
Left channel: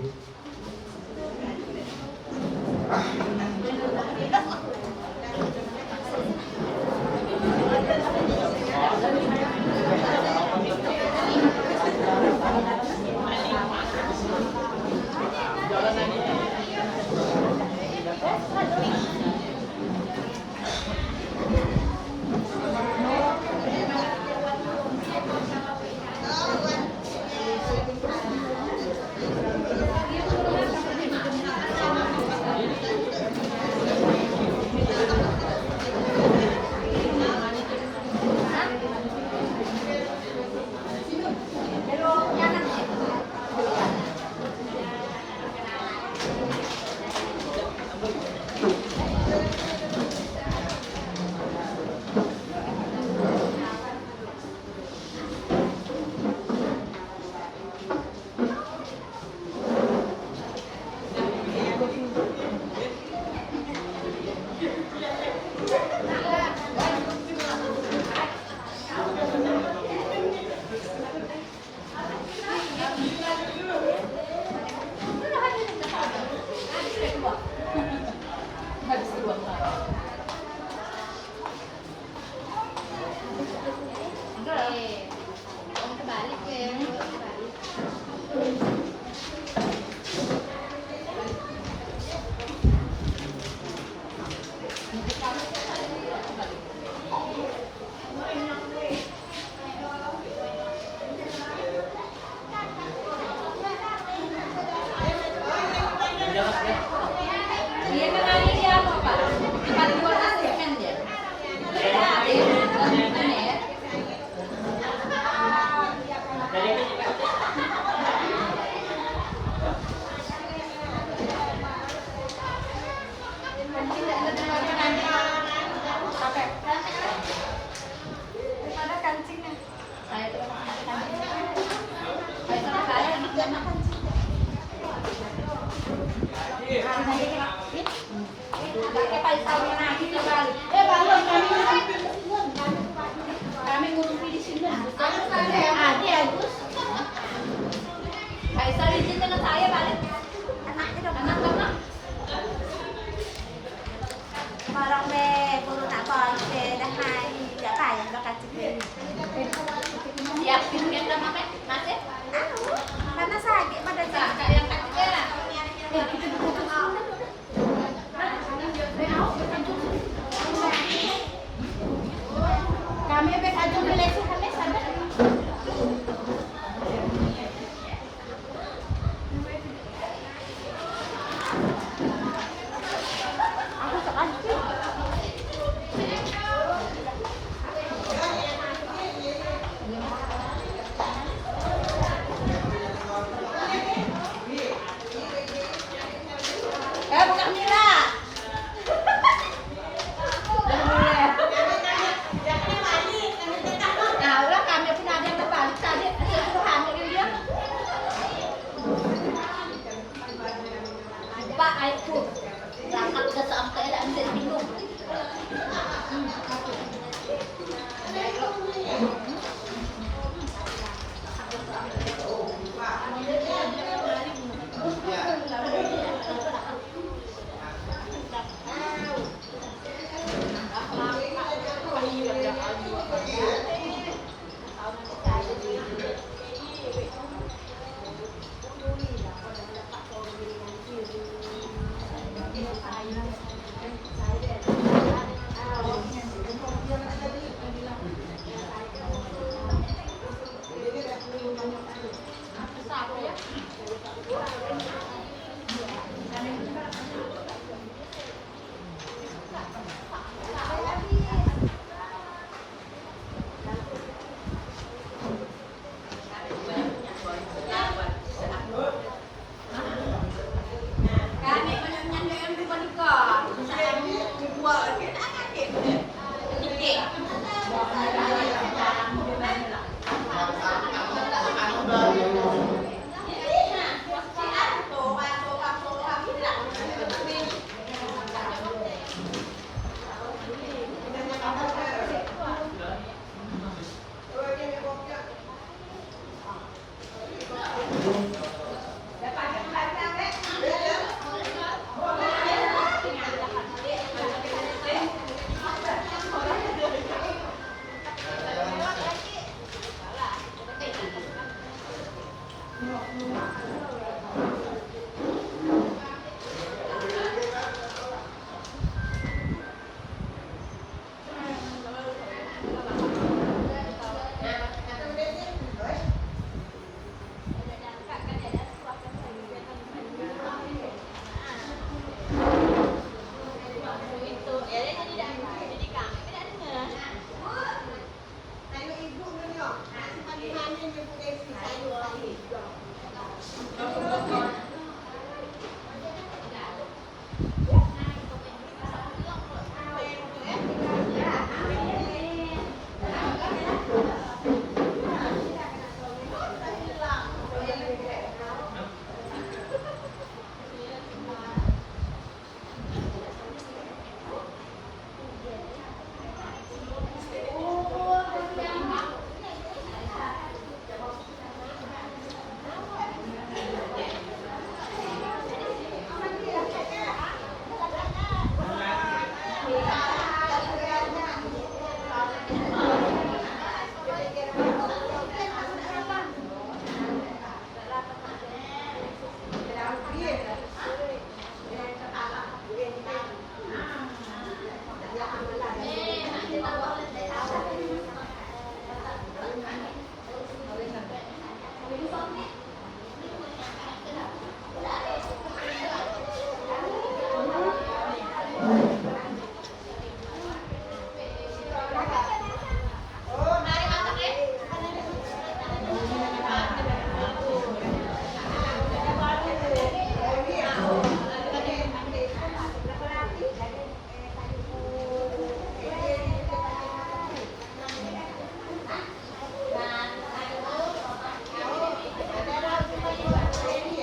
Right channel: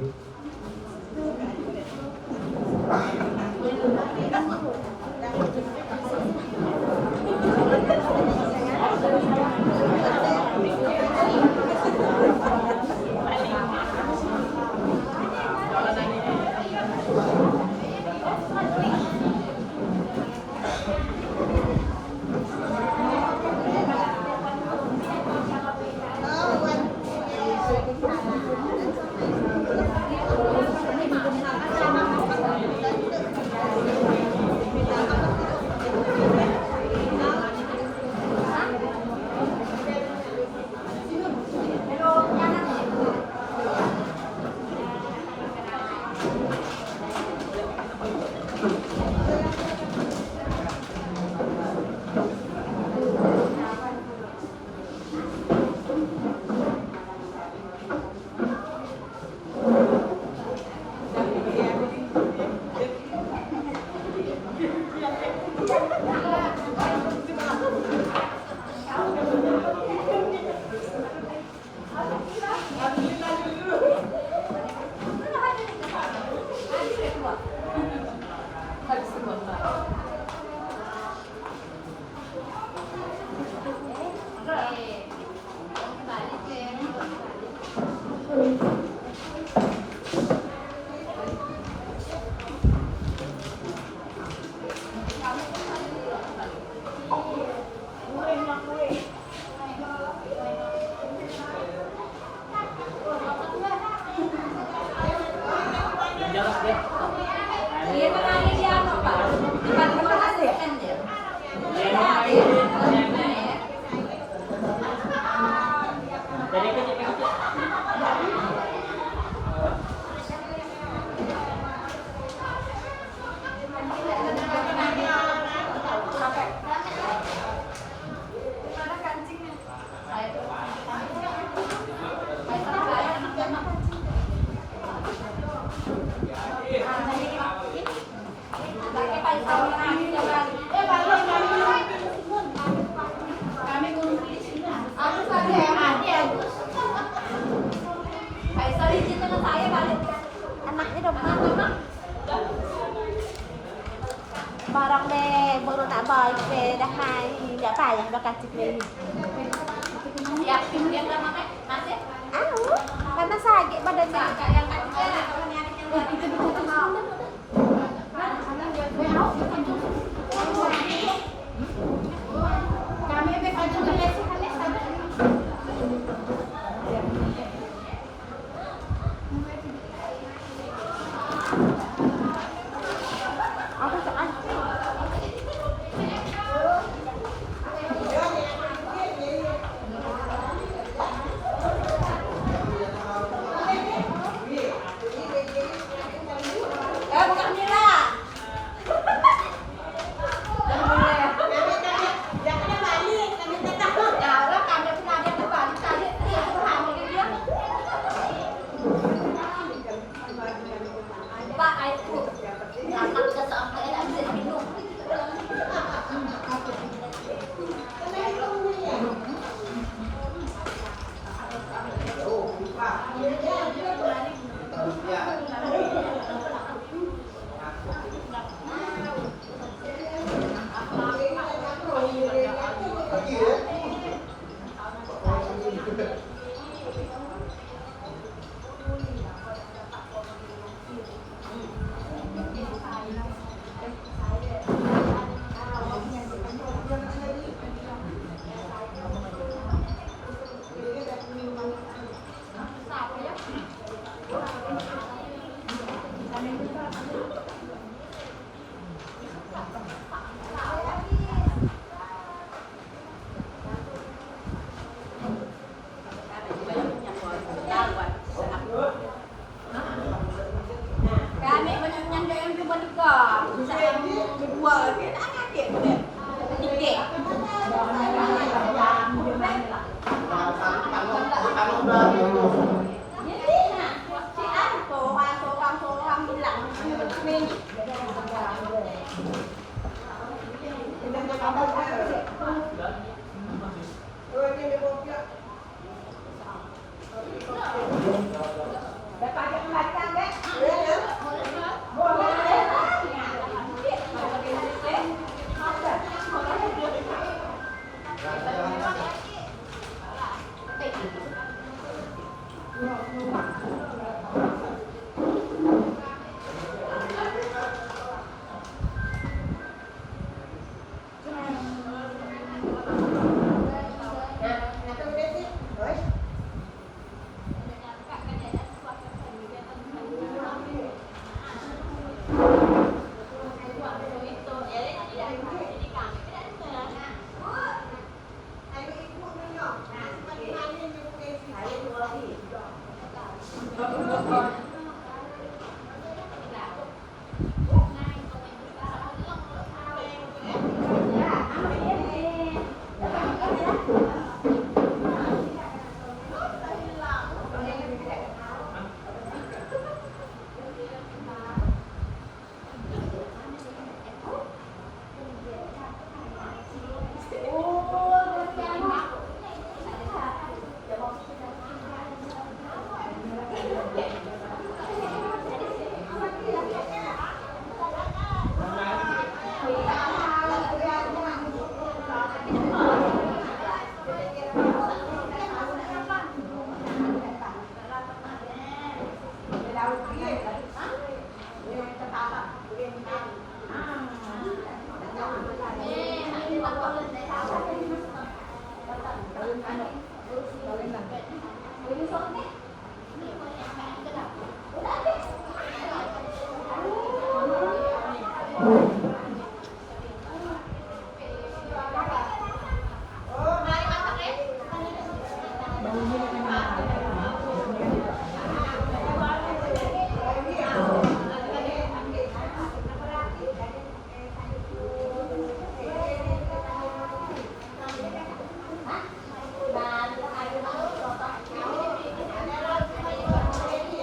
Kami ngurus di sini. Aku saja yang ada. Kaisar izin dengan saya balik. Anaknya udah benar. Barang me baru nak balik me dah hai tidak payah dah kasih me. Yakin dia enggak makan masih? Karena sakit pada Kakak yang kecil. Kami akan menulis aku sekarang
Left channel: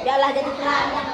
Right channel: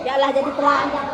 Yalah jadi pelayan.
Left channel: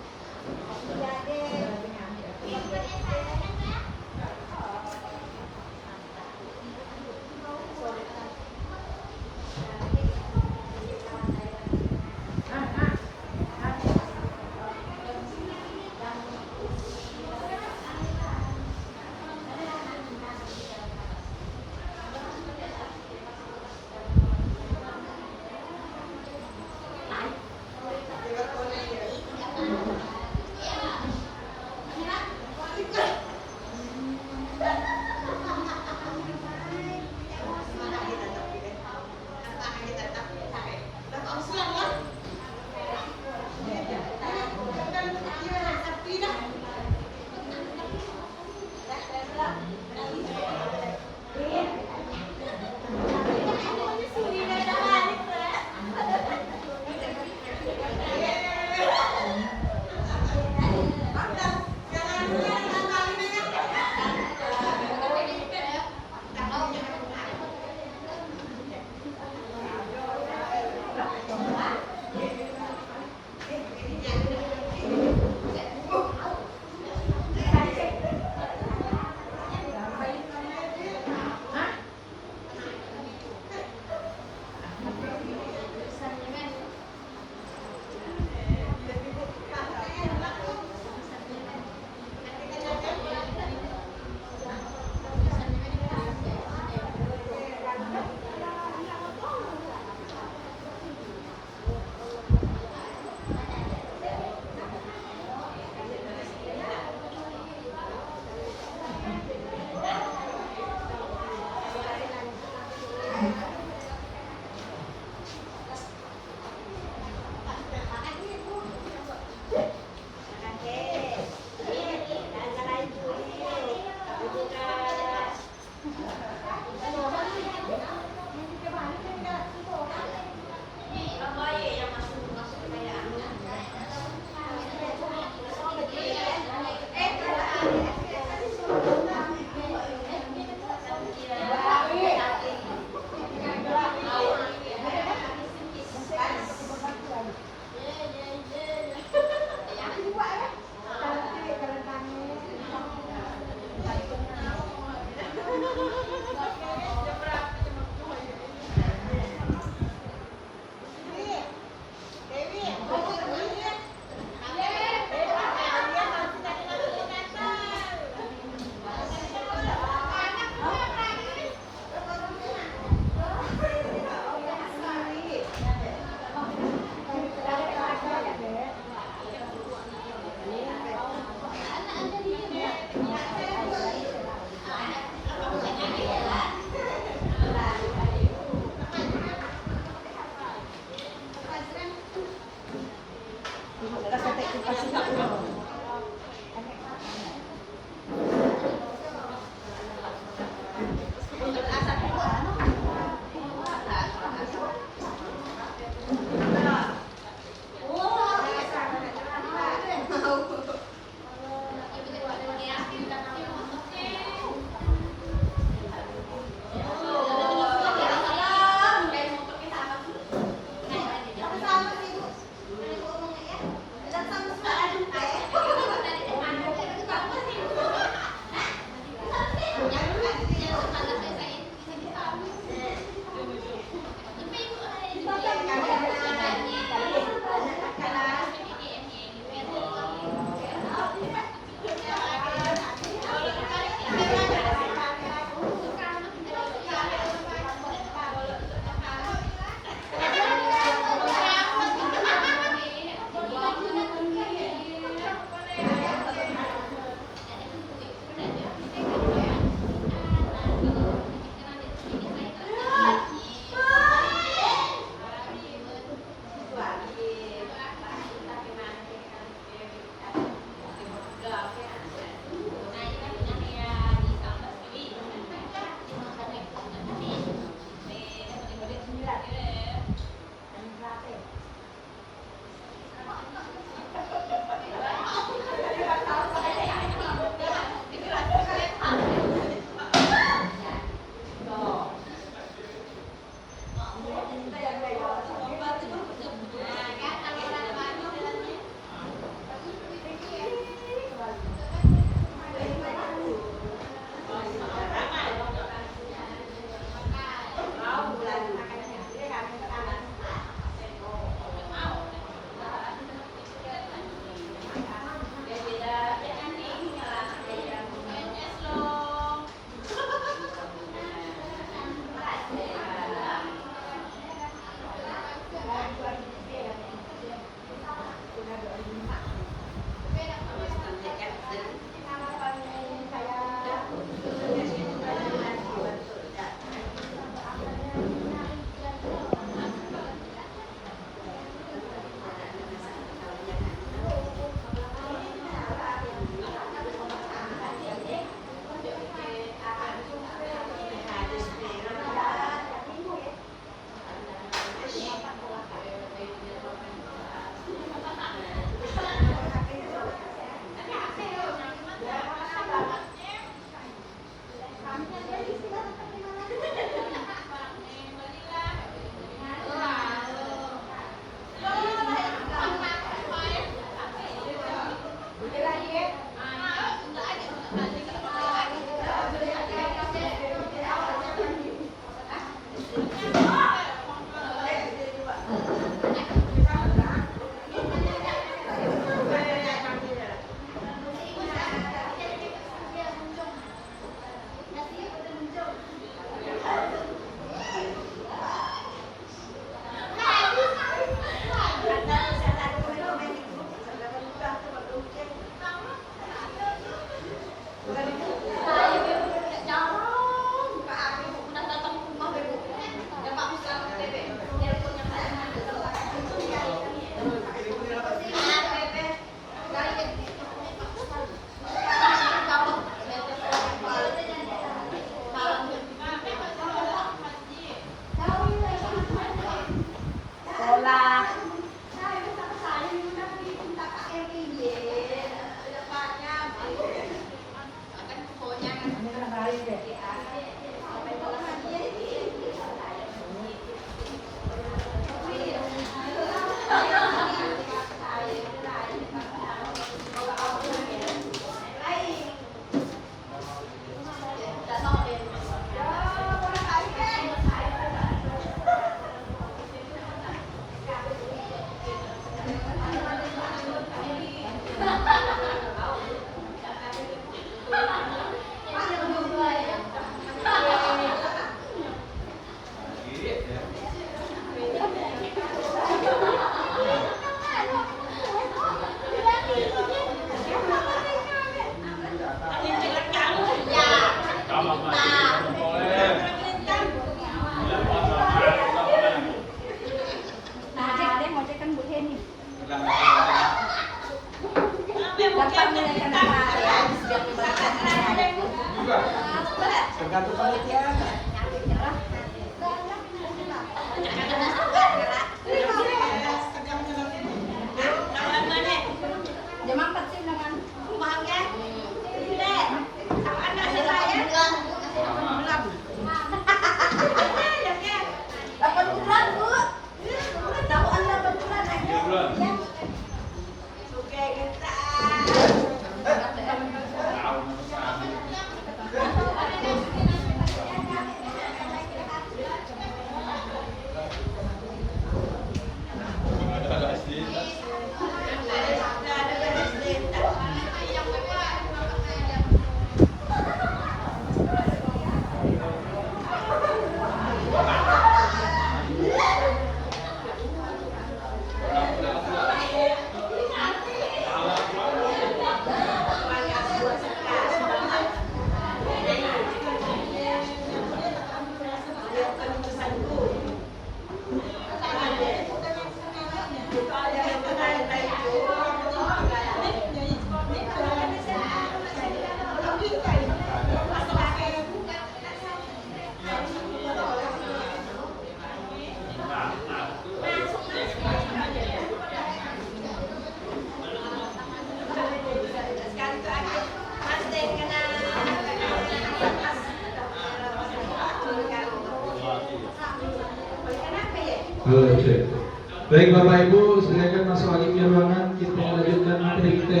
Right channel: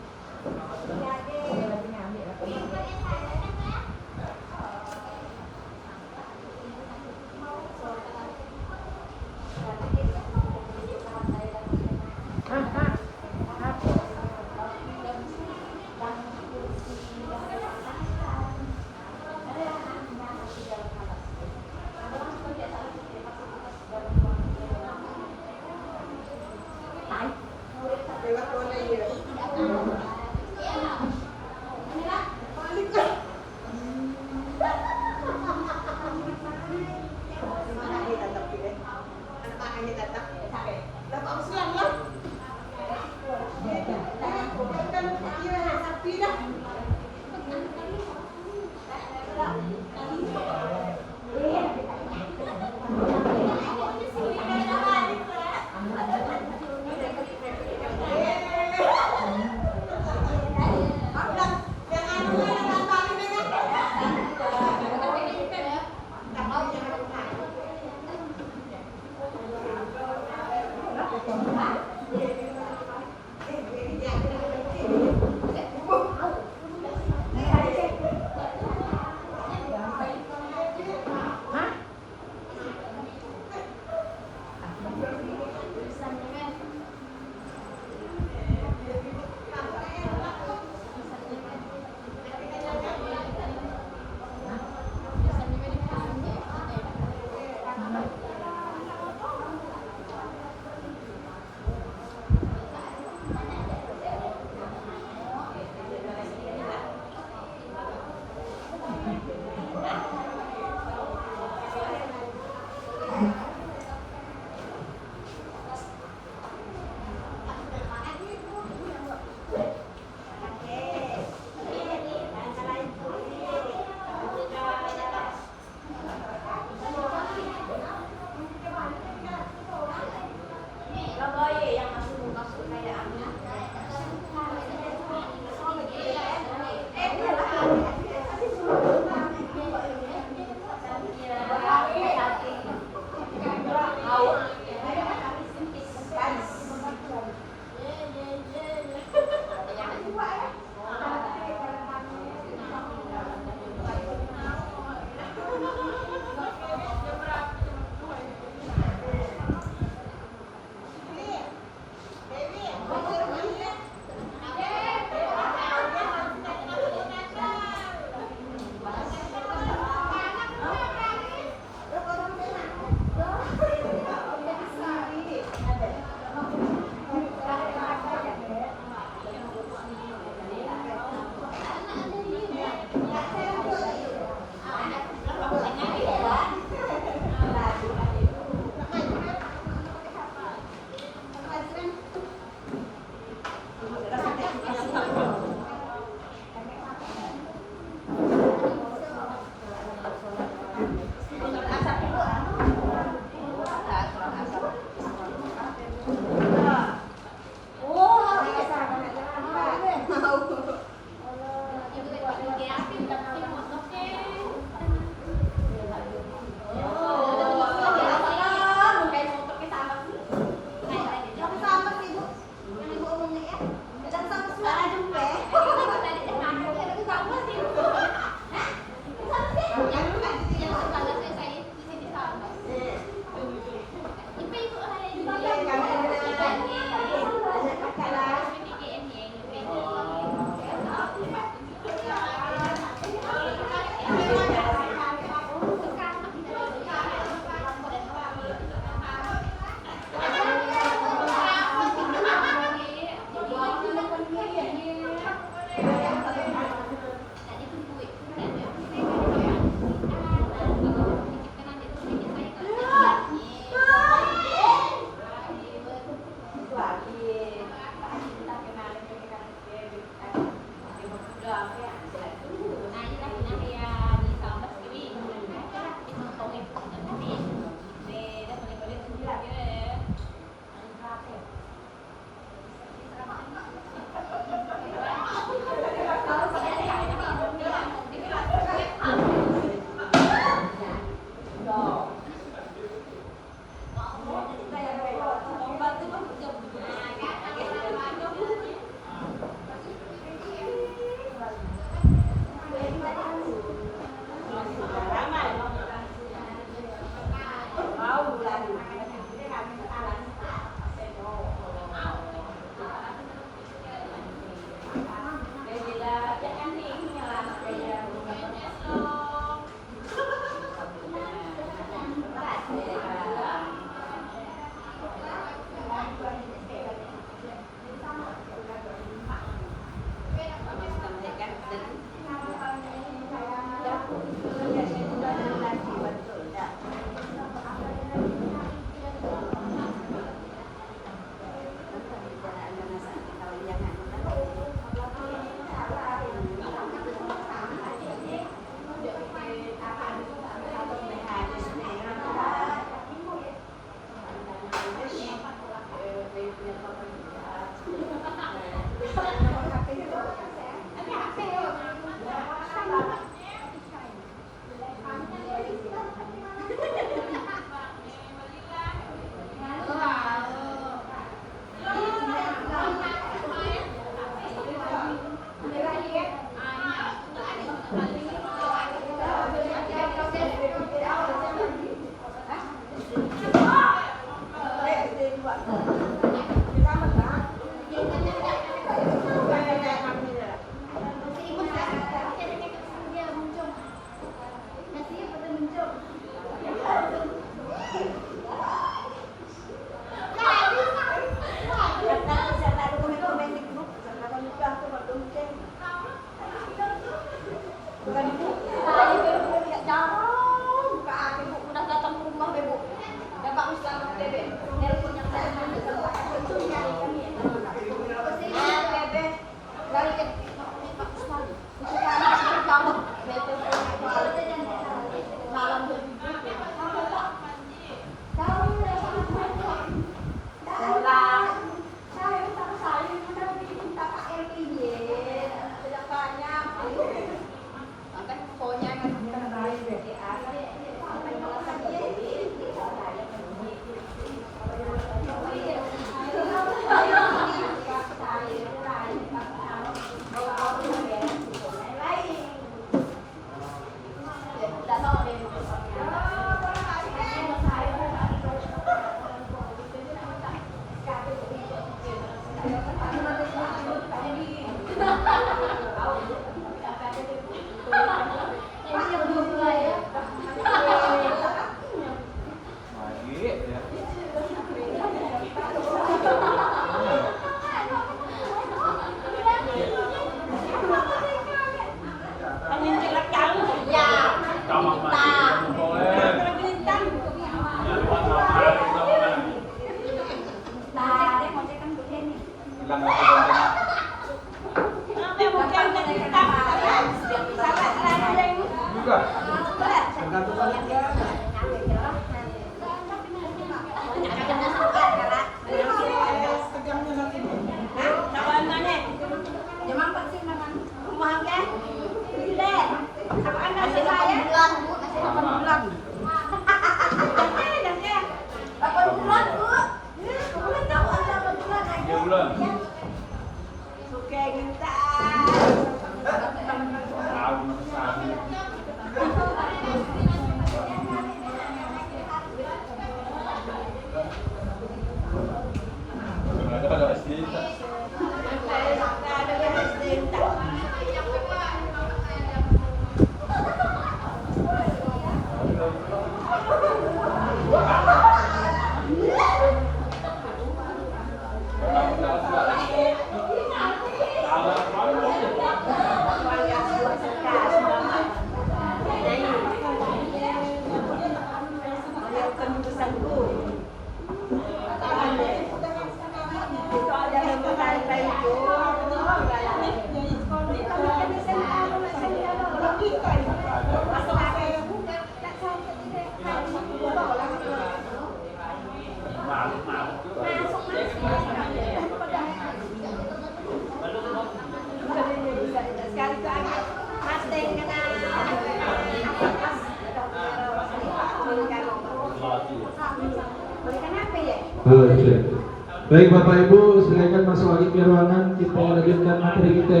Baik Bapak Ibu, silakan masuk lagi ke ruangan. Kita lanjutkan materi kita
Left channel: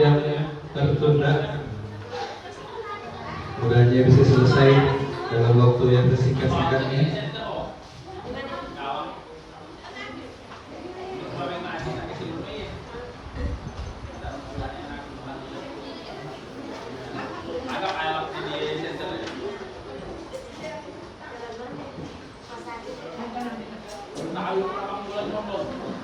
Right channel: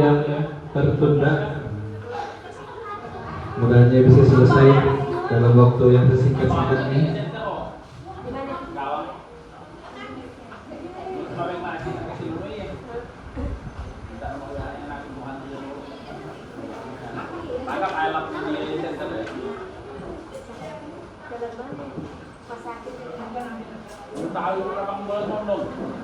yang tertunda. Semoga bisa selesai dalam waktu yang sesingkat-singkatnya. Tahu orang boleh ngomong.